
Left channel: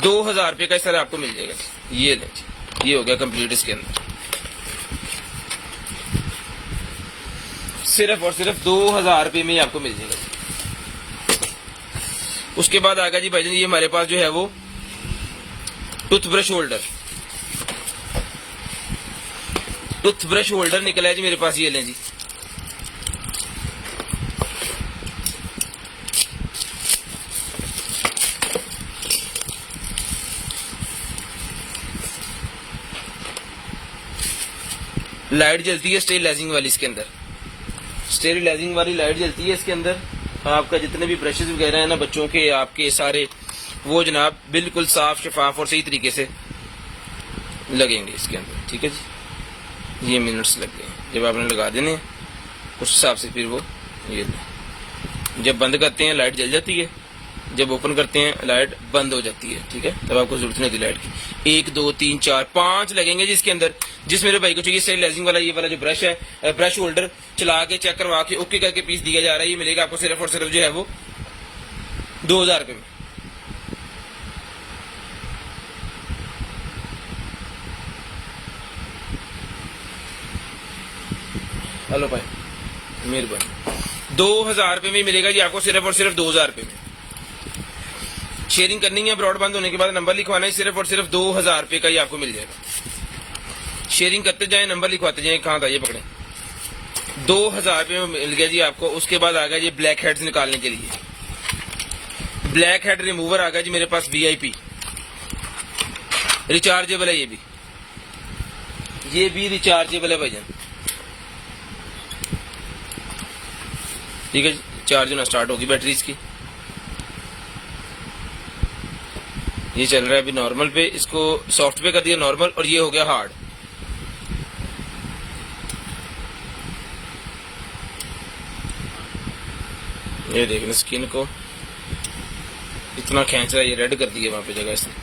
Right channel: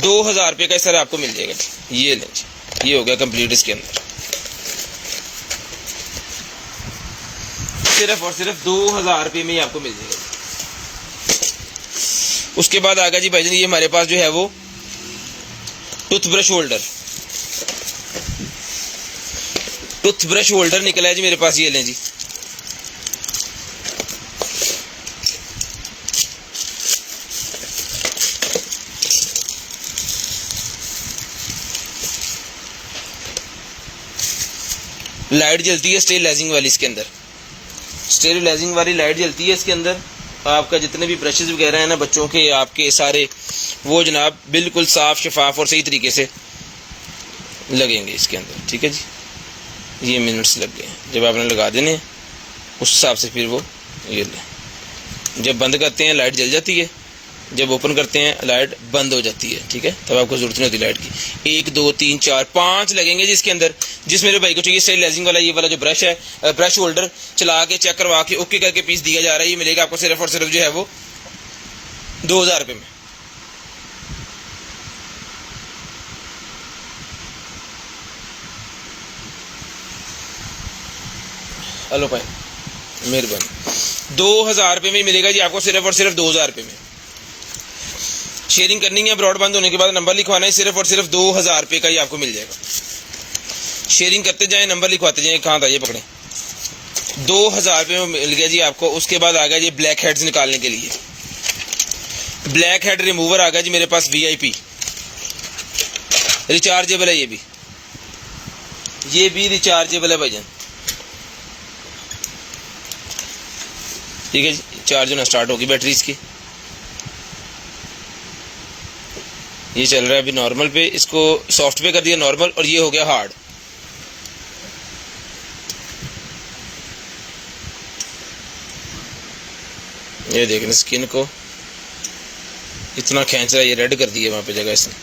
2000 रुपये का सर आपको मिल जाएगा। ये लें, ये हो गया कंप्लीट इसके अंदर। सिर्फ और सिर्फ 2000 रुपये में ही आपको मिल जाएगा। उसके बाद आ गया जी भाईजान ये हमारे पास जो है वो टूथब्रश होल्डर। टूथब्रश होल्डर निकला है जी मेरे पास, ये लें जी। लाइट जलती है स्टेरिलाइजिंग वाली, इसके अंदर स्टेरिलाइजिंग वाली लाइट जलती है इसके अंदर। आपका जितने भी ब्रशेज वगैरह हैं ना बच्चों के, आपके सारे वो जनाब बिल्कुल साफ शफाफ और सही तरीके से लगेंगे इसके अंदर, ठीक है जी। ये मिनट्स लग गए, जब आपने लगा देने उस हिसाब से फिर वो ये ले। जब बंद करते हैं लाइट जल जाती है, जब ओपन करते हैं लाइट बंद हो जाती है, ठीक है। तब आपको जरूरत नहीं होती लाइट की। 1 2 3 4 5 लगेंगे जी इसके अंदर। जिस मेरे भाई को चाहिए स्टेरिलाइजिंग वाला ये वाला जो ब्रश है, ब्रश होल्डर चला के चेक करवा के ओके करके पीस दिया जा रहा है, ये मिलेगा आपको सिर्फ और सिर्फ जो है वो 2000 रुपये में। हेलो भाई, मेहरबानी। 2000 रुपये में मिलेगा जी आपको, सिर्फ और सिर्फ 2000 रुपये में। शेयरिंग करनी है, ब्रॉडबैंड होने के बाद नंबर लिखवाना है, सिर्फ और सिर्फ 2000 रुपये का ही आपको मिल जाएगा। शेयरिंग करते जाएं, नंबर लिखवाते जाएं। कहाँ था ये, पकड़े। 2000 रुपये में मिल गया जी आपको। उसके बाद आ गया ये ब्लैक हेड्स निकालने के लिए। ब्लैक हेड रिमूवर आ गया जी मेरे पास, VIP रिचार्जेबल है। ये भी रिचार्जेबल है भाईजान, ठीक है जी। चार्ज होना स्टार्ट होगी बैटरी इसकी। ये चल रहा है अभी नॉर्मल पे, इसको सॉफ्ट पे कर दिया नॉर्मल, और ये हो गया हार्ड। ये देखें स्किन को इतना खींच रहा है, ये रेड कर दी है वहाँ पे जगह इसने।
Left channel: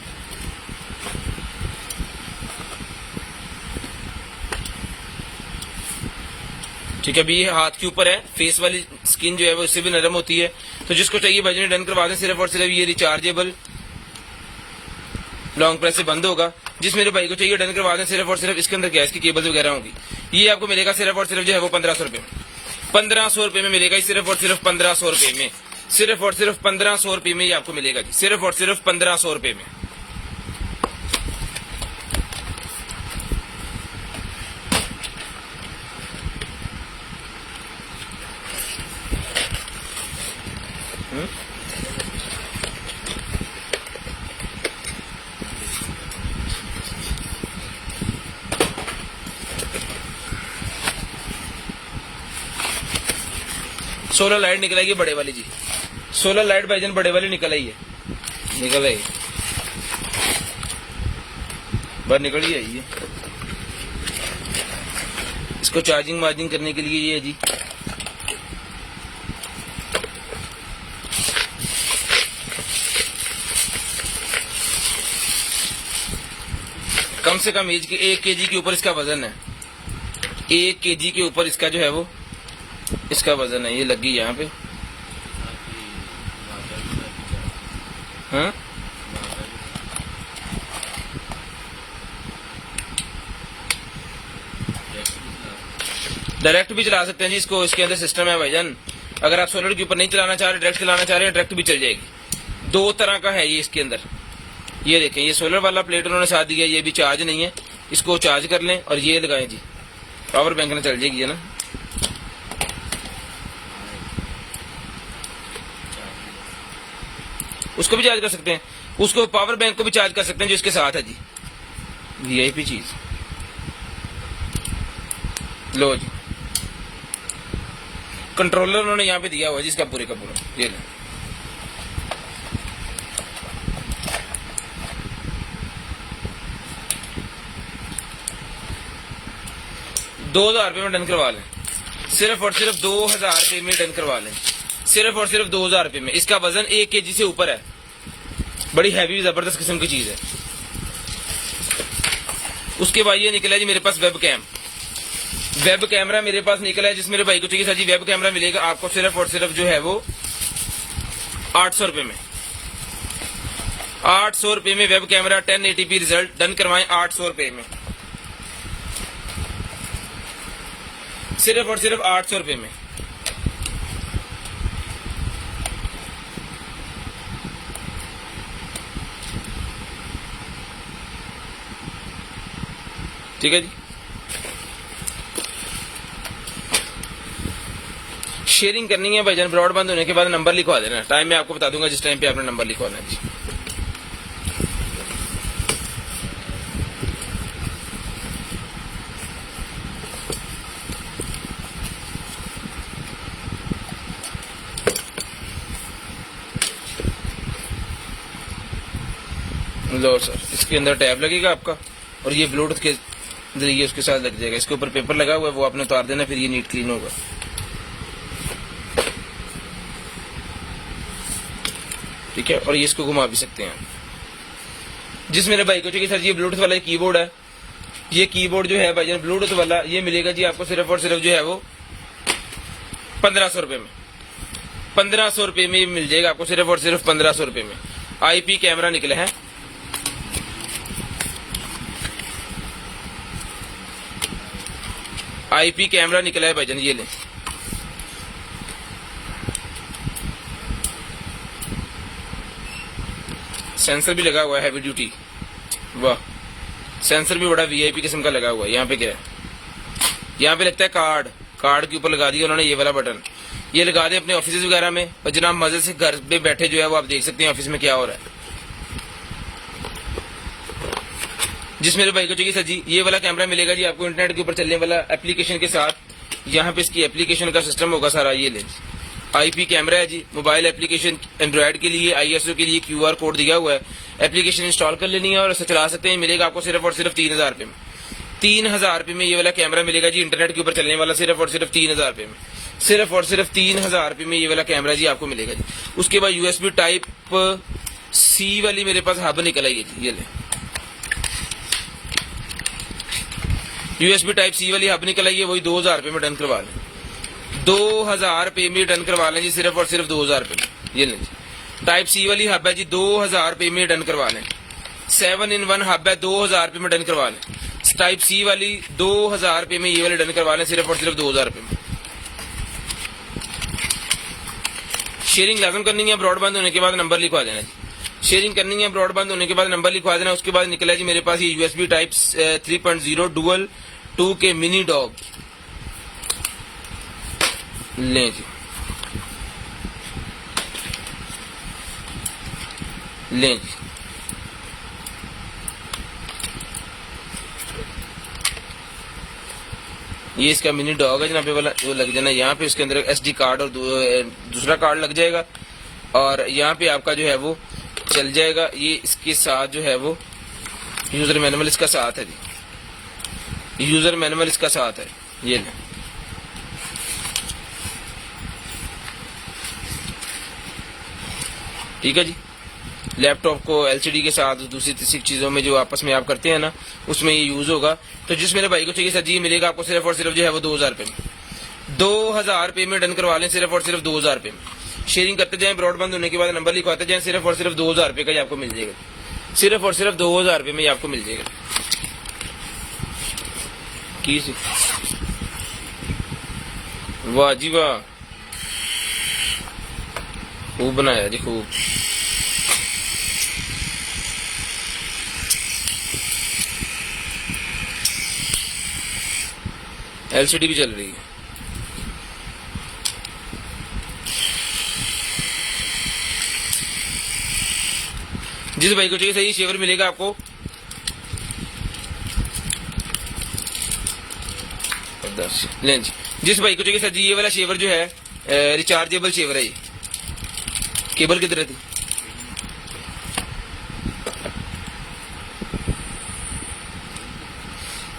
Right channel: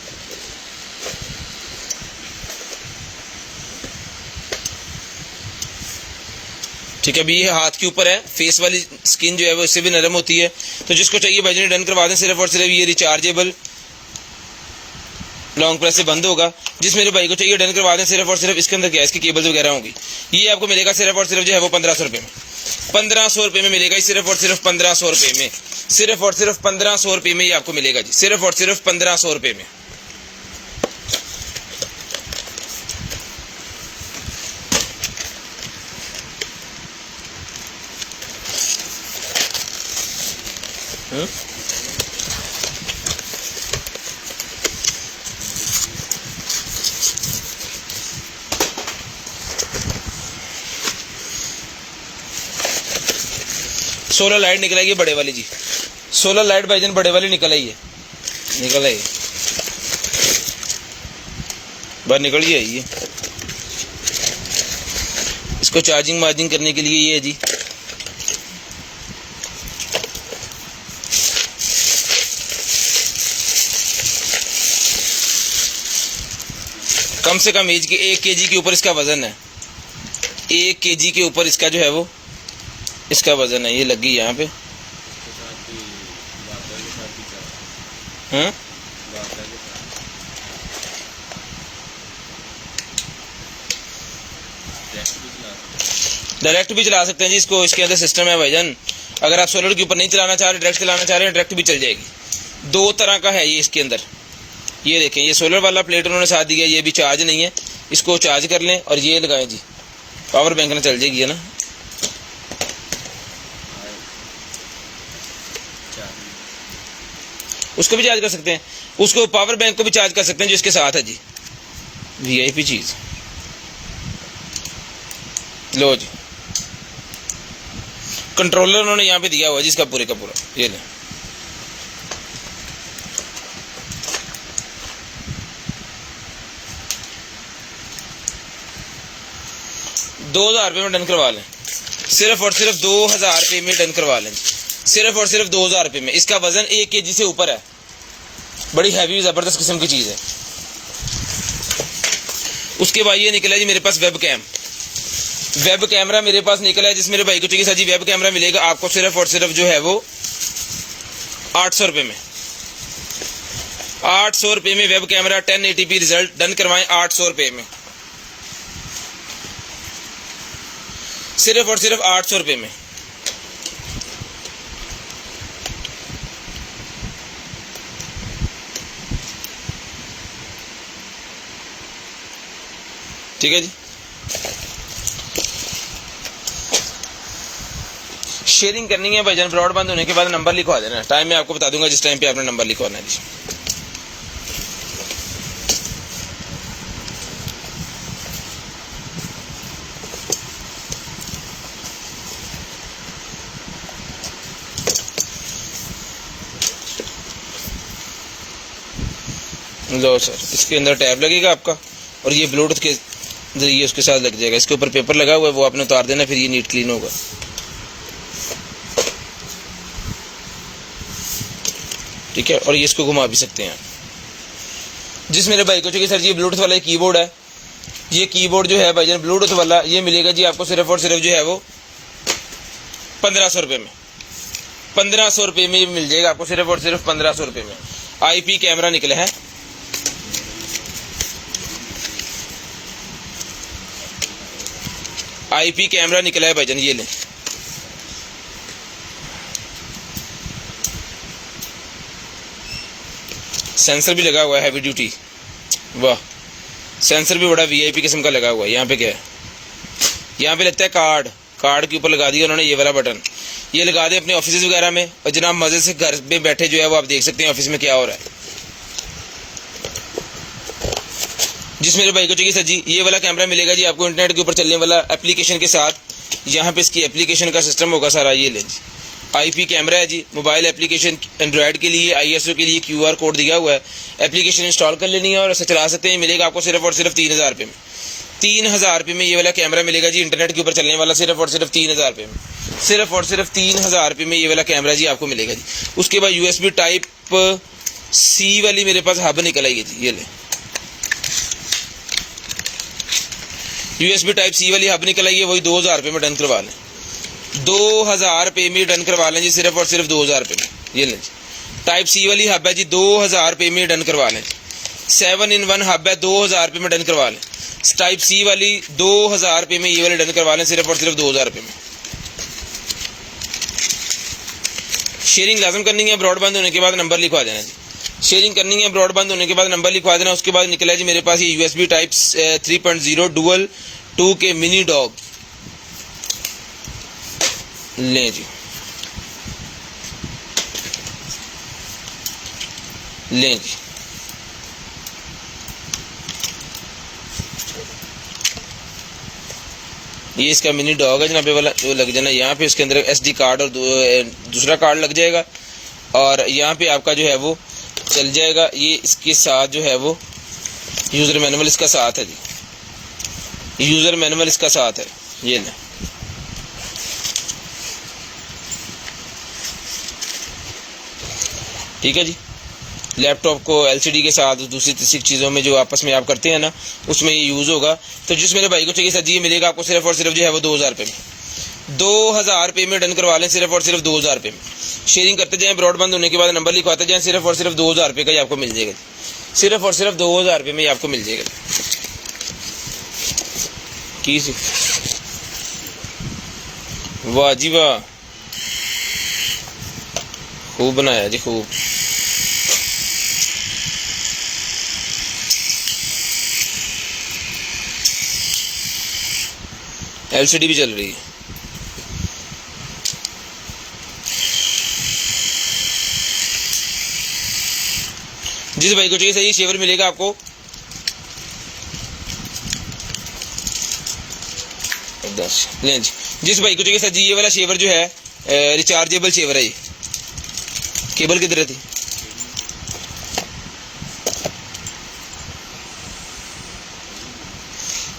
ठीक है, अभी ये हाथ के ऊपर है, फेस वाली स्किन जो है वो इससे भी नरम होती है। तो जिसको चाहिए भाई डन करवा दें, सिर्फ और सिर्फ ये रिचार्जेबल लॉन्ग प्रेस से बंद होगा। जिस मेरे भाई को चाहिए डन करवा दें, सिर्फ और सिर्फ इसके अंदर क्या है, इसकी केबल्स वगैरह होंगी। ये आपको मिलेगा सिर्फ और सिर्फ जो है वो 1500 रुपये में। 1500 रुपये में मिलेगा, सिर्फ और सिर्फ 1500 रुपये में। सिर्फ और सिर्फ 1500 रुपये में ये आपको मिलेगा जी, सिर्फ और सिर्फ 1500 रुपये में। सोलर लाइट निकल आई है बड़े वाली जी, सोलर लाइट भाईजान बड़े वाली निकल आई है, निकल आई बाहर निकल ही आई है। इसको चार्जिंग वार्जिंग करने के लिए ये है जी। कम से कम एज के 1 kg के ऊपर इसका वजन है, 1 kg के ऊपर इसका जो है वो इसका वजन है। ये लगी यहाँ पे, हाँ डायरेक्ट भी चला सकते हैं जी इसको, इसके अंदर सिस्टम है भाईजान। अगर आप सोलर के ऊपर नहीं चलाना चाह रहे, डायरेक्ट चलाना चाह रहे हैं, डायरेक्ट भी चल जाएगी। 2 तरह का है ये इसके अंदर। ये देखें, ये सोलर वाला प्लेट उन्होंने साथ दिया, ये भी चार्ज नहीं है, इसको चार्ज कर लें और ये लगाएं जी, पावर बैंक में चल जाएगी है ना। उसको भी चार्ज कर सकते हैं, उसको पावर बैंक को भी चार्ज कर सकते हैं जो इसके साथ है जी। वीआईपी चीज लो जी, कंट्रोलर उन्होंने यहाँ पे दिया हुआ है जी इसका पूरे का पूरा। ये लें, ₹2000 में डन करवा लें, सिर्फ और सिर्फ 2000 रुपये में डन करवा लें, सिर्फ और सिर्फ 2000 रुपये में। इसका वजन 1 kg से ऊपर है, बड़ी हैवी जबरदस्त किस्म की चीज है। उसके बाद ये निकला जी मेरे पास वेब कैमरा मेरे पास निकला है, जिस मेरे भाई को चाहिए जी वेब कैमरा मिलेगा आपको सिर्फ और सिर्फ जो है वो 800 रुपये में। 800 रुपये में web camera 1080p result, done करवाएं 800 रुपये में, सिर्फ और सिर्फ 800 रुपये में। ठीक है जी, शेयरिंग करनी है भाईजान। ब्रॉडबैंड होने के बाद नंबर लिखवा देना, टाइम मैं आपको बता दूंगा जिस टाइम पे आपने नंबर लिखवाना है जी। लो सर, इसके अंदर टैब लगेगा आपका और ये ब्लूटूथ के जरिए उसके साथ लग जाएगा। इसके ऊपर पेपर लगा हुआ है, वो आपने उतार देना, फिर ये नीट क्लीन होगा। ठीक है, और ये इसको घुमा भी सकते हैं। जिस मेरे भाई को चाहिए सर जी ब्लूटूथ वाला कीबोर्ड है, ये कीबोर्ड जो है भाईजान ब्लूटूथ वाला, ये मिलेगा जी आपको सिर्फ और सिर्फ जो है वो 1500 रुपये में। 1500 रुपये में मिल जाएगा आपको, सिर्फ और सिर्फ 1500 रुपये में। IP कैमरा निकला है, IP कैमरा निकला है भाईजान, ये लो। सेंसर भी लगा हुआ है हैवी ड्यूटी, वाह, सेंसर भी बड़ा VIP किस्म का लगा हुआ है। यहाँ पे क्या है, यहाँ पे लगता है कार्ड के ऊपर लगा दिया उन्होंने ये वाला बटन, ये लगा दिया अपने ऑफिस वगैरह में, और जनाब मजे से घर में बैठे जो है वो आप देख सकते हैं ऑफिस में क्या हो रहा है। जिस मेरे भाई को चाहिए सर जी ये वाला कैमरा मिलेगा जी आपको इंटरनेट के ऊपर चलने वाला एप्लीकेशन के साथ, यहाँ पे इसकी एप्लीकेशन का सिस्टम होगा सारा। ये ले जी IP कैमरा है जी, मोबाइल एप्लीकेशन, एंड्रॉयड के लिए, ISO के लिए QR कोड दिया हुआ है, एप्लीकेशन इंस्टॉल कर लेनी है और इसे चला सकते हैं। मिलेगा आपको सिर्फ और सिर्फ 3000 रुपये में। 3000 रुपये में ये वाला कैमरा मिलेगा जी, इंटरनेट के ऊपर चलने वाला, सिर्फ और सिर्फ 3000 रुपये में। सिर्फ और सिर्फ 3000 रुपये में ये वाला कैमरा जी आपको मिलेगा जी। उसके बाद USB टाइप C वाली मेरे पास हब निकल आई है जी, ये ले USB टाइप C वाली हब निकल आई है, वही 2000 रुपये में डन करवा लें। 2000 रुपये में डन करवा लें जी, सिर्फ और सिर्फ 2000 रुपये में। ये लें जी, टाइप C वाली हब है जी, 2000 रुपये में डन करवा लें। 7-in-1 हब है, 2000 रुपये में डन करवा लें। टाइप C वाली 2000 रुपये में ये वाले डन करवा लें, सिर्फ और सिर्फ 2000 रुपये में। शेयरिंग लाजम करनी है, ब्रॉडबैंड होने के बाद नंबर लिखवा देना जी। शेयरिंग करनी है, ब्रॉडबैंड होने के बाद नंबर लिखवा देना। उसके बाद निकला जी मेरे पास ये USB type 3.0 dual 2K mini dog. लें जी, लें जी, ये इसका मिनी डॉग है जनाब वाला, जो लग जाना यहाँ पे। इसके अंदर SD कार्ड और दूसरा कार्ड लग जाएगा, और यहाँ पे आपका जो है वो चल जाएगा। ये इसके साथ जो है वो यूजर मैनुअल इसका साथ है जी, यूजर मैनुअल इसका साथ है। ये ले, ठीक है जी। लैपटॉप को LCD के साथ दूसरी तीसरी चीज़ों में जो आपस में आप करते हैं ना, उसमें ये यूज़ होगा। तो जिस मेरे भाई को चाहिए सर जी, ये मिलेगा आपको सिर्फ और सिर्फ जो है वो 2000 रुपये में। 2000 रुपये में डन करवा लें, सिर्फ और सिर्फ 2000 रुपये में। शेयरिंग करते जाएं, ब्रॉडबैंड होने के बाद नंबर लिखवाते जाएं, सिर्फ और सिर्फ 2000 रुपये का ही आपको मिल जाएगा। सिर्फ और सिर्फ 2000 रुपये में ही आपको मिल जाएगा। वाह जी वाह, खूब बनाया जी, खूब। LCD भी चल रही है। जिस भाई को चाहिए सही शेवर मिलेगा आपको 10। लें जी, जिस भाई को चाहिए सर जी, ये वाला शेवर जो है रिचार्जेबल शेवर है। ये केबल किधर थी?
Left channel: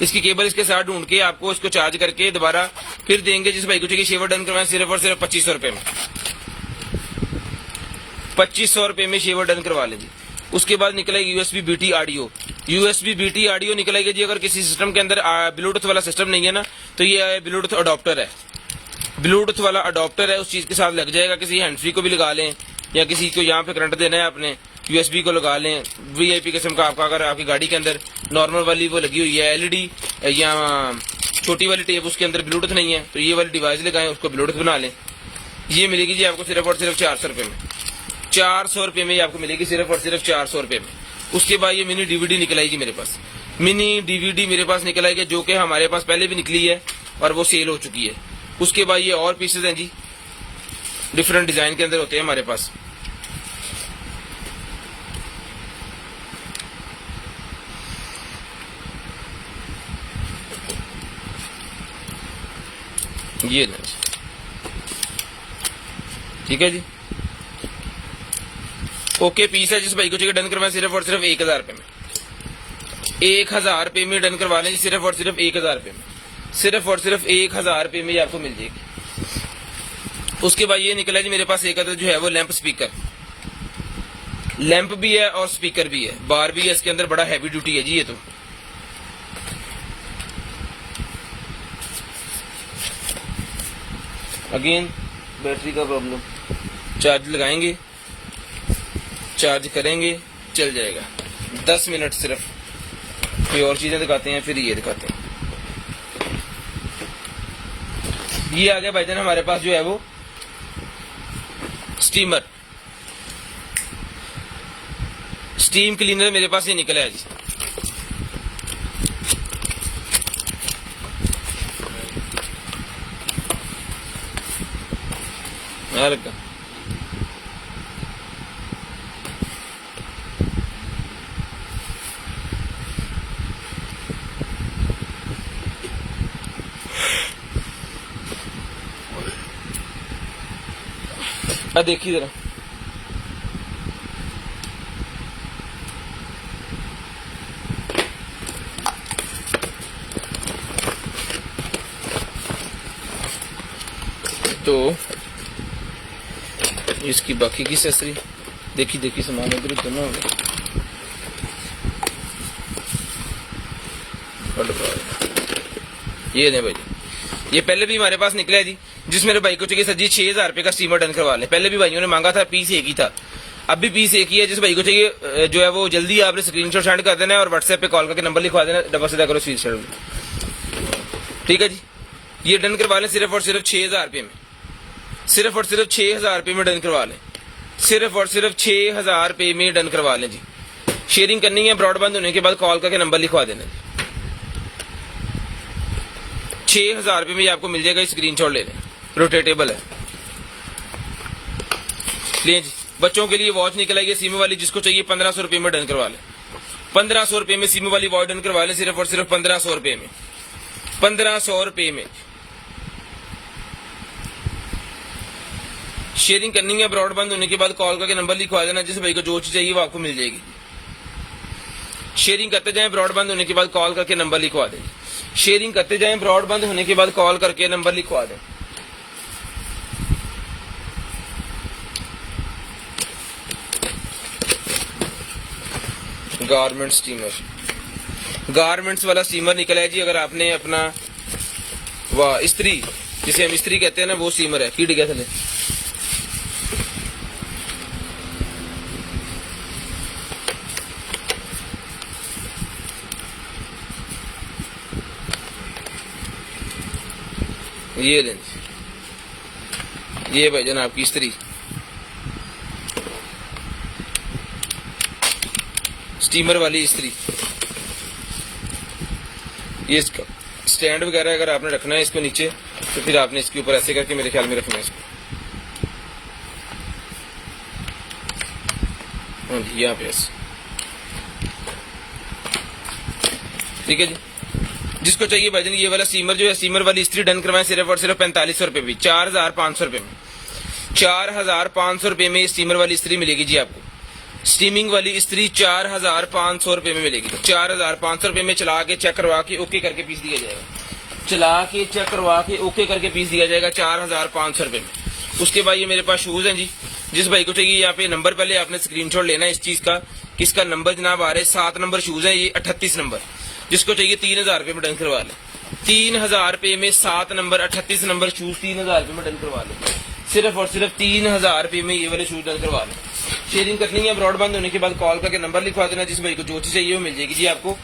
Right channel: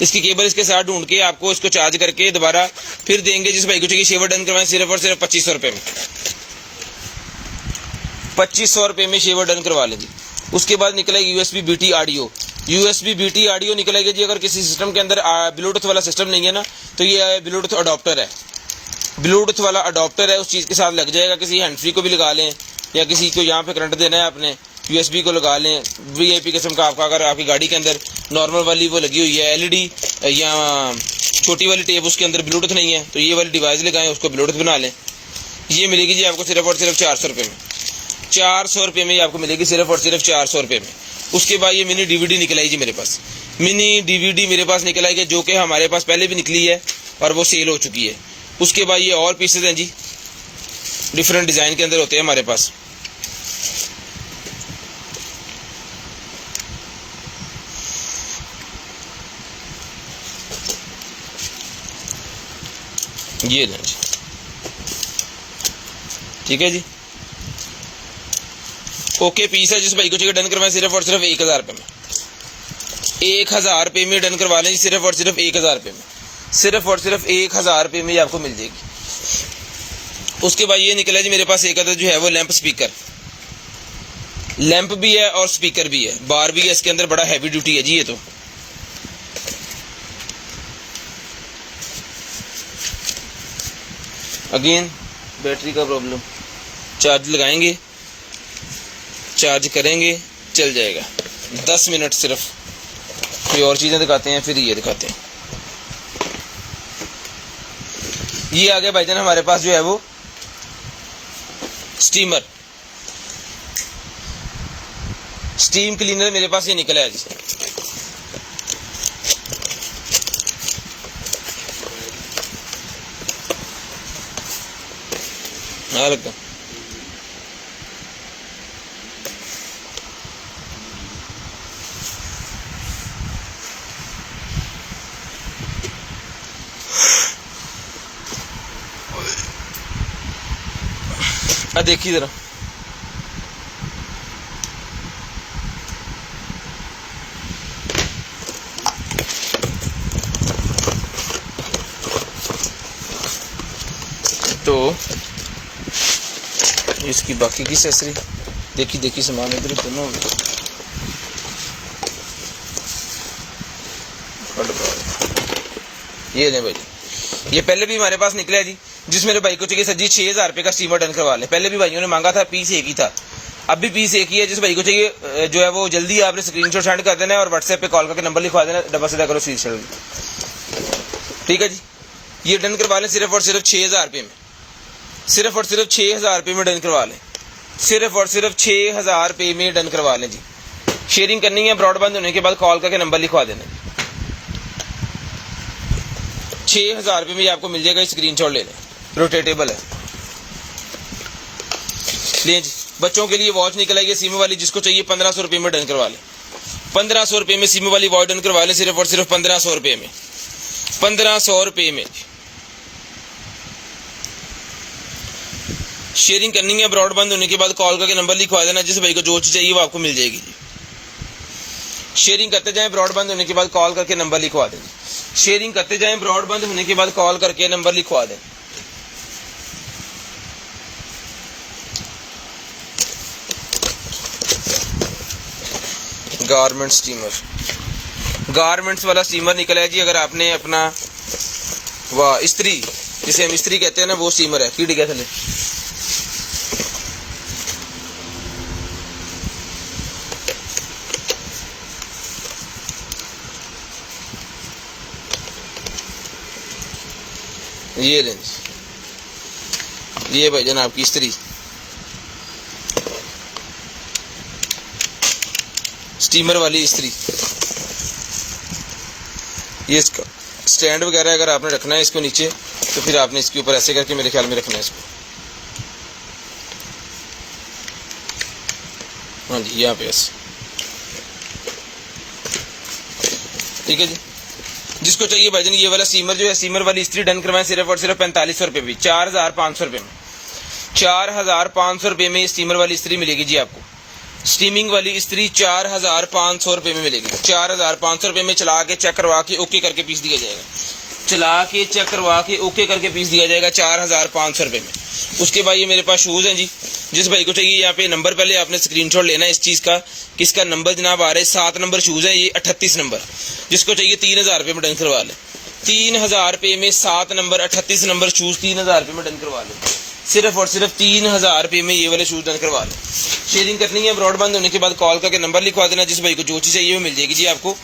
इसकी केबल इसके साथ ढूंढ के आपको इसको चार्ज करके दोबारा फिर देंगे। जिस भाई को चाहिए शेवर डन करवाएं, सिर्फ और सिर्फ 2500 रुपये में। 2500 रुपये में शेवर डन करवा लें जी। उसके बाद निकलेगी USB BT audio. USB BT audio निकलेगी जी। अगर किसी सिस्टम के अंदर ब्लूटूथ वाला सिस्टम नहीं है ना, तो ये ब्लूटूथ अडॉप्टर है। ब्लूटूथ वाला अडॉप्टर है, उस चीज़ के साथ लग जाएगा। किसी हैंड फ्री को भी लगा लें, या किसी को यहाँ पे करंट देना है अपने USB को लगा लें। VIP किस्म का आपका, अगर आपकी गाड़ी के अंदर नॉर्मल वाली वो लगी हुई है LED या छोटी वाली टेप, उसके अंदर ब्लूटूथ नहीं है, तो ये वाली डिवाइस लगाएं, उसको ब्लूटूथ बना लें। ये मिलेगी जी आपको सिर्फ और सिर्फ 400 रुपये में। 400 रुपये में आपको मिलेगी, सिर्फ और सिर्फ 400 रुपये में। उसके बाद ये मिनी DVD निकल आई जी मेरे पास। मिनी DVD मेरे पास निकल आई, जो कि हमारे पास पहले भी निकली है और वो सेल हो चुकी है। उसके बाद ये और पीसेज हैं जी, डिफरेंट डिज़ाइन के अंदर होते हैं हमारे पास। ये लें जी, ठीक है जी। ओके पीस है। जिस भाई को चाहिए डन करवाएं, सिर्फ और सिर्फ 1000 रुपये में। 1000 रुपये में डन करवा लें, सिर्फ और सिर्फ 1000 रुपये में। सिर्फ और सिर्फ 1000 रुपये में आपको मिल जाएगी। उसके बाद ये निकला जी मेरे पास एक अदर जो है वो लैंप स्पीकर। लैंप भी है और स्पीकर भी है, बार भी है इसके अंदर। बड़ा हैवी ड्यूटी है जी ये तो। अगेन बैटरी का प्रॉब्लम। चार्ज लगाएंगे, चार्ज करेंगे, चल जाएगा। 10 मिनट सिर्फ। कोई और चीज़ें दिखाते हैं, फिर ये दिखाते हैं। ये आ गया भाईजान हमारे पास जो है वो स्टीमर, स्टीम क्लीनर मेरे पास ये निकला है जी। लगा देखिए जरा। तो इसकी बाकी की एक्सेसरी देखी सामान इधर दोनों हो गए। ये नहीं भाई, ये पहले भी हमारे पास निकला है जी, जिस मेरे भाई को चाहिए सर जी 6000 रुपये का स्टीमर डन करवा ले। पहले भी भाइयों ने मांगा था, पीस एक ही था, अब भी पीस एक ही है। जिस भाई को चाहिए जो है वो जल्दी आपने स्क्रीनशॉट सेंड कर देना है और व्हाट्सएप पे कॉल करके नंबर लिखवा देना, डबल सीधा करो स्क्रीनशॉट। ठीक है जी, ये डन करवा लें सिर्फ और सिर्फ 6000 रुपये में, सिर्फ और सिर्फ 6000 रुपये में डन करवा लें, सिर्फ और सिर्फ 6000 रुपये में डन करवा लें जी। शेयरिंग करनी है, ब्रॉडबैंड होने के बाद कॉल करके नंबर लिखवा देना। 6000 रुपये में ये आपको मिल जाएगा, स्क्रीनशॉट ले लें, रोटेटेबल है। ले जी, बच्चों के लिए वॉच निकल आएगी सीमो वाली, जिसको चाहिए 1500 रुपये में डन करवा लें। 1500 रुपये में सीमो वाली वॉच डन करवा लें, सिर्फ और सिर्फ 1500 रुपये में, 1500 रुपये में। शेयरिंग करनी है, ब्रॉडबैंड होने के बाद कॉल करके नंबर लिखवा देना, जिस भाई को जो चीज चाहिए वो आपको मिल जाएगी। शेयरिंग करते जाएं, ब्रॉडबैंड होने के बाद कॉल करके नंबर लिखवा दें। शेयरिंग करते जाएं, ब्रॉडबैंड होने के बाद कॉल करके नंबर लिखवा दें। गारमेंट स्टीमर, गारमेंट्स वाला स्टीमर निकला है जी। अगर आपने अपना वाह इस्त्री, जिसे हम इस्त्री कहते हैं ना, वो स्टीमर है। की डिगा चले ये लें, ये भाईजान आपकी इस्त्री, स्टीमर वाली इस्त्री। ये इसका स्टैंड वगैरह अगर आपने रखना है इसको नीचे, तो फिर आपने इसके ऊपर ऐसे करके मेरे ख्याल में रखना है इसको। हाँ जी, यहाँ पे ऐसे। ठीक है जी, जिसको चाहिए भाईजान ये वाला स्टीमर जो है, स्टीमर वाली इस्त्री डन करवाएं सिर्फ और सिर्फ 4500 रुपये भी, 4500 रुपये में, 4500 रुपये में स्टीमर वाली इस्त्री मिलेगी जी आपको। स्टीमिंग वाली इस्त्री 4500 रुपये में मिलेगी। 4500 रुपये में चला के चेक करवा के ओके करके पीस दिया जाएगा, चला के चेक करवा के ओके करके पीस दिया जाएगा 4500 रुपये में। उसके बाद ये मेरे पास शूज़ हैं जी, जिस भाई को चाहिए यहाँ पे नंबर पहले आपने स्क्रीनशॉट लेना है इस चीज़ का, किसका नंबर जनाब आ रहा है, 7 नंबर शूज़ है ये, 38 नंबर। जिसको चाहिए 3000 रुपये में डन करवा लें, 3000 रुपये में 7 नंबर 38 नंबर शूज़ 3000 रुपये में डन करवा लें, सिर्फ और सिर्फ 3000 रुपये में ये वाले शूज़ डन करवा लें। शेयरिंग करनी है, ब्रॉडबैंड होने के बाद कॉल करके नंबर लिखवा देना, जिस भाई को जो चीज़ चाहिए वो मिल जाएगी जी आपको।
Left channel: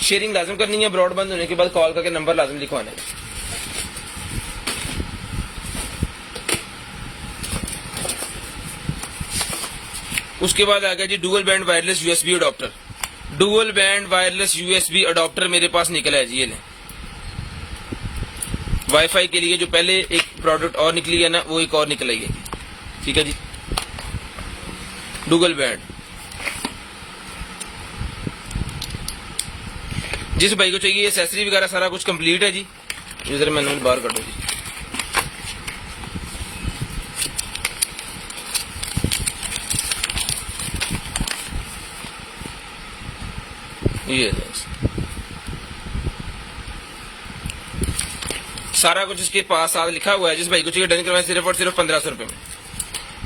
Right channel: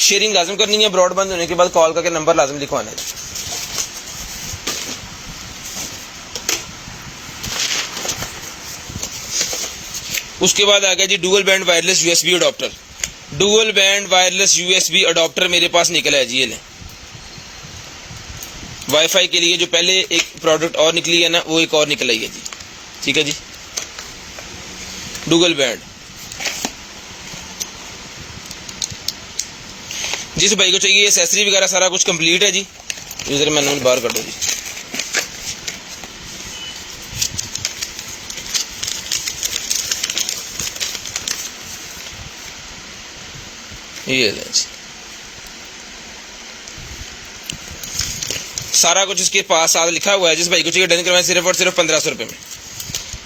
शेयरिंग लाजम करनी है, ब्रॉडबैंड होने के बाद कॉल करके नंबर लाजम लिखवाना है। उसके बाद आ गया जी dual band wireless USB adapter. Dual band wireless USB adapter मेरे पास निकला है जी, ये लें। वाईफाई के लिए जो पहले एक प्रोडक्ट और निकली है ना, वो एक और निकल आई है जी। ठीक है जी, डुअल बैंड। जिस भाई को चाहिए एक्सेसरी वगैरह सारा कुछ कंप्लीट है जी, इधर मैंने बाहर कर दूंगी। ये सारा कुछ इसके पास साथ लिखा हुआ है। जिस भाई को चाहिए डन करवाएं सिर्फ और सिर्फ 1500 रुपये में,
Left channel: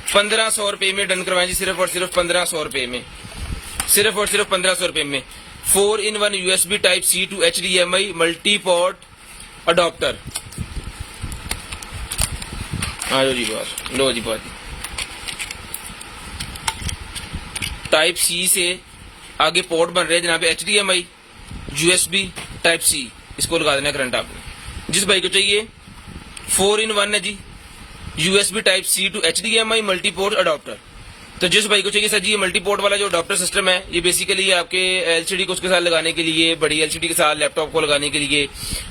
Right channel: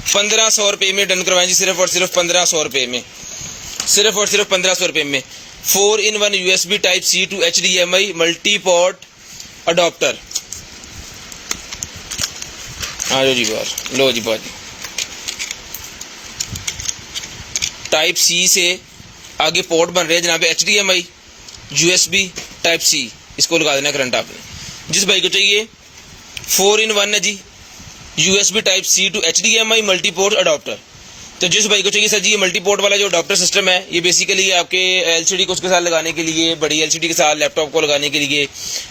1500 रुपये में डन करवाएं जी, सिर्फ और सिर्फ 1500 रुपये में, सिर्फ और सिर्फ 1500 रुपये में। 4-in-1 USB type C to HDMI multi port adopter. हाँ जी बात, लो जी बात। टाइप C से आगे पोर्ट बन रहे हैं जनाब, HDMI USB टाइप C, इसको लगा देना करंट आपने। जिस भाई को चाहिए 4-in-1 है जी, USB type C to HDMI multi port adopter. तो जिस भाई को चाहिए सर जी ये मल्टी पोर्ट वाला जो अडॉप्टर सिस्टम है, ये बेसिकली आपके LCD को उसके साथ लगाने के लिए, बड़ी LCD के साथ लैपटॉप को लगाने के लिए।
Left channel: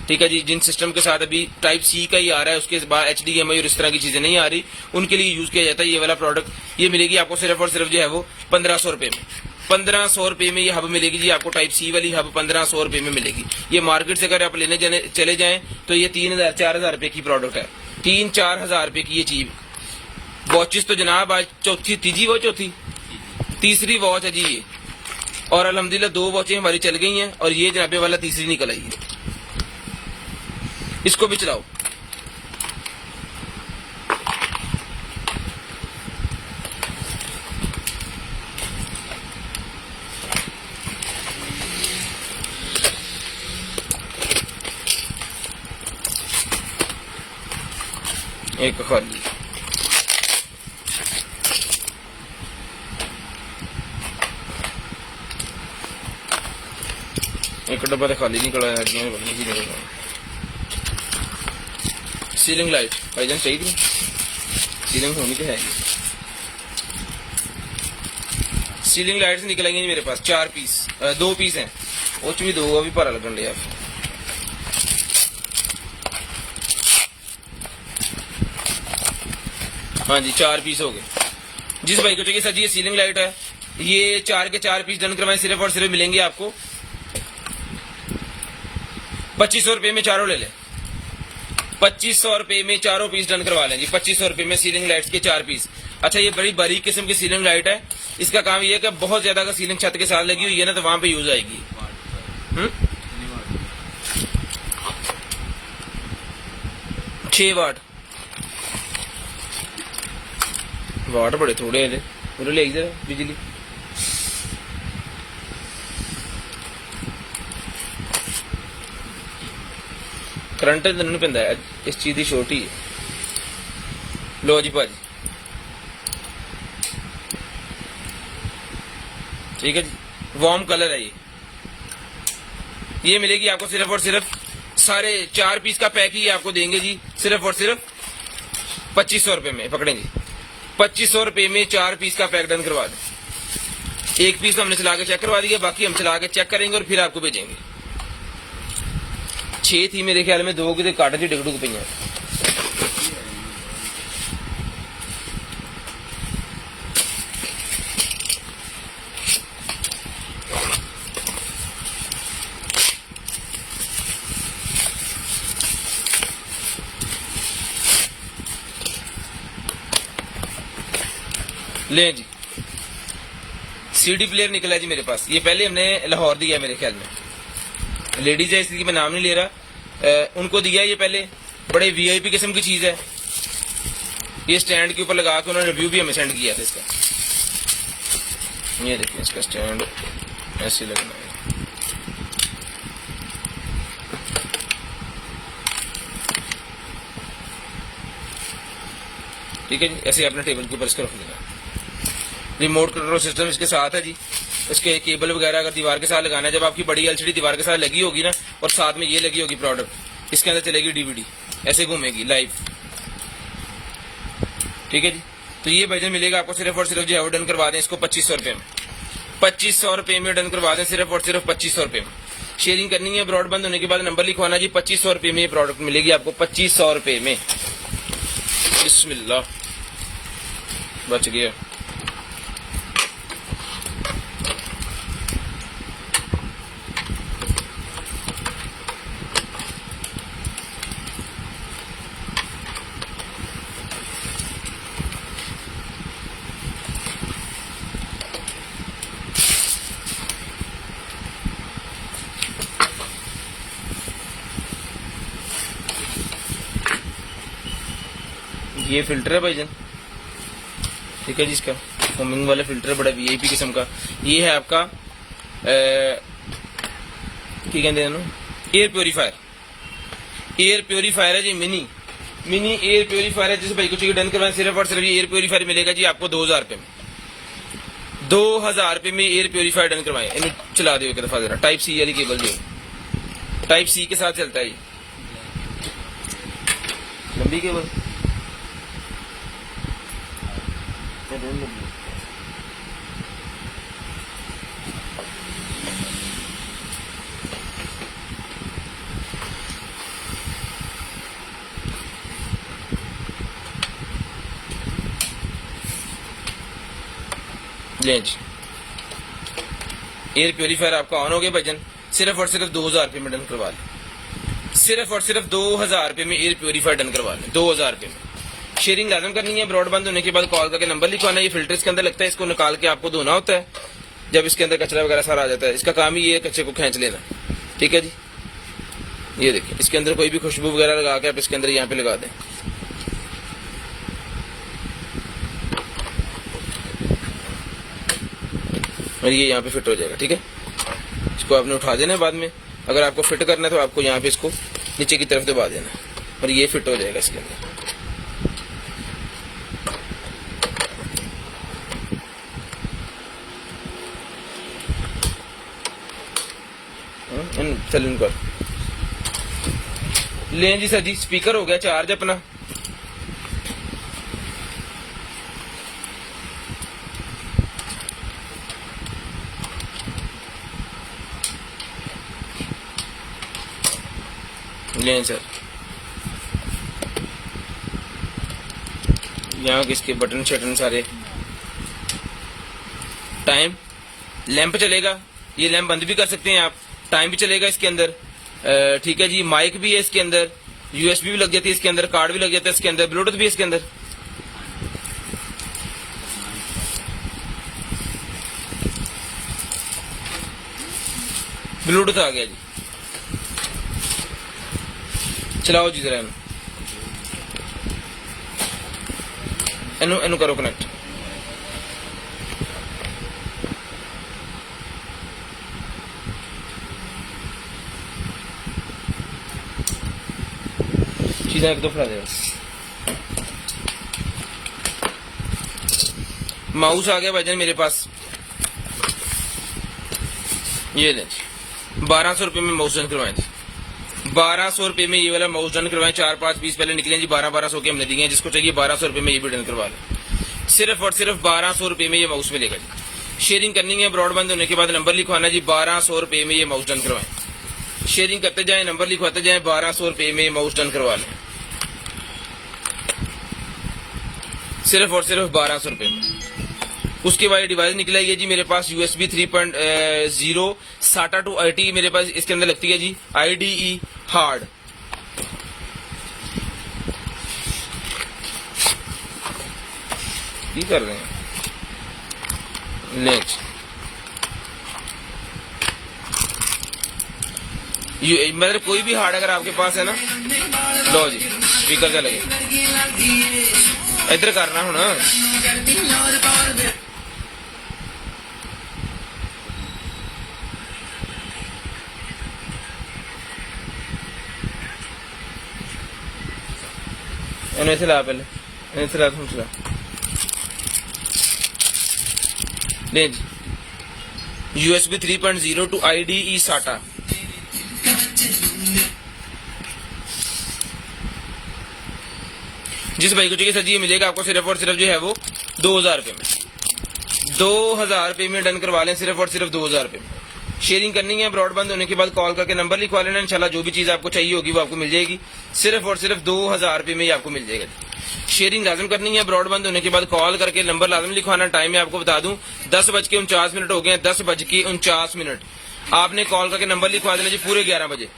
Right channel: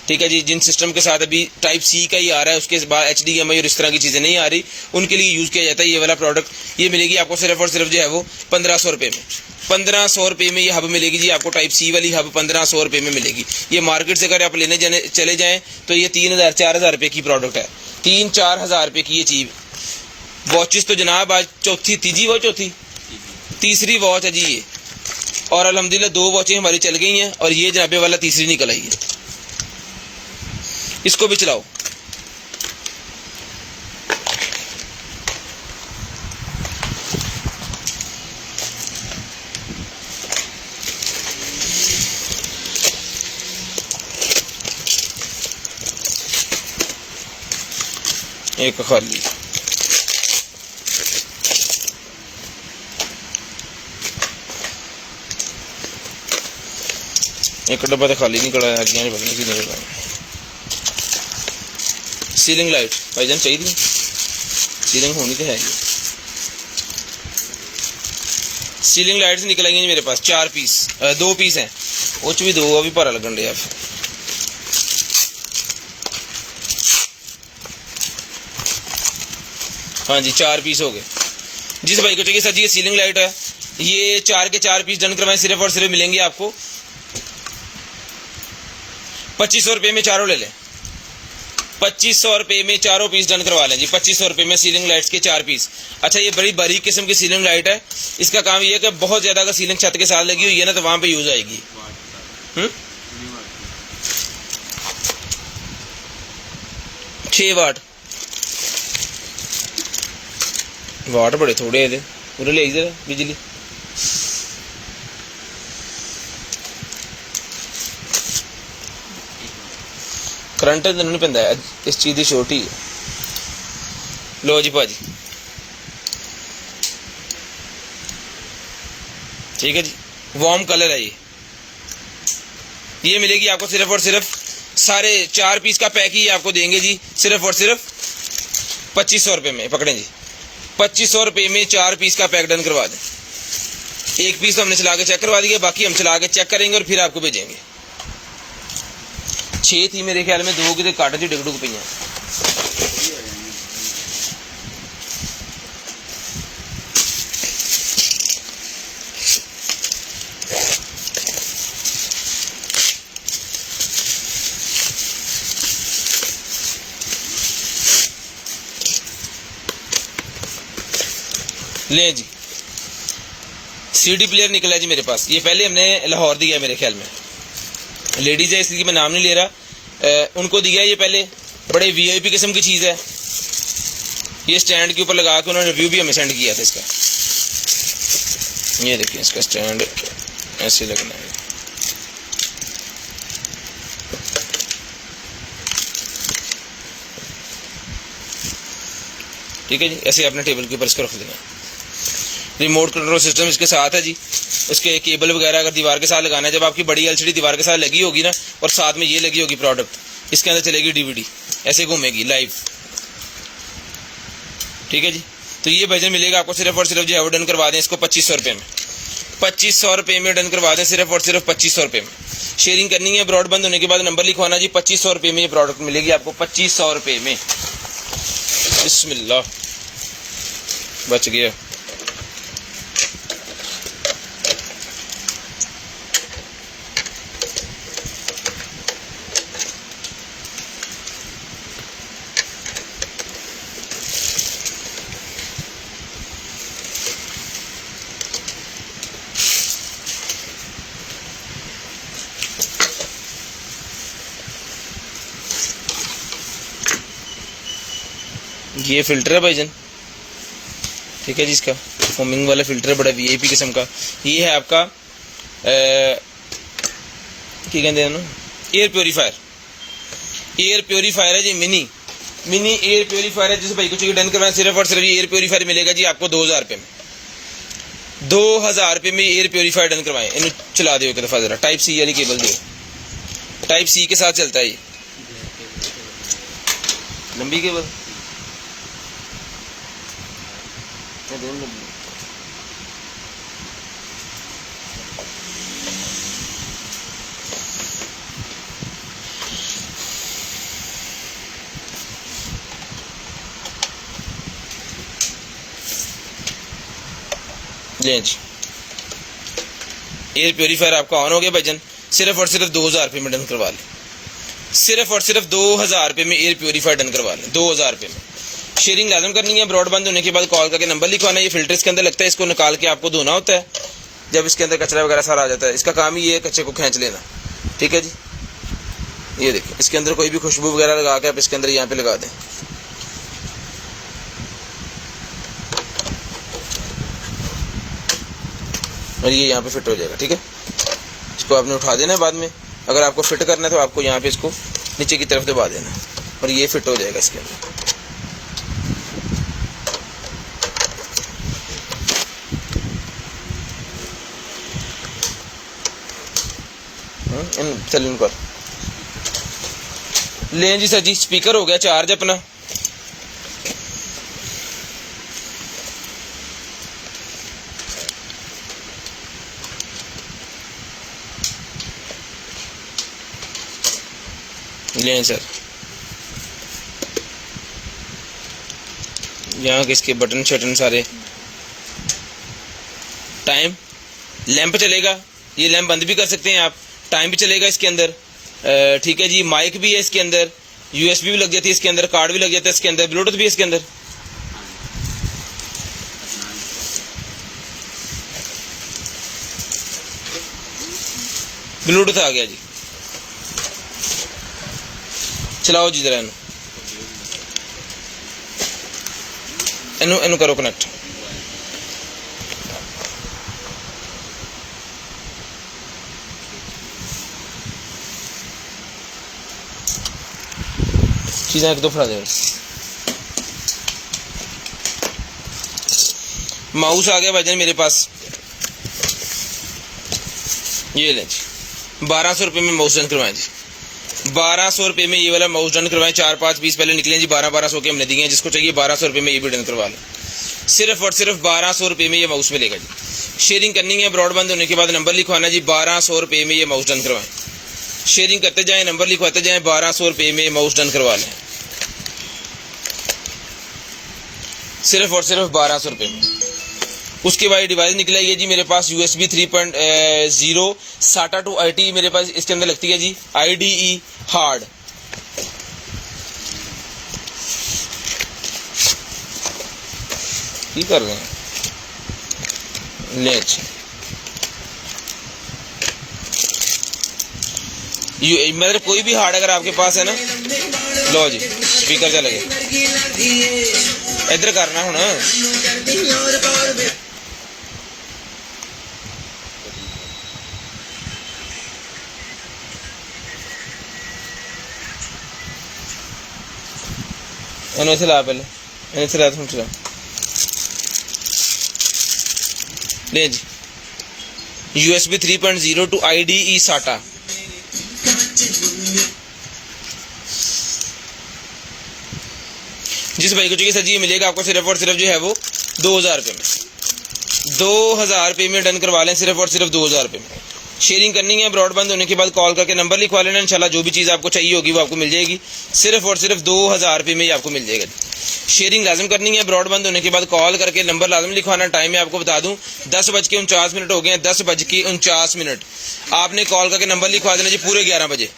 ठीक है जी, जिन सिस्टम के साथ अभी टाइप C का ही आ रहा है, उसके बाद HDMI और इस तरह की चीज़ें नहीं आ रही, उनके लिए यूज़ किया जाता है ये वाला प्रोडक्ट। ये मिलेगी आपको सिर्फ और सिर्फ जो है वो 1500 रुपये में। 1500 रुपये में ये हब मिलेगी जी आपको, टाइप C वाली हब 1500 रुपये में मिलेगी। ये मार्केट से अगर आप लेने जाने चले जाएँ तो ये 3000-4000 रुपये की प्रोडक्ट है, 3-4 रुपये की ये चीज़। वॉचेस तो जनाब आज चौथी तीसरी वॉच, तीसरी वॉच है जी ये, और अल्हम्दुलिल्लाह 2 वॉचें हमारी चल गई हैं और ये जनाबे वाला तीसरी निकल आई है। इसको भी चलाओ। एक खाली, एक डब्बा तो खाली नहीं कड़ा है। सीलिंग लाइट भाईजान चाहिए, सीलिंग होनी तो है। सीलिंग लाइट्स निकल आई मेरे पास 4 पीस, 2 पीस हैं, उस भी 2 अभी भरा लगन रहा। हाँ जी 4 पीस हो गए। जिस भाई को चाहिए सर जी ये सीलिंग लाइट है, ये 4 के 4 पीस डन करवाएं, सिर्फ और सिर्फ मिलेंगे आपको 2500 रुपये में चारों ले लें। 2500 रुपये में चारों पीस डन करवा लें जी। 2500 रुपये में सीलिंग लाइट्स के 4 पीस। अच्छा ये बड़ी बारीक किस्म की सीलिंग लाइट है, इसका काम ये है कि बहुत ज्यादा अगर सीलिंग छत के साथ लगी हुई है ना तो वहां पे यूज आएगी। 6 वाट, वाट बड़े थोड़े है पूरे ले इधर बिजली। करंट तो नहीं पैंदा है, इस चीज की छोटी है। लो जी भाजी, ठीक है जी, वार्म कलर है ये मिलेगी आपको सिर्फ और सिर्फ सारे 4 पीस का पैक ही आपको देंगे जी, सिर्फ और सिर्फ 2500 रुपये में। पकड़ें जी, 2500 रुपये में 4 पीस का पैक डन करवा दें। 1 पीस तो हमने चला के चेक करवा दिया, बाकी हम चला के चेक करेंगे और फिर आपको भेजेंगे। 6 थी मेरे ख्याल में, 2 के काट जी डुग पई। ले जी सीडी प्लेयर निकला जी मेरे पास, ये पहले हमने लाहौर दिया मेरे ख्याल में, लेडीज है इसलिए मैं नाम नहीं ले रहा, उनको दिया ये पहले। बड़े वीआईपी किस्म की चीज़ है, ये स्टैंड के ऊपर लगा के उन्होंने रिव्यू भी हमें सेंड किया था इसका। ये देखिए इसका स्टैंड ऐसे लगना है। ठीक है जी, ऐसे अपने टेबल के ऊपर इसको रख देना। रिमोट कंट्रोल सिस्टम इसके साथ है जी, उसके केबल वगैरह अगर दीवार के साथ लगाना है, जब आपकी बड़ी एलसीडी दीवार के साथ लगी होगी ना और साथ में ये लगी होगी प्रोडक्ट, इसके अंदर चलेगी डीवीडी, ऐसे घूमेगी लाइव। ठीक है जी, तो ये भजन मिलेगा आपको सिर्फ और सिर्फ जी डन करवा दें इसको 2500 रुपये में। 2500 रुपये में डन करवा दें, सिर्फ और सिर्फ 2500 रुपये में। शेयरिंग करनी है, ब्रॉड बंद होने के बाद नंबर लिखवाना जी। 2500 रुपये में ये प्रोडक्ट मिलेगी आपको, 2500 रुपये में। बिस्मिल्लाह, बच गया। ये फिल्टर है भाईजान, ठीक है जी, इसका फोमिंग वाला फिल्टर है, बड़ा वीआईपी किस्म का। ये है आपका क्या कहते हैं ना, एयर प्योरीफायर। एयर प्योरीफायर है जी, मिनी एयर प्योरीफायर है। जिस भाई को चाहिए डन करवाएं, सिर्फ और सिर्फ एयर प्योरीफायर मिलेगा जी आपको 2000 रुपये में। 2000 रुपये में एयर प्योरीफायर डन करवाएं। इन्हें चला दो एक दफा जरा, टाइप सी वाली केबल दो, टाइप सी के साथ चलता है ये लंबी केबल। ले जी, एयर प्योरीफायर आपका ऑन हो गया भाईजान। सिर्फ और सिर्फ 2000 रुपये में डन करवा लें, सिर्फ और सिर्फ 2000 रुपये में एयर प्योरीफायर डन करवा लें, 2000 रुपये में। शेयरिंग लाजम करनी है, ब्रॉड बंद होने के बाद कॉल करके नंबर लिखवाना है। ये फिल्टर इसके अंदर लगता है, इसको निकाल के आपको धोना होता है। जब इसके अंदर कचरा वगैरह सारा आ जाता है, इसका काम ही ये है कचरे को खींच लेना। ठीक है जी, ये देखिए इसके अंदर कोई भी खुशबू वगैरह लगा के आप इसके अंदर यहाँ पे लगा दें। और ये यहाँ पे फिट हो जाएगा। ठीक है, इसको आपने उठा देना है बाद में। अगर आपको फिट करना है तो आपको यहाँ पे इसको नीचे की तरफ दबा देना है और ये फिट हो जाएगा इसके अंदर। चलो इनको लें जी सर जी। स्पीकर हो गया चार्ज अपना। लें सर, यहाँ किसके बटन शटन सारे। टाइम, लैंप चलेगा, ये लैंप बंद भी कर सकते हैं आप। टाइम भी चलेगा इसके अंदर, ठीक है जी। माइक भी है इसके अंदर, यूएसबी भी लग जाती है इसके अंदर, कार्ड भी लग जाता है इसके अंदर, ब्लूटूथ भी है इसके अंदर। ब्लूटूथ आ गया जी। चलाओ जी जरा इनू करो कनेक्ट। चीज़ें एक दो फड़ा दे। माउस आ गया भाईजान मेरे पास, ये लें जी। 1200 रुपये में माउस डन करवाएं जी। 1200 रुपये में ये वाला माउस डन करवाएं। 4-5 पीस पहले निकले जी, 1200 के हमने दिए हैं। जिसको चाहिए 1200 रुपये में ये भी डन करवा लें। सिर्फ और सिर्फ 1200 रुपये में ये माउस मिलेगा जी। शेयरिंग करनी है, ब्रॉडबैंड होने के बाद नंबर लिखवाना जी। 1200 रुपये में ये माउस डन करवाएं। शेयरिंग करते जाएं, नंबर लिखवाते जाएं। 1200 रुपये में ये माउस डन करवा लें, सिर्फ और सिर्फ 1200 रुपये में। उसके बाद डिवाइस निकला है जी मेरे पास USB 3.0 SATA 2 IT मेरे पास इसके अंदर लगती है जी। IDE हार्ड, की कर रहे हैं लेच। मतलब कोई भी हार्ड अगर आपके पास है ना, लो जी स्पीकर चला गया। इधर करना हूं इन्हें चला, पहले इन्हें चला, तुम चला ले जी। USB 3.0 to IDE SATA। जिस भाई को चाहिए सर जी ये मिलेगा आपको सिर्फ और सिर्फ जो है वो 2000 रुपये में। 2000 रुपये में डन करवा लें, सिर्फ और सिर्फ 2000 रुपये में। शेयरिंग करनी है, ब्रॉडबैंड होने के बाद कॉल करके नंबर लिखवा लेना। इंशाल्लाह जो भी चीज़ आपको चाहिए होगी वो आपको मिल जाएगी। सिर्फ और सिर्फ 2000 रुपये में आपको मिल जाएगा। शेयरिंग लाजम करनी है, ब्रॉडबैंड होने के बाद कॉल करके नंबर लाजम लिखवाना। टाइम मैं आपको बता दूं 10:49 हो गए हैं। 10:49 आपने कॉल करके नंबर लिखवा देना जी। पूरे 11 बजे,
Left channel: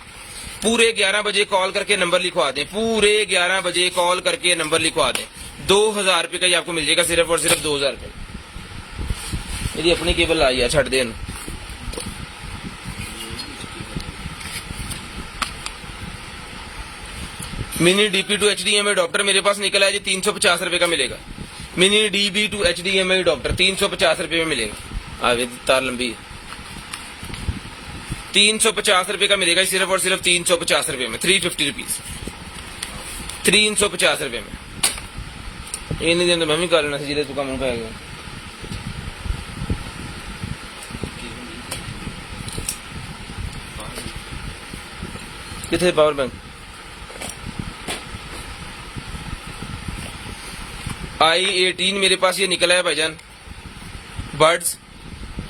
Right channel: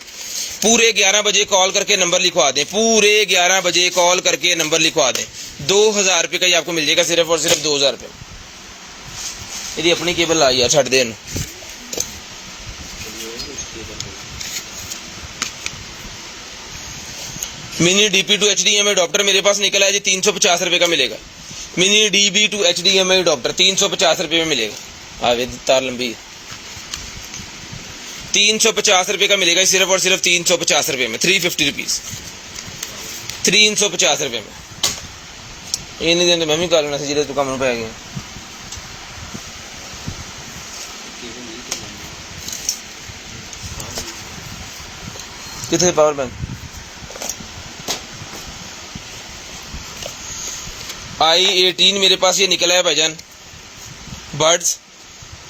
पूरे 11 बजे कॉल करके नंबर लिखवा दें। पूरे 11 बजे कॉल करके नंबर लिखवा दें। 2000 रुपये का ही आपको मिल जाएगा, सिर्फ और सिर्फ 2000 रुपये। मेरी अपनी केबल आई है, छड़ दें। Mini DP to HDMI adopter मेरे पास निकला है जी। 350 रुपये का मिलेगा। Mini DB to HDMI adopter 350 रुपये में मिलेगा। आगे तार लंबी है। 350 रुपये का मिलेगा, सिर्फ और सिर्फ 350 रुपये में। 350 रुपीज 350 रुपये में। ये नहीं दें तो मैं भी कर लेना था जिले तू कम पै गया। कितने पावर बैंक i18 मेरे पास ये निकला है भाईजान। बर्ड्स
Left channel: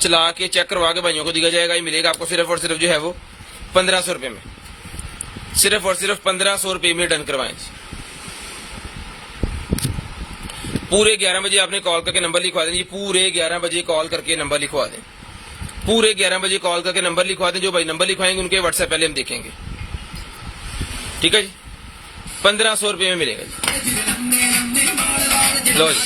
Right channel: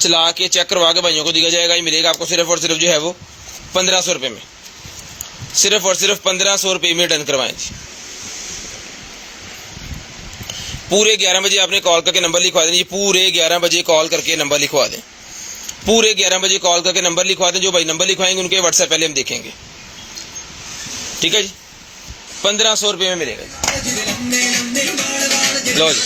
चला के चेक करवा के भाइयों को दिया जाएगा। ये मिलेगा आपको सिर्फ और सिर्फ जो है वो 1500 रुपये में। सिर्फ और सिर्फ 1500 रुपये में डन करवाएं जी। पूरे 11 बजे आपने कॉल करके नंबर लिखवा दें जी। पूरे 11 बजे कॉल करके नंबर लिखवा दें। पूरे 11 बजे कॉल करके नंबर लिखवा दें। जो भाई नंबर लिखवाएंगे उनके व्हाट्सएप पहले हम देखेंगे, ठीक है जी। 1500 रुपये में मिलेगा जी। लो जी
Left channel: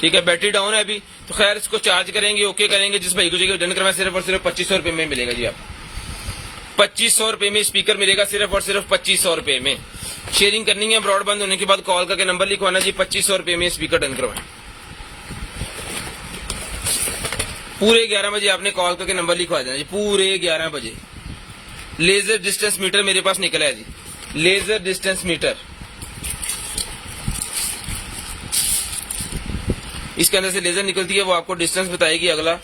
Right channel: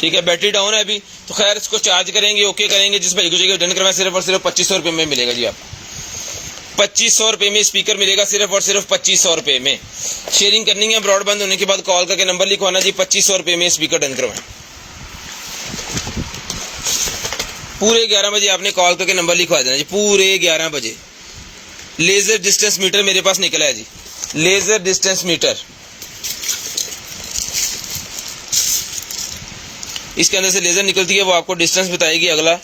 ठीक है। बैटरी डाउन है अभी तो खैर इसको चार्ज करेंगे, ओके करेंगे। जिस भाई को चाहिए डन करवाएं, सिर्फ और सिर्फ 2500 रुपये में मिलेगा जी आपको। 2500 रुपये में स्पीकर मिलेगा, सिर्फ और सिर्फ 2500 रुपये में। शेयरिंग करनी है, ब्रॉडबैंड होने के बाद कॉल करके नंबर लिखवाना जी। 2500 रुपये में स्पीकर डन करवाएं। पूरे 11 बजे आपने कॉल करके नंबर लिखवा देना जी। पूरे 11 बजे। लेजर डिस्टेंस मीटर मेरे पास निकला है जी। लेजर डिस्टेंस मीटर इसके अंदर से लेज़र निकलती है, वो आपको डिस्टेंस बताएगी अगला।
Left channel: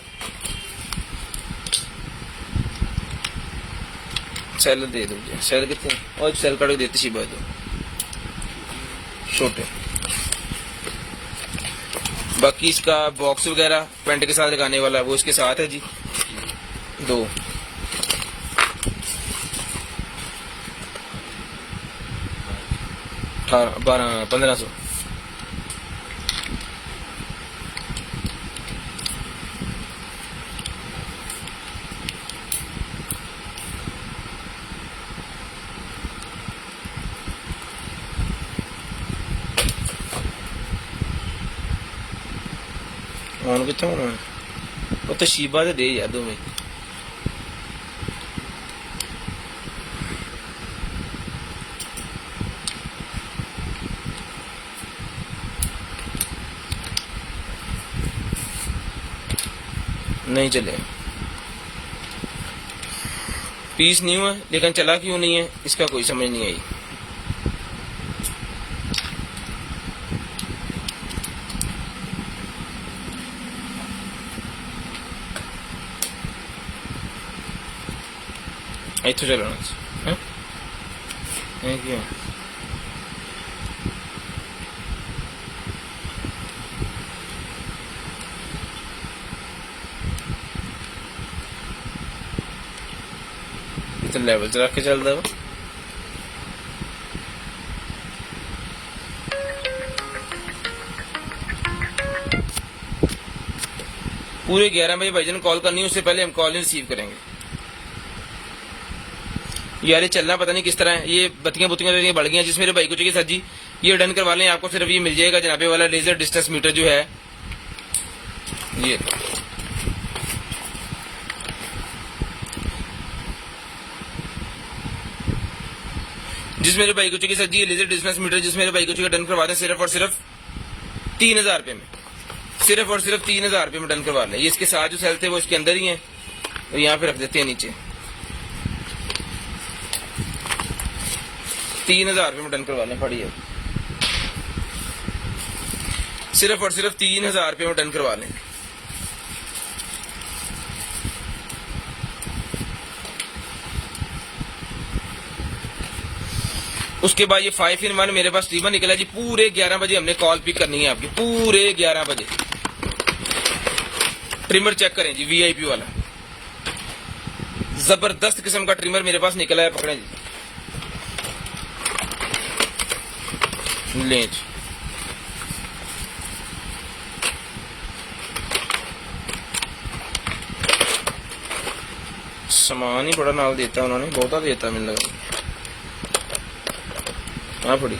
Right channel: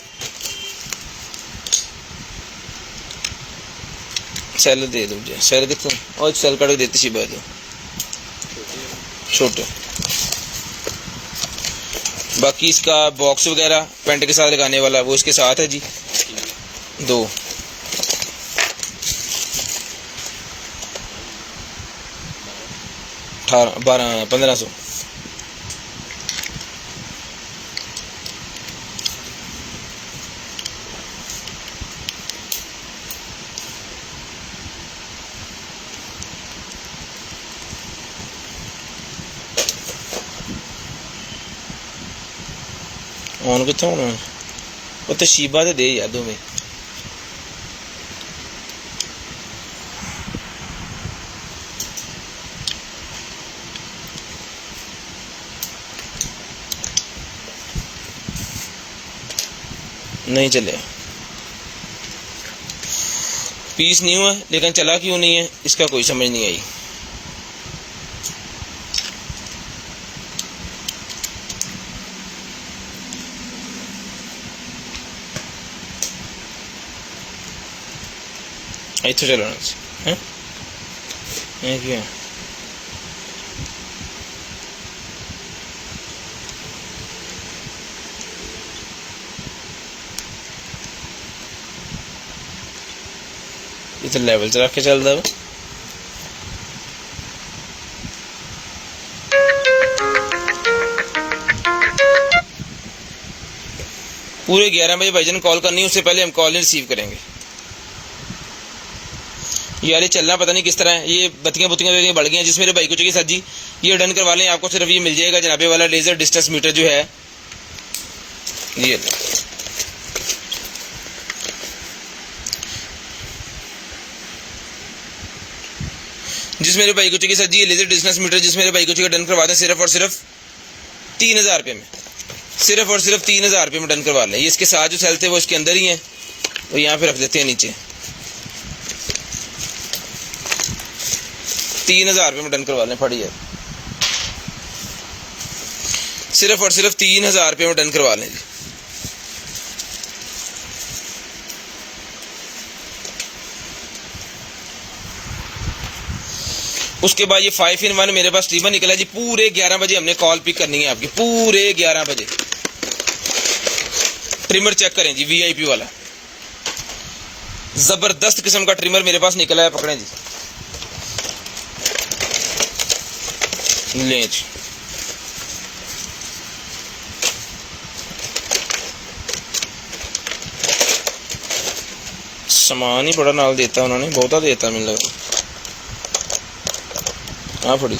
सेल दे दीजिए, सेल कितने और सेल काट के देती सी बात छोटे। बाकी इसका बॉक्स वगैरह पेंट के साथ लगाने वाला वो इसके साथ है जी। 2 18 12 1500। ऑन कितना होना वो तो शीबा दे यार 2 में। नहीं चले, पीस नहीं हुआ, लेकिन चला क्यों नहीं है इसका कोई समझ नहीं आई। इतना चलाना क्यों इतना लेवल च रख के चलता है। पूरे 11 बजे भाईजान कॉल करनी है, उससे पहले हम कॉल नहीं रिसीव करेंगे। यार ये चलना पता नहीं किस तरह है, ये बत्तियां बढ़ गई हैं। जिस मेरे भाई को चाहिए सर जी ये डन करवा लें, आपको सिर्फ ये मिल जाएगा जनाबे वाला लेजर डिस्टेंस मीटर जो है ये। जिस मेरे भाई को चाहिए सर जी ये लेजर डिस्टेंस मीटर, जिस मेरे भाई को चाहिए डन करवा दें सिर्फ और सिर्फ 3000 रुपये में, सिर्फ और सिर्फ 3000 रुपये में डन करवा लें। ये इसके साथ जो सेल थे वो इसके अंदर ही हैं, तो यहाँ पे रख देते हैं नीचे। 3000 रुपये में डन करवा लें, पड़ी है सिर्फ और सिर्फ 3000 रुपये में डन करवा लें। उसके बाद ये 5 in 1 मेरे पास ट्रिमर निकला जी। पूरे 11 बजे हमने कॉल पिक करनी है आपकी, पूरे 11 बजे। ट्रिमर चेक करें जी, वीआईपी वाला जबरदस्त किस्म का ट्रिमर मेरे पास निकला है, पकड़ें जी, ले जी। सामान ही बड़ा नाल देता उन्होंने, बहुता देता मिल लगा। हाँ फड़ी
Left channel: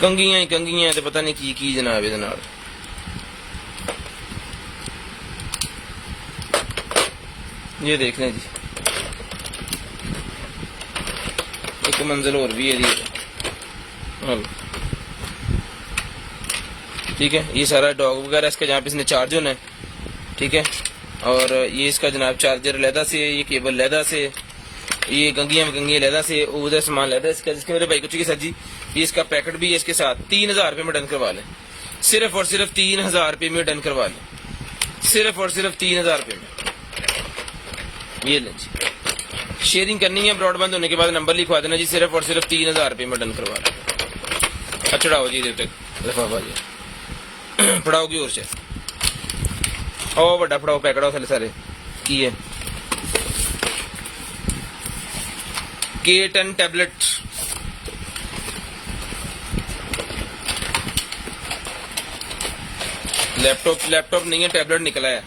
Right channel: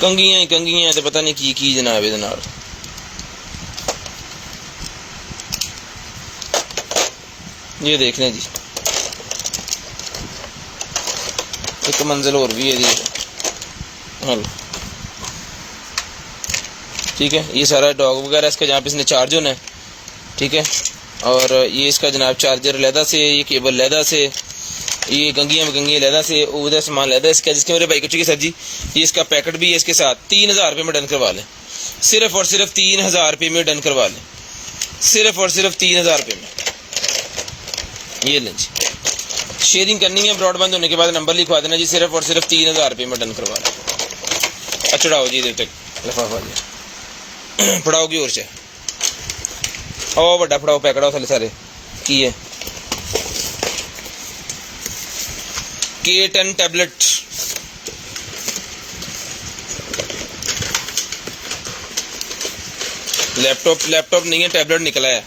कंगियां तो पता नहीं की जनाब ये नाल। ये देख लें जी, एक मंजिल और भी है जी। हेलो ठीक है, ये सारा डॉग वगैरह इसका जहाँ पे इसने चार्ज होना है, ठीक है। और ये इसका जनाब चार्जर लहदा से, ये केबल लहदा से, ये गंगियाँ लहदा से, उधर सामान लहदा इसका। जिसके मेरे भाई को चाहिए सर जी ये इसका पैकेट भी है इसके साथ। 3000 रुपये में डन करवा लें, सिर्फ और सिर्फ 3000 रुपये में डन करवा लें, सिर्फ और सिर्फ 3000 रुपये में। ये लें जी, शेयरिंग करनी है ब्रॉडबैंड होने के बाद नंबर लिखवा देना जी, सिर्फ और सिर्फ 3000 रुपये में डन करवा लें। चढ़ाओ जी इधर तक लिफाफा जी, पढ़ाओगी और से ओ बड़ा पढ़ाओ पैकेट थले सारे की है। K10 टैबलेट, लैपटॉप नहीं है, टैबलेट निकला है।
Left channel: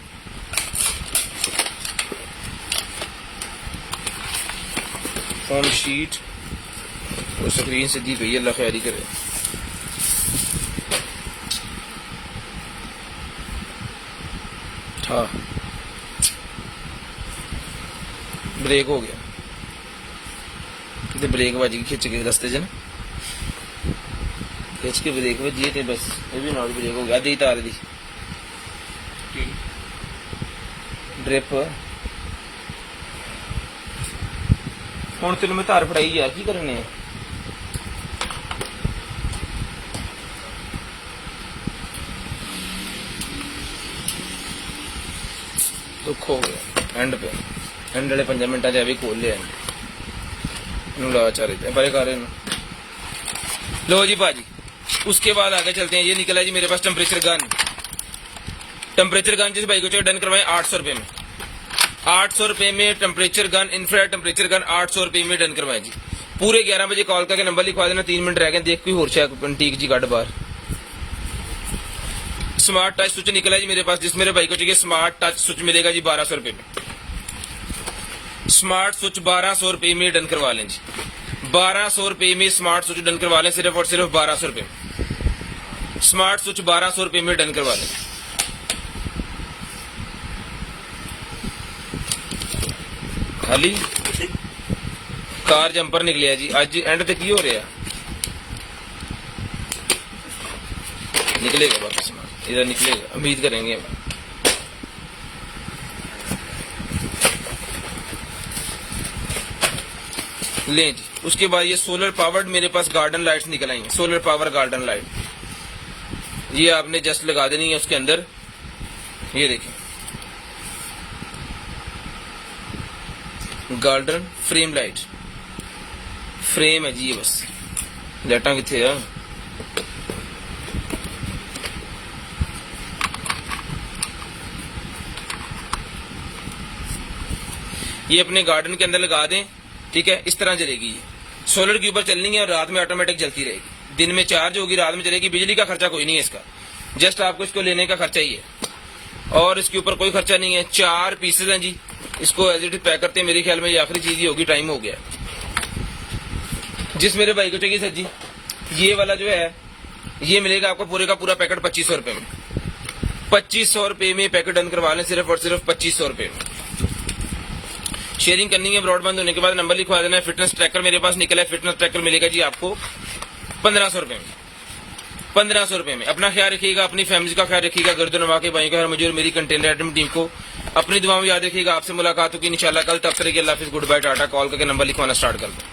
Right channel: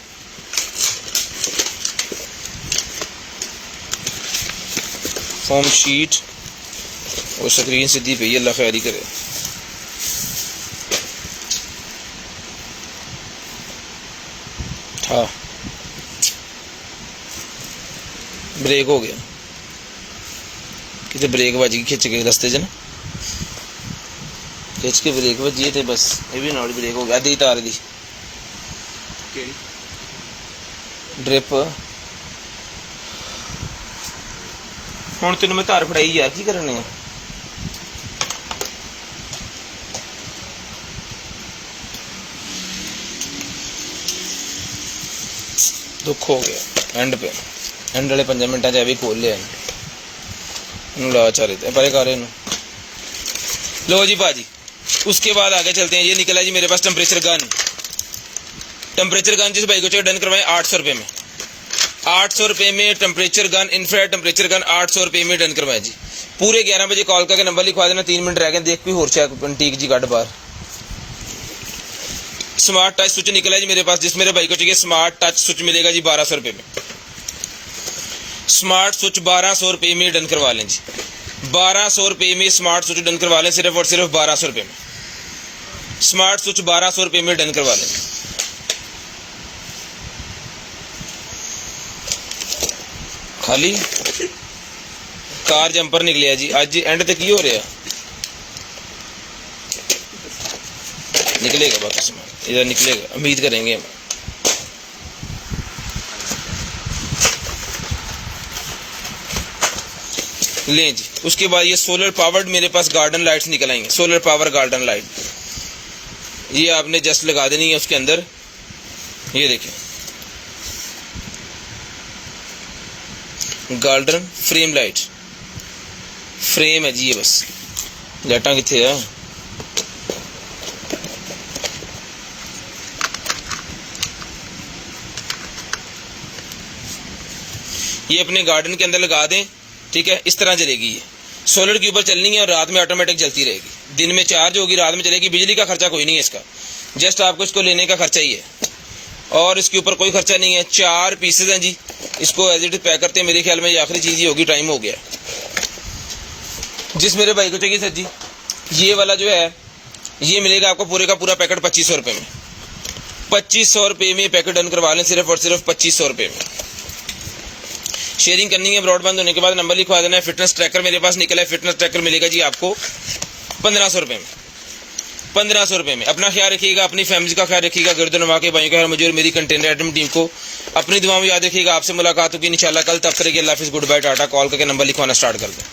फोम शीट और स्क्रीन सीधी पे, अल्लाह खैरी करे। हाँ ब्रेक हो गया, कितने ब्रेक बज गई खिंच के रस्ते च ना, खिंच के ब्रेक बजी थे बस। ये भी नॉट ब्रेक हो गया, आधी तार दी ड्रिप ਹੁਣ ਤੈਨੂੰ ਮੈਂ ਧਾਰ ਫੜਾਈ ਯਾਰ, ਕੀ ਕਰਨੇ ਆ? दुख हो गया एंड पे, एंड वाले 5 मिनटा च भी खोल लिया इन्हों ला चारे थे भाई कर लो जी भाजी। उसके बाद आगे चलते हैं। ये निकला जी मेरे पास टेम्परेचर गन। टेम्परेचर गन जिस भाई को चाहिए डन करवाए 800 रुपये में। 800 रुपये में temperature gun, infrared temperature gun 800 रुपये में डन करवाए जी। पूरे 11 बजे कॉल करके नंबर लिखवा देना। 3 मिनट रह गए, देख कोई होर ठीक जी कट बाहर। स्मार्ट टच स्विच निकला जी मेरे पास, जिस मेरे भाई को चाहिए स्मार्ट टच स्विच मिलेगा जी 1200 रुपये में। स्मार्ट स्विच 1200 रुपये में डन करवा लें जी। 1200 रुपये में स्मार्ट स्विच डन करवा लें, सिर्फ और सिर्फ 1200 रुपये में। स्मार्ट स्विच 1200 रुपये में डन करवा लें। खाली कार जंपर निकलिया जी। आज एंड तक की हो रहा निकलेगा बाकी सामान, ये निकलेगा, उम्मीद करेंगे हम। लें जी। उसके बाद ये सोलर पावर्ड मेरे पास गार्डन लाइट्स निकल आएंगे। सोलर पावर गार्डन लाइट, ये आपने जस्ट लगा देनी है उसके अंदर। ये देखें गार्डन फ्रेम लाइट, फ्रेम है जी ये। बस लाइटा कितने है? ये अपने गार्डन के अंदर लगा दें, ठीक है। इस तरह जलेगी ये। सोलर के ऊपर चलनी है और रात में ऑटोमेटिक जलती रहेगी। दिन में चार्ज होगी, रात में चलेगी। बिजली का खर्चा कोई नहीं है इसका, जस्ट आपको इसको लेने का खर्चा ही है और इसके ऊपर कोई खर्चा नहीं है। 4 पीसेज हैं जी। इसको एज इट इज पैक करते हैं। मेरे ख्याल में ये आखिरी चीज ही होगी, टाइम हो गया। जिस मेरे भाई को चाहिए सर जी, ये वाला जो है ये मिलेगा आपको पूरे का पूरा पैकेट 2500 रुपये में। 2500 रुपये में पैकेट डन करवा लें, सिर्फ और सिर्फ 2500 रुपये में। शेयरिंग करनी है ब्रॉडबैंड होने के बाद नंबर लिखवा देना है। फिटनेस ट्रैकर मेरे पास निकला है। फिटनेस ट्रैकर मिलेगा जी आपको 1500 रुपये में। 1500 रुपये में। अपना ख्याल रखिएगा, अपनी फैमिली का ख्याल रखिएगा। गर्दन नवा के भाई का, मुझे और मेरी कंटेनर आइटम टीम को अपनी दुआ में याद रखिएगा। आपसे मुलाकात होगी इंशाल्लाह कल। तब तक के अल्लाह हाफिज़, गुड बाय, टाटा। कॉल करके नंबर लिखवाना स्टार्ट कर दें।